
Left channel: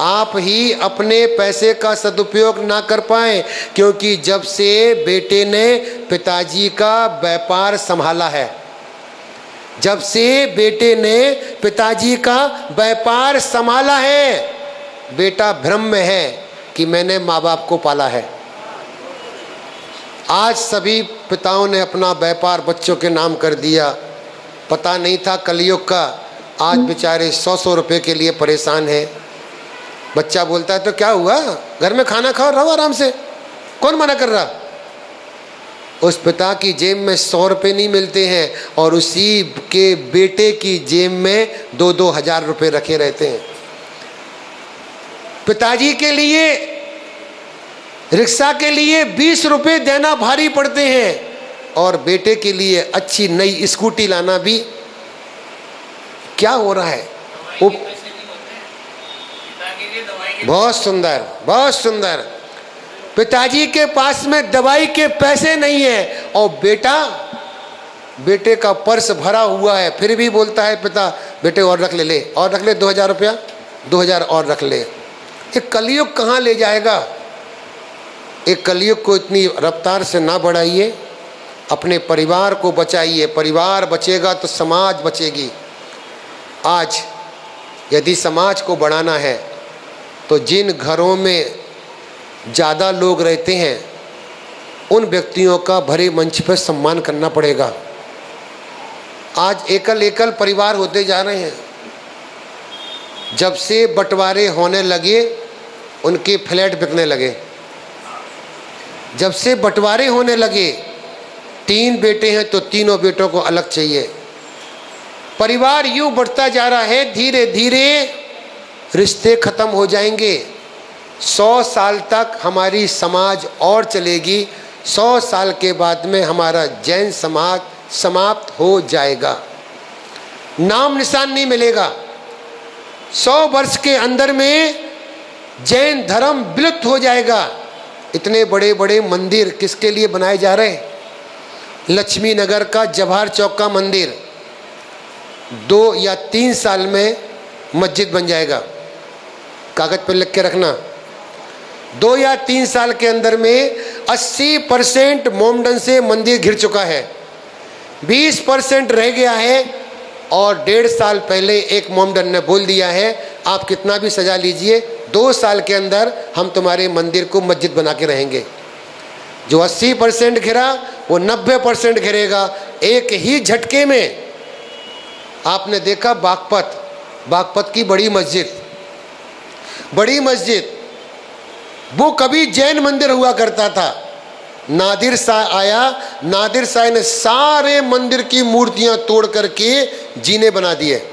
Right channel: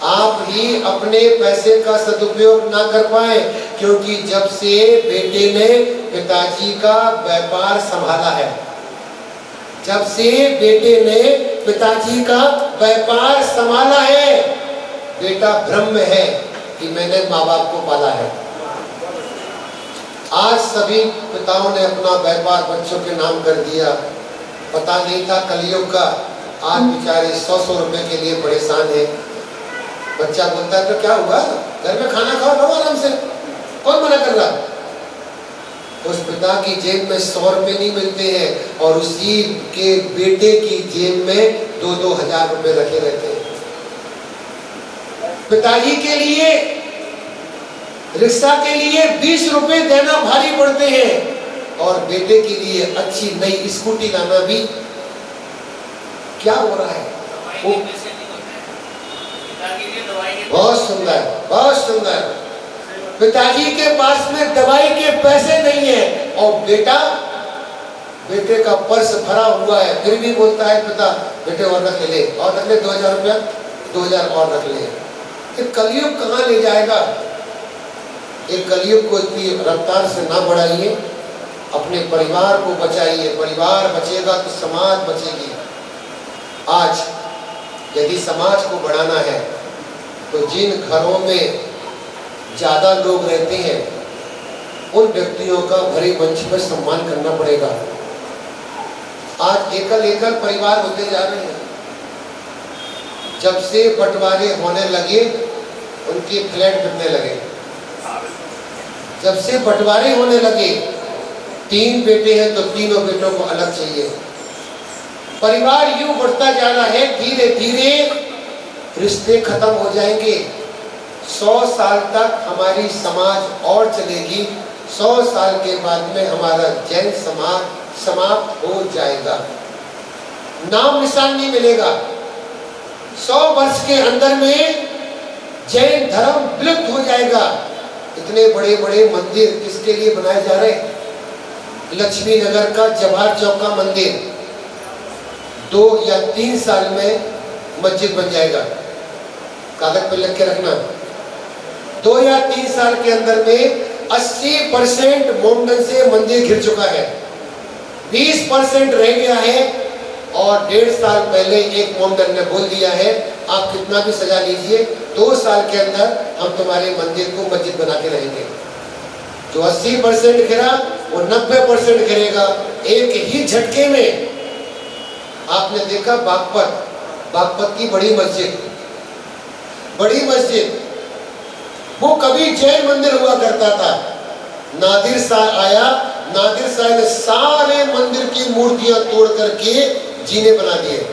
आप ही अपने पैसे का सदुपयोग ना कर पाए। क्योंकि जब से बेटे ने पिताजी का व्यापार संभाला है, जब से बेटे ने पिताजी का व्यापार संभाला है, बेटा भ्रम में है कि मैंने माँ बाप को पाला है। आज सभी पिताओं ने अपना व्यापार बच्चों के नाम कर दिया। पता नहीं था कलयुग का, आज बेचारे 100-100 रुपए के लिए परेशान है। बच्चा बोलता है तो क्या हुआ, घर में खाना खाओ, रहो आराम से, कौन मना कर रहा? उस पिता की जेब में 100 रुपए नहीं मिलते हैं और उसी के बेटे की जेब में 2-2 हजार रुपए रखे रहते हैं। पिताजी के लिए रिक्शा के लिए 20 रुपए देना भारी पड़ते हैं और बेटे के लिए अच्छी नई स्कूटी लाना भी। क्या हो रहा है? बहुत सुंदर, बहुत सुंदर। पिताजी के पास में दवाई के पैसे नहीं है और बेटे का पर्स भरा हुआ है, फिर भी बोलता है पिता बेटे और रख ले, और रख ले 2000 रुपया, 2000 और रख ले। ये कलयुग कहाँ ले जाएगा? एक कलयुग को इतनी रफ्तार से ना बढ़ाइए, अपने परिवार को बचाइए। परिवार बचेगा तो समाज बचेगी। आज यदि समाज को बढ़ाना है तो जिन घरों में ज़्यादा लोग रहते हैं उन व्यक्तियों का भरे मंच पर सम्मान करना पड़ेगा। आज एकल एकल परिवार होते जा रहे हैं। जब से बंटवारे होने लगे उनके फ्लैट बिकने लगे। जब से बंटवारे होने लगे, 3 बेटे हैं तो तीनों बेटों को अलग चाहिए। परिवार यूं बढ़ता जा रहा है, धीरे धीरे रिश्ते खत्म हो जाएंगे। 100 साल तक हमारी समाज और चलेगी, 100 साल के बाद में हमारा जैन समाज समाप्त हो जाएगा, नाम निशान नहीं मिलेगा। 100 वर्ष के अंदर में जैन धर्म विलुप्त हो जाएगा। इतने बड़े बड़े मंदिर किसके लिए बनाए जा रहे? लक्ष्मी नगर का जवाहर चौक का मंदिर 2 या 3 साल में मस्जिद बन जाएगा। कागज पर लिख के रखना, 2 या 3 साल के अंदर में 80% मोमडन से मंदिर घिर चुका है, 20% रह गया है। और 1.5 साल पहले एक मोमडन ने बोल दिया है, आप कितना भी सजा लीजिए, 2 साल के अंदर हम तुम्हारे मंदिर को मस्जिद बना के रहेंगे। जो 80% गिरा वो 90% गिरेगा एक ही झटके में। आपने देखा बागपत की बड़ी मस्जिद वो कभी जैन मंदिर हुआ करता था। नादिर शाह आया, नादिर शाह ने सारे मंदिर की मूर्तियां तोड़ करके जीने बना दिए।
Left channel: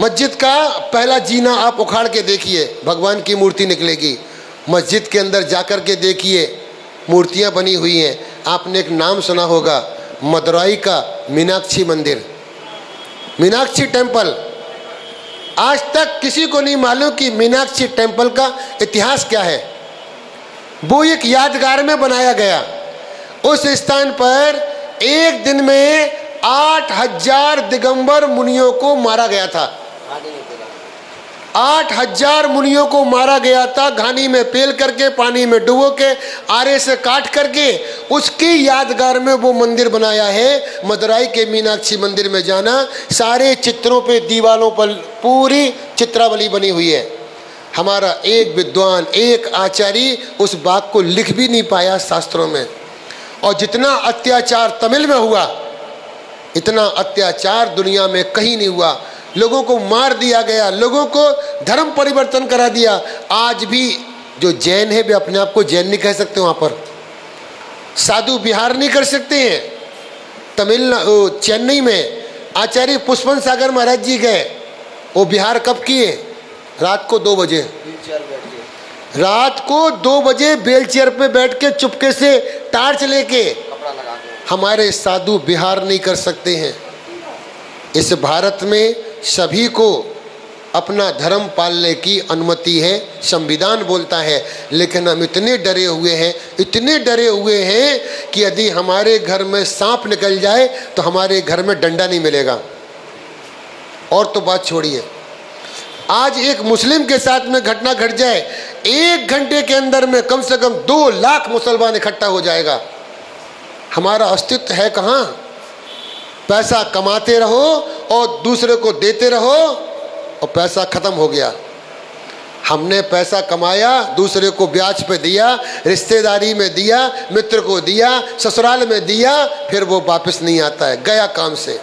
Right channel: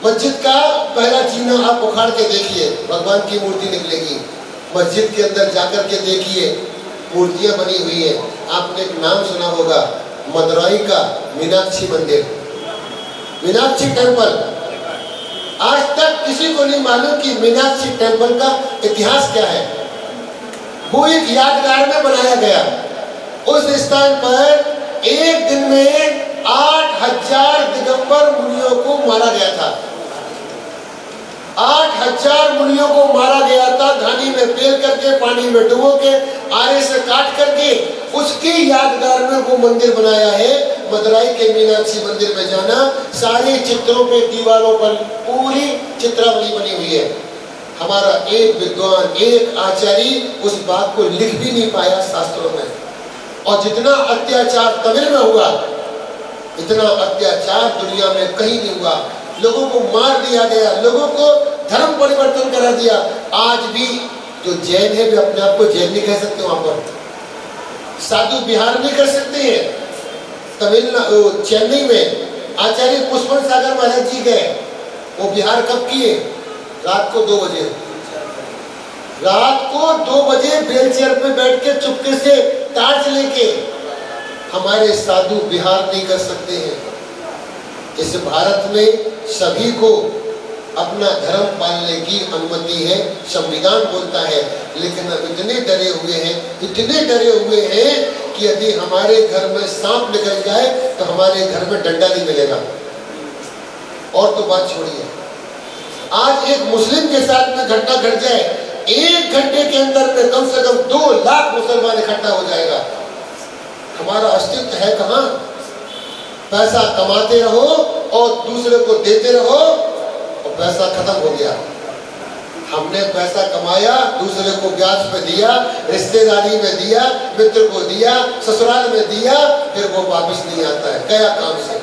मस्जिद का पहला जीना आप उखाड़ के देखिए, भगवान की मूर्ति निकलेगी। मस्जिद के अंदर जाकर के देखिए, मूर्तियां बनी हुई हैं। आपने एक नाम सुना होगा, मदुराई का मीनाक्षी मंदिर, मीनाक्षी टेम्पल। आज तक किसी को नहीं मालूम कि मीनाक्षी टेम्पल का इतिहास क्या है। वो एक यादगार में बनाया गया। उस स्थान पर एक दिन में 8000 दिगंबर मुनियों को मारा गया था। 8000 मुनियों को मारा गया था, घानी में पेल करके पानी में डुबो के आरे से काट करके उसके यादगार में वो मंदिर बनाया है। मदुराई के मीनाक्षी मंदिर में जाना, सारे चित्रों पे दीवारों पर पूरी चित्रावली बनी हुई है। हमारा एक विद्वान, एक आचार्य उस बात को लिख भी नहीं पाया शास्त्रों में। और जितना अत्याचार तमिल में हुआ, इतना अत्याचार दुनिया में कहीं नहीं हुआ। लोगों को मार दिया गया, लोगों को धर्म परिवर्तन करा दिया। आज भी जो जैन है वे अपने आप को जैन नहीं कह सकते, वहां पर साधु विहार नहीं कर सकते हैं। तमिलनाडु चेन्नई में आचार्य पुष्पन सागर महाराज जी गए, वो विहार कब किए? रात को 2 बजे, रात को 2 बजे व्हील चेयर पे बैठ के चुपके से टार्च लेके। हमारे साधु विहार नहीं कर सकते हैं। इस भारत में सभी को अपना धर्म पालने की अनुमति है, संविधान बोलता है। लेकिन हम इतने डरे हुए हैं, इतने डरे हुए हैं कि यदि हमारे घर में सांप निकल जाए तो हमारे घर में डंडा नहीं मिलेगा। और तो बात छोड़िए, आज एक मुस्लिम के साथ में घटना घट जाए, 1 घंटे के अंदर में कम से कम 2 लाख मुसलमान इकट्ठा हो जाएगा। हमारा अस्तित्व है कहाँ? पैसा कमाते रहो और दूसरे को देते रहो और पैसा खत्म हो गया। हमने पैसा कमाया, दूसरे को ब्याज पे दिया, रिश्तेदारी में दिया, मित्र को दिया, ससुराल में दिया, फिर वो वापस नहीं आता है, गया काम से।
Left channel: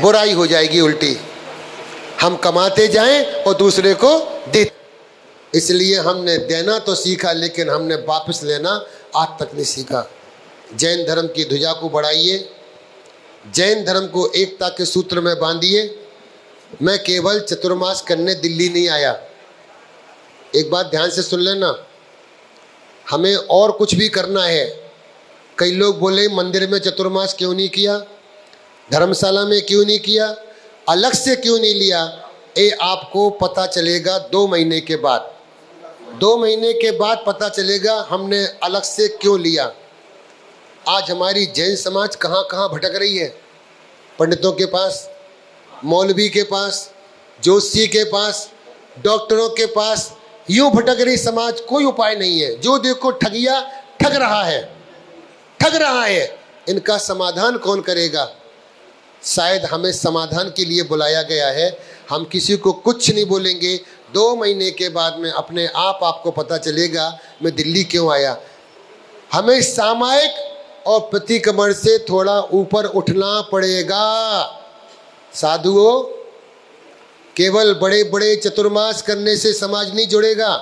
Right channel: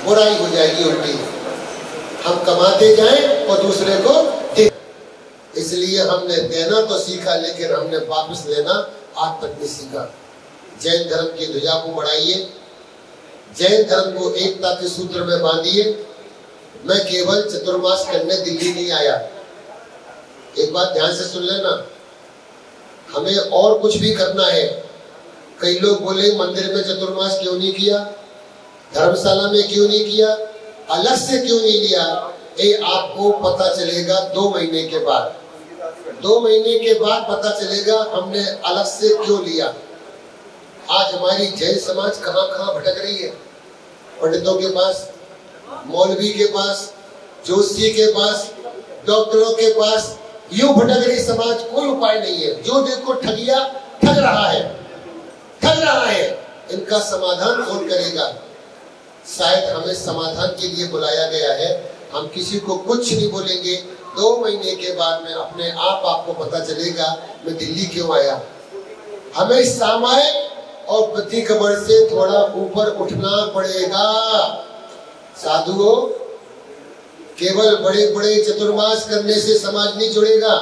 बुराई हो जाएगी उल्टी। हम कमाते जाएं और दूसरे को दे। इसलिए हमने देना तो सीखा, लेकिन हमने वापस लेना आज तक नहीं सीखा। जैन धर्म की ध्वजा को बढ़ाइए, जैन धर्म को एकता के सूत्र में बांधिए। मैं केवल चतुर्मास करने दिल्ली नहीं आया, एक बात ध्यान से सुन लेना, हमें और कुछ भी करना है। कई लोग बोले मंदिर में चतुर्मास क्यों नहीं किया, धर्मशाला में क्यों नहीं किया, अलग से क्यों नहीं लिया? ये आपको पता चलेगा 2 महीने के बाद। 2 महीने के बाद पता चलेगा हमने अलग से क्यों लिया। आज हमारी जैन समाज कहाँ कहाँ भटक रही है, पंडितों के पास, मौलवी के पास, जोशी के पास, डॉक्टरों के पास, यूं भटक रही समाज। कोई उपाय नहीं है। जो देखो ठगिया ठग रहा है, ठग रहा है। इनका समाधान कौन करेगा? शायद हमें समाधान के लिए बुलाया गया है। हम किसी को कुछ नहीं बोलेंगे। 2 महीने के बाद में अपने आप आपको पता चलेगा मैं दिल्ली क्यों आया। हमें सामायिक और प्रतिक्रमण से थोड़ा ऊपर उठना पड़ेगा। साधुओं, केवल बड़े बड़े चतुर्मास करने से समाज नहीं जुड़ेगा,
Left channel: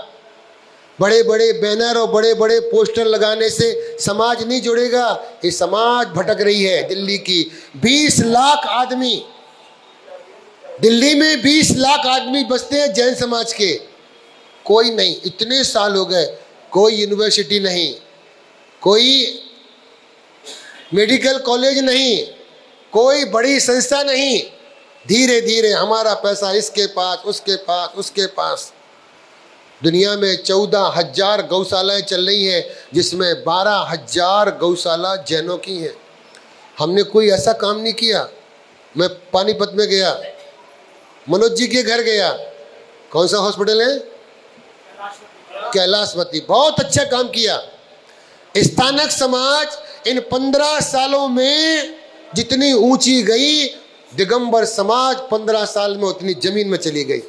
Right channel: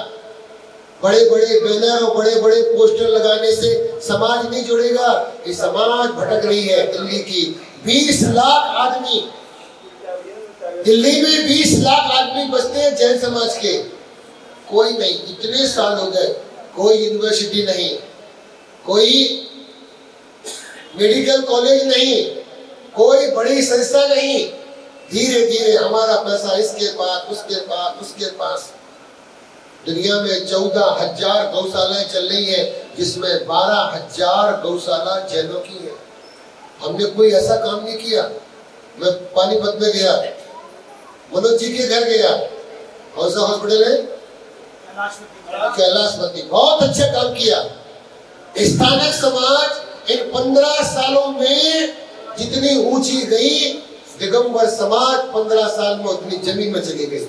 बड़े बड़े बैनर और बड़े बड़े पोस्टर लगाने से समाज नहीं जुड़ेगा। ये समाज भटक रही है। दिल्ली की 20 लाख आदमी, दिल्ली में 20 लाख आदमी बसते हैं जैन समाज के। कोई नहीं, इतने साल हो गए, कोई यूनिवर्सिटी नहीं, कोई मेडिकल कॉलेज नहीं, कोई बड़ी संस्था नहीं। धीरे धीरे हमारा पैसा इसके पास, उसके पास, उसके पास। दुनिया में 14,000 गौशालाएं चल रही है, जिसमें 12,000 गौशाला जैनों की है। हमने कोई ऐसा काम नहीं किया। मैं पानीपत में गया, मनोज जी के घर गया, कौन सा हॉस्पिटल है? कैलाशपति। बहुत अच्छा काम किया। स्थानक समाज इन 15 सालों में जितनी ऊंची गई, दिगंबर समाज 15 साल में उतनी जमीन में चली गई।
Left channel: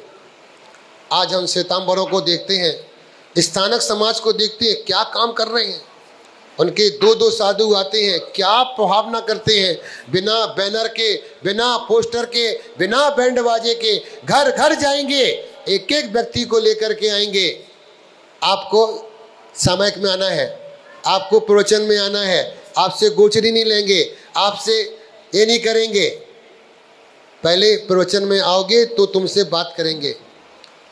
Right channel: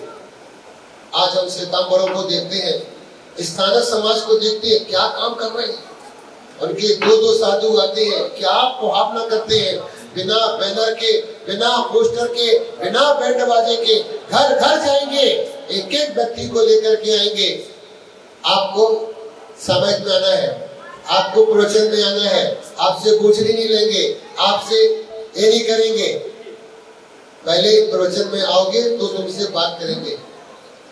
आज हम श्वेतांबरों को देखते हैं, स्थानक समाज को देखते हैं, क्या काम कर रहे हैं। उनके 2-2 साधु आते हैं, क्या प्रभाव न करते हैं। बिना बैनर के, बिना पोस्टर के, बिना बैंड बाजे के घर घर जाएंगे, एक एक व्यक्ति को लेकर के आएंगे। आपको सामायिक में आना है, आपको प्रवचन में आना है, आपसे गोचरी नहीं लेंगे, आपसे ये नहीं करेंगे। पहले प्रवचन में आओगे तो तुमसे बात करेंगे।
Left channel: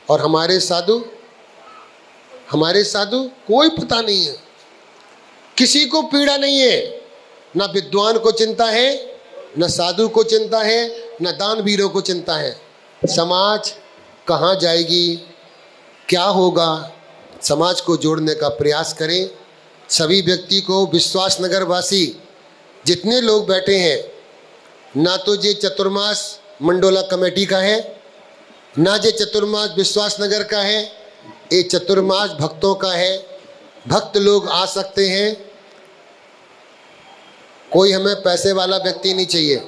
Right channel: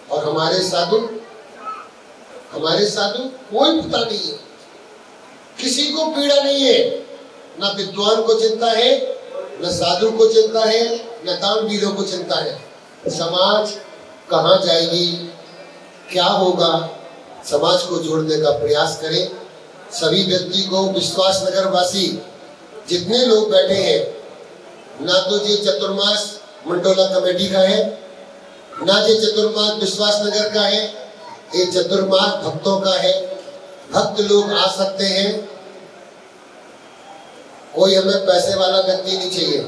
और हमारे साधु कोई पता नहीं है, किसी को पीड़ा नहीं है। ना विद्वान को चिंता है, न साधु को चिंता है, न दानवीरों को चिंता है। समाज कहाँ जाएगी, क्या होगा? समाज को जोड़ने का प्रयास करें। सभी व्यक्ति को, विश्वास नगर वासी जितने लोग बैठे हैं, ना तो जी चतुर्मास मंडोला कमेटी का है, ना जी चतुर्मास विश्वास नगर का है, ये चतुर्मास भक्तों का है, भक्त लोग आ सकते हैं। कोई हमें पैसे वाला व्यक्ति नहीं चाहिए,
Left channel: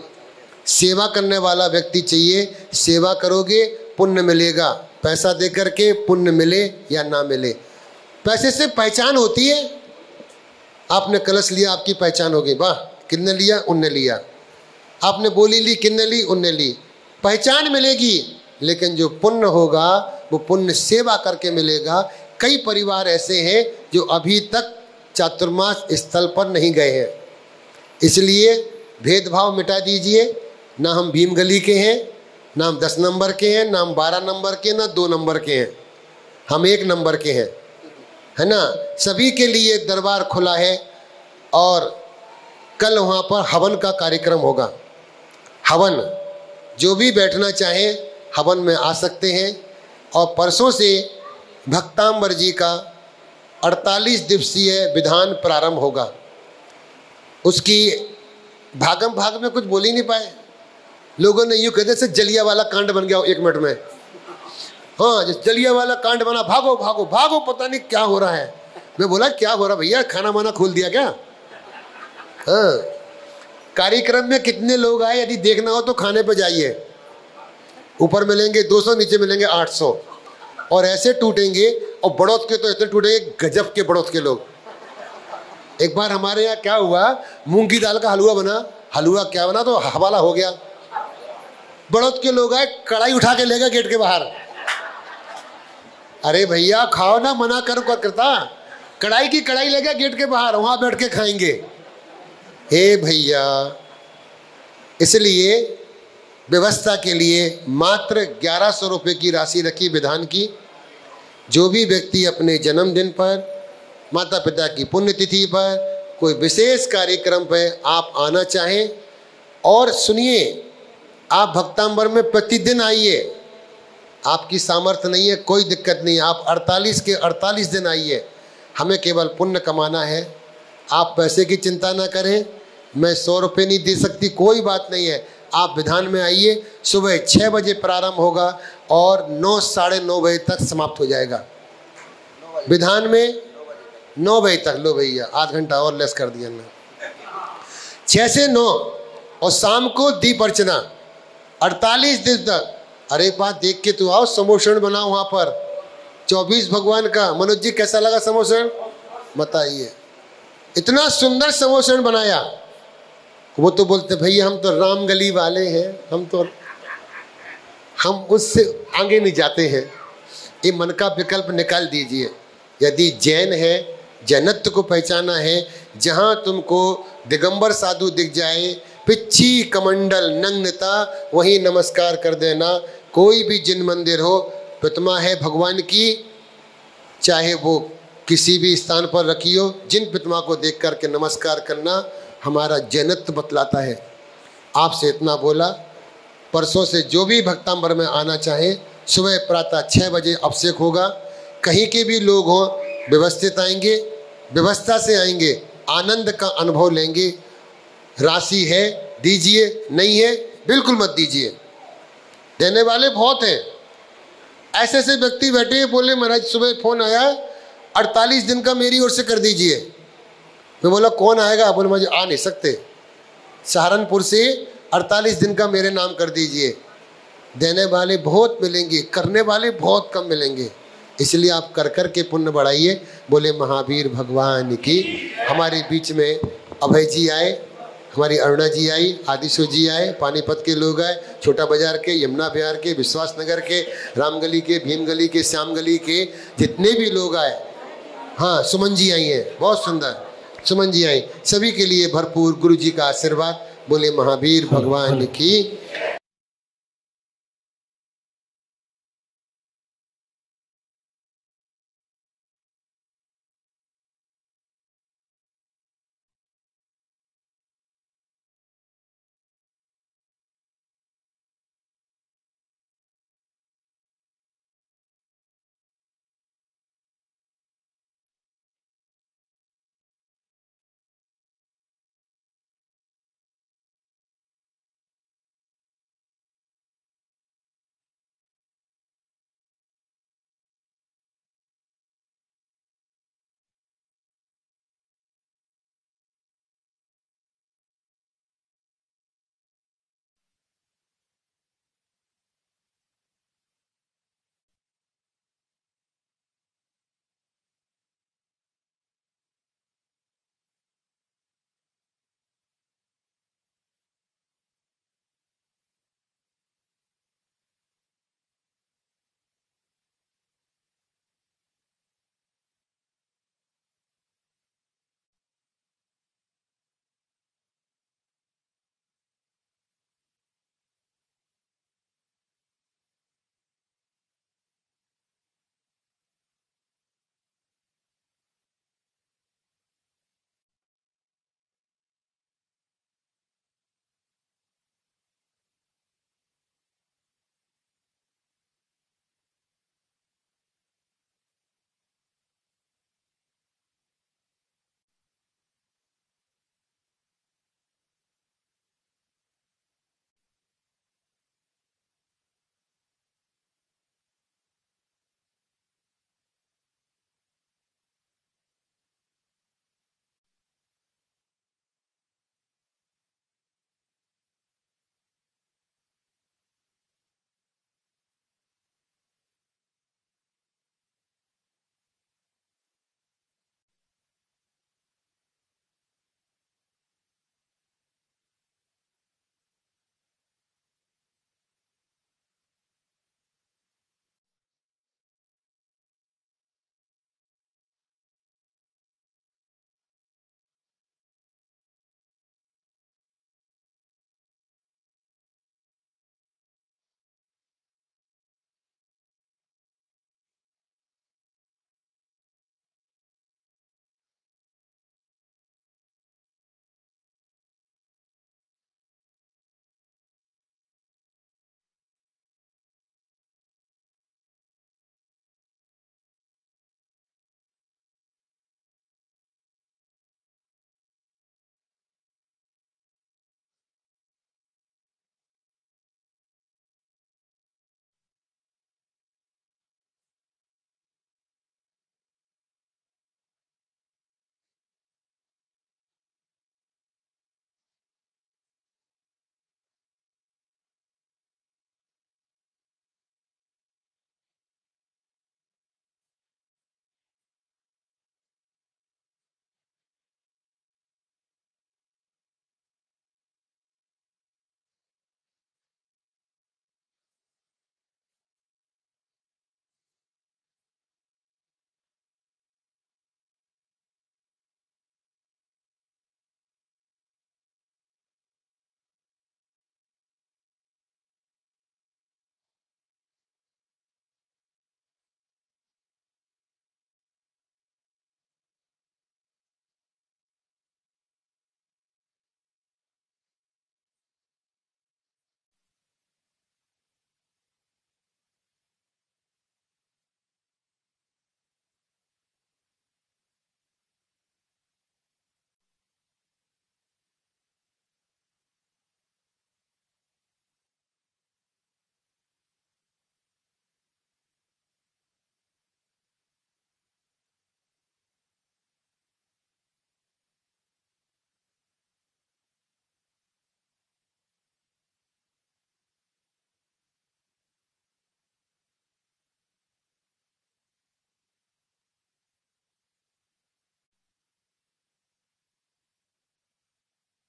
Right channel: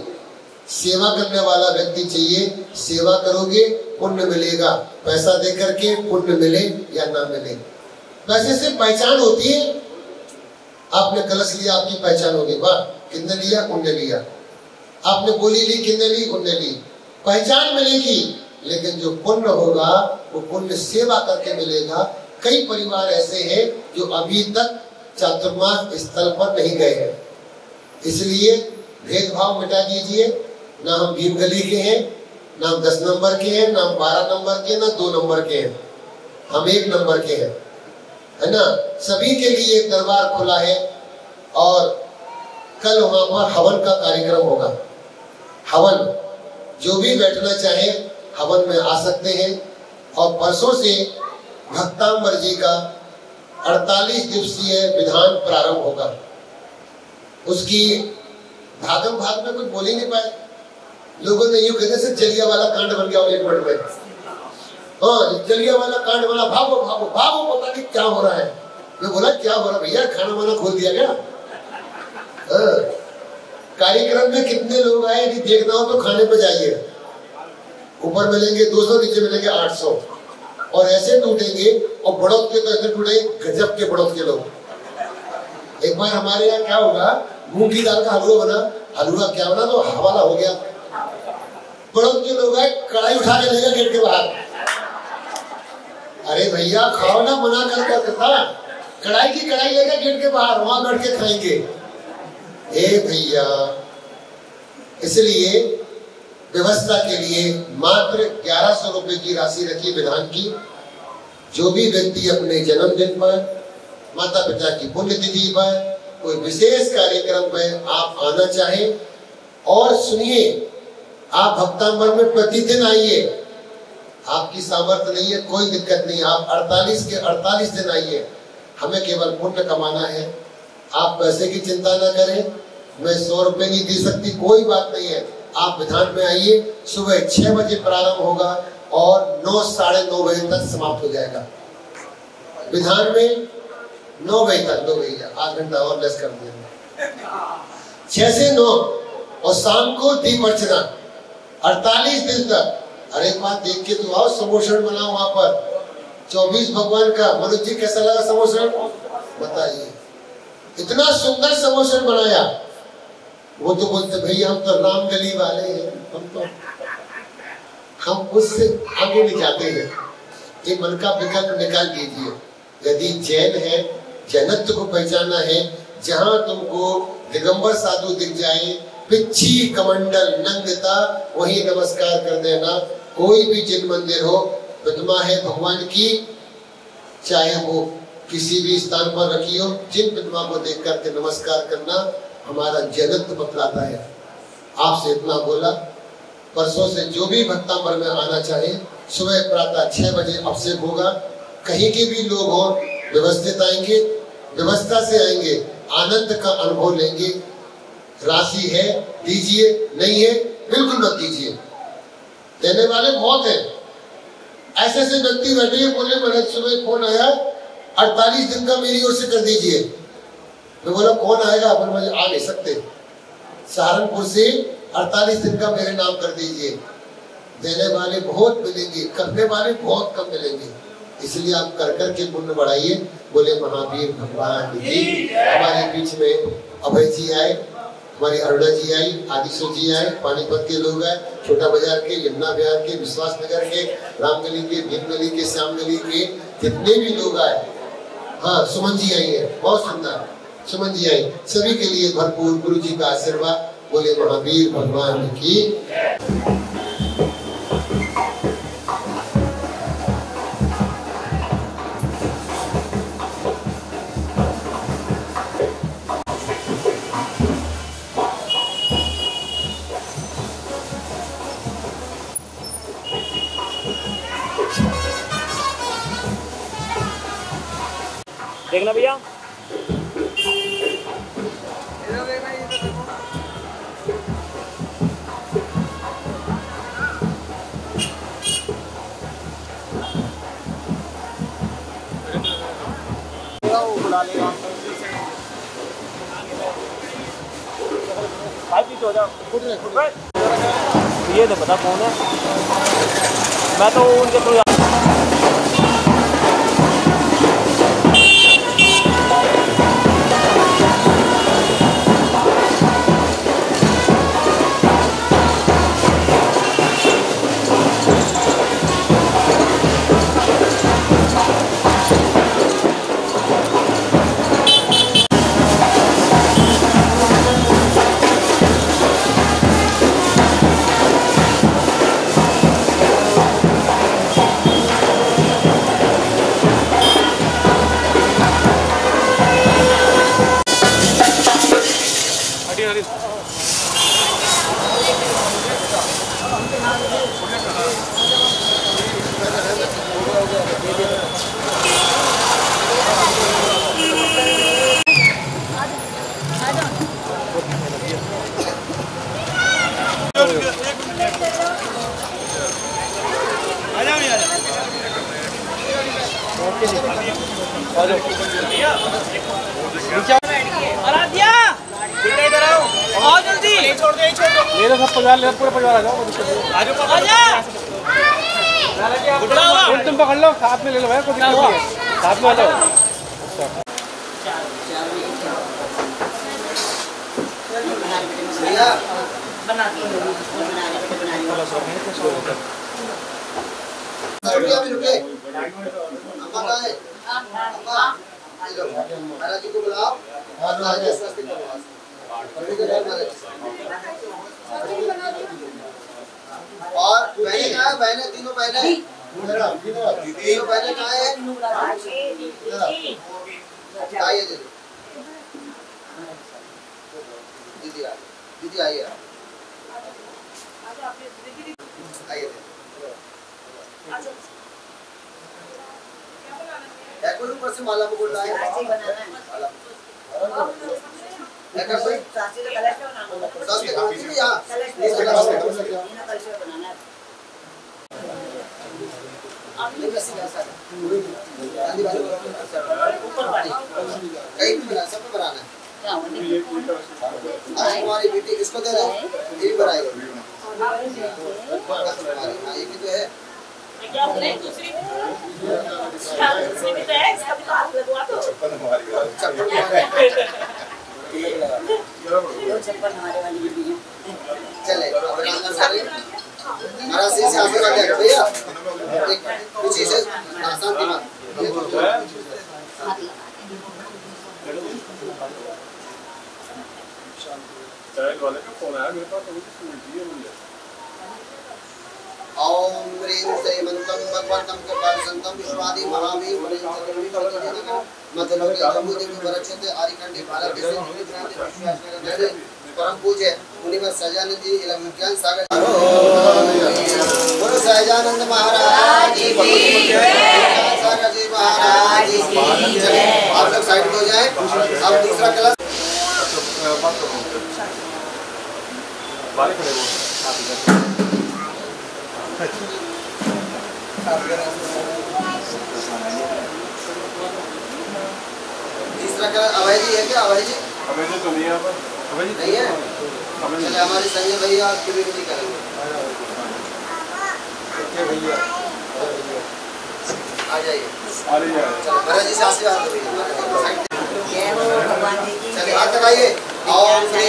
सेवा करने वाला व्यक्ति चाहिए। सेवा करोगे पुण्य मिलेगा, पैसा दे करके पुण्य मिले या ना मिले। पैसे से पहचान होती है। आपने कलश लिया, आपकी पहचान होगी, वाह किसने लिया, उनने लिया। आपने बोली ली, किसने ली, उनने ली, पहचान मिलेगी। लेकिन जो पुण्य होगा वो पुण्य सेवा करके मिलेगा। कई परिवार ऐसे हैं जो अभी तक चातुर्मास स्थल पर नहीं गए हैं, इसलिए भेदभाव मिटा दीजिए। ना हम भीम गली के हैं, ना हम 10 नंबर के हैं, ना हम 12 नंबर के, ना 2 नंबर के हैं, हम 1 नंबर के हैं, है ना। सभी के लिए दरबार खुला है और कल वहाँ पर हवन का कार्यक्रम होगा। हवन, जो भी बैठना चाहे हवन में आ सकते हैं। और परसों से भक्तांबर जी का 48 दिवसीय विधान प्रारंभ होगा। उसकी भागम भाग में कुछ बोल ही नहीं पाए। लोगों ने यूं कहते से जलिया वाला कांड बन गया 1 मिनट में। हाँ, जलिया वाला कांड बना, भागो भागो भागो, पता नहीं क्या हो रहा है। मैं बोला क्या हो रहा भैया, खाना वाना खोल दिया क्या? हाँ, कार्यक्रम में कितने लोग आए, यदि देखना हो तो खाने पे जाइए। ऊपर मिलेंगे 200, नीचे मिलेंगे 800, और ऐसे टूटेंगे। और बड़ौत के तो ऐसे टूटेंगे, गजब के बड़ौत के लोग। एक बार हमारे यहाँ क्या हुआ, मूंग की दाल का हलवा बना, हलवा क्या बना तो हवाला हो गया। बड़ौत के लोग आए, कढ़ाई उठा के ले गए गेट के बाहर। अरे भैया खाओ ना, मना करो क्या करता। कढ़ाई की कढ़ाई ले गए गेट के बाहर, वहां बैठ के खाएंगे। हे भैया, इसलिए व्यवस्था के लिए मात्र 1100 रुपए की राशि रखी विधान की। जो भी व्यक्ति अपने जन्मदिन पर, माता पिता की पुण्यतिथि पर, कोई विशेष कार्यक्रम पर आप आना चाहें, और सुनिए, आप भक्तांबर में प्रतिदिन आइए। आपकी सामर्थ्य नहीं है, कोई दिक्कत नहीं, आप 48 के 48 दिन आइए। हमें केवल पुण्य कमाना है। आप पैसे की चिंता ना करें, मैं 100 रुपये नहीं दे सकती, कोई बात नहीं है। आप विधान में आइए। सुबह 6 बजे प्रारंभ होगा और 9 साढ़े 9 बजे तक समाप्त हो जाएगा। विधान में 9 बजे तक, लो भैया आध घंटा और लेस कर दिया मैं, 6 से 9, और शाम को दीप अर्चना 48 दिन तक। अरे एक बात देख के तो आओ, समोसन बनाओ वहां पर 24 भगवान का। मनोज जी कैसा लगा समोसन, बताइए। इतना सुंदर समोसन बनाया। वो तो बोलते भैया हम तो रामगली वाले हैं, हम उससे आगे नहीं जाते हैं। ये मन का विकल्प निकाल दीजिए। यदि जैन है, जैनत्व को पहचाना है, जहां तुमको दिगंबर साधु दिख जाए, पिच्छी कमंडल नग्नता, वही नमस्कार कर देना। कोई भी जिन मंदिर हो, प्रतिमा है भगवान की, चाहे वो किसी भी स्थान पर रखी हो, जिन प्रतिमा को देख करके नमस्कार करना हमारा जैनत्व बतलाता है। आपसे इतना बोला। परसों से जो भी भक्तांबर में आना चाहे, सुबह प्रातः 6 बजे अभिषेक होगा। कहीं के भी लोग हों, व्यवस्थित आएंगे, व्यवस्था से आएंगे, आनंद का अनुभव लेंगे। राशि है दीजिए, नहीं है बिल्कुल मत दीजिए। देने वाले बहुत हैं। ऐसे ऐसे व्यक्ति बैठे हैं, बोले महाराज सुबह फोन आया 48 दिन का मेरी ओर से कर दीजिए। तो बोला कौन आएगा, बोले मुझे आ नहीं सकते, सहारनपुर से 48 दिन का मेरे नाम कर दीजिए। देने वाले बहुत मिलेंगे, करने वाले बहुत कम मिलेंगे। इसलिए आप कर कर के पुण्य बढ़ाइए। बोले महावीर भगवान की। हमारे बीच में अभय जी आए, हमारी अरुणा जी आई, आदिशो जी आए, पानीपत के लोग आए, छोटा बाजार के, यमुना विहार के, विश्वास नगर के, रामगली के, भीम गली के, श्याम गली के, जितने भी लोग आए। हाँ, सुमन जी आई है, बहुत सुंदर सुमन जी आई। सभी के लिए भरपूर गुरु जी का आशीर्वाद। बोले महावीर भगवान की। देखना भैया। ये नहीं पता कौन है, मैं तो उनके थ्रू परिवार ले, पूरा परिवार आ जाओ। तुम पकड़ लो, साथ में ले लो भाई, कोई दिक्कत नहीं है, साथ में आ जाओ। महाराज जी को बुलाओ और बहने कहाँ है? बहने तीनों बहने तीनों बहने कहाँ है? आइए दीदी दीदी आइए आइए ऊपर से माला को बोल रहा है हमारी बेटी किसको दे रहे हैं? ये भी बनाएगा ये भी तो है क्या बोले दूसरी भी तो है इसका भी तो हाथ लगवा दो चप्पल हमारी चले महाराज से आशीर्वाद लेगा भैया कुछ से आसान दिमाग वाले का फोन आया मेरे पास तो मुझे मुझे ओम ह्रीं श्रीमन्तं भगवन्तं कपालसन्तं विश्वादि महावीर मतलब जम्बूदेवी वरक्षते आरिकंडी भारत देश परम पूज्य मुनिवर सहजानंद जी इलाम विज्ञान सागर बोलो सहजानंद महाराज की सागर जी महाराज की आप लोग साइड हो जाए। अब दूसरा क्लास तीसरा क्या अभय जी है? क्या अभय जी? अभय जी तो नहीं है, अभय जी नहीं है। चले हमारे संजय भैया आपकी भी नहीं करेंगे। भैया आ जाइए महाराज जी से आशीर्वाद दो भैया। चलिए हाथ लगाइए। ओम श्री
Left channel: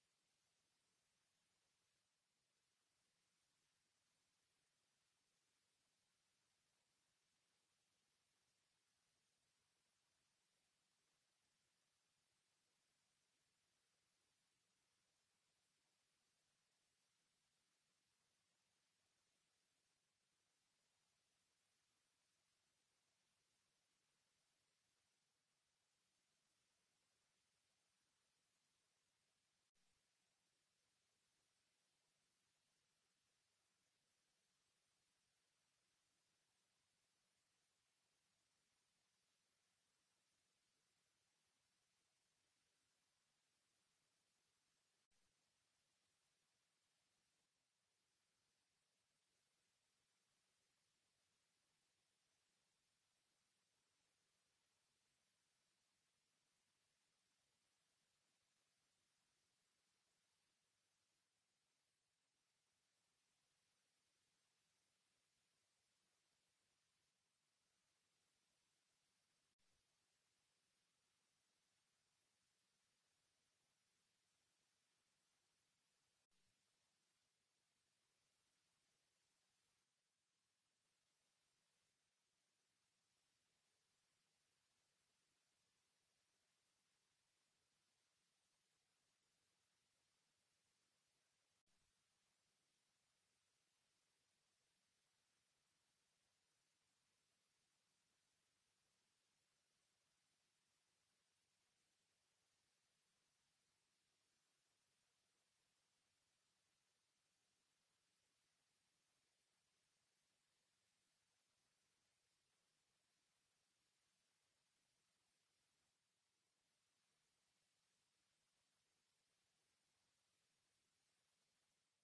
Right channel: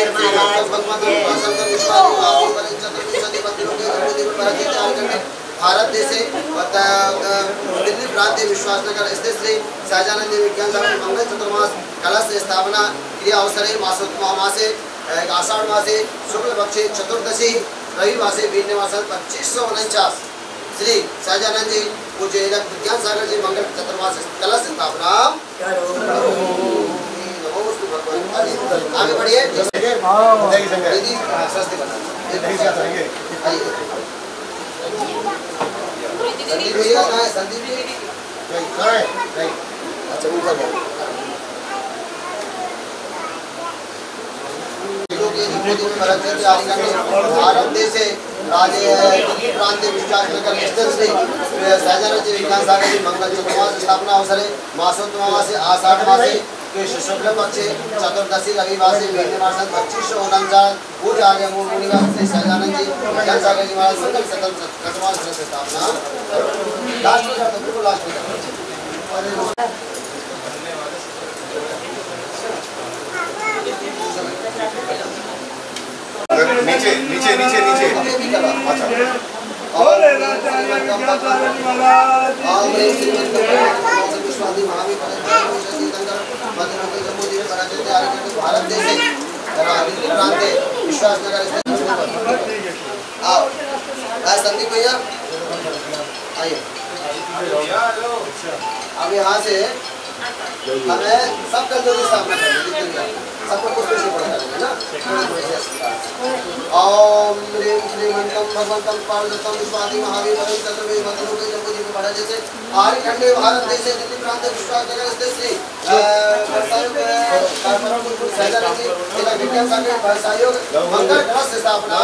भारत देश दिल्ली प्रांत विश्वासनगर स्थित श्री सहजानंद विज्ञान सागर मंगल चतुर्मास कलश स्थापना क्रिया अवसरे मासे आषाढ़ मासे शुक्ल पक्षे चतुर्दशी रविवासे वीरनिवासन 2549 श्री सहजानंद जी पूज्य विज्ञान सागर जी मंगल चतुर्मास कलश स्थापना आगे बढ़िए। संदीप भैया कहाँ है? संदीप जी कहाँ है? नहीं अच्छा ऊपर है। भारत देश राजे दिल्ली प्रांत विश्वासनगर स्थित श्री सहजानंद जी विज्ञान सागर जी मंगल चतुर्मास स्थापना अवसरे मासोत्तमासे आषाढ़ मासे कृष्ण शुक्ल पक्षे चतुर्दशी रविवार से महीने मास 2549 पूज्य मूल मुनिवास श्री सहजानंद जी ज्ञान सागर जी महाराज संकल्प सकल कटवाल से स्थापना लास्ट में जाता बिल्कुल लास्ट में नीचे नीचे नीचे नीचे अच्छा बोले राजाचार्य ज्ञानसागर जी महाराज भारत देश विश्वासनगर संदीप भैया आइए। अब यहाँ से हमें सब कमजोरी स्थापना करनी है, सबको कुछ कुछ पढ़ना है ना। ओम ह्रीं श्रीं मंत्रम भगवंतम पार्वतम विश्वादि महावीर वरुण चतुर्वेद मंत्रों के जपो जी को पढ़ा जैसे आर्य खंडे भारत देश से दिल्ली प्रांत विश्वासनगर स्थित श्री सहजानंद जी जिला विज्ञान सागर सहयोग मंगल ट्रस्ट स्थापना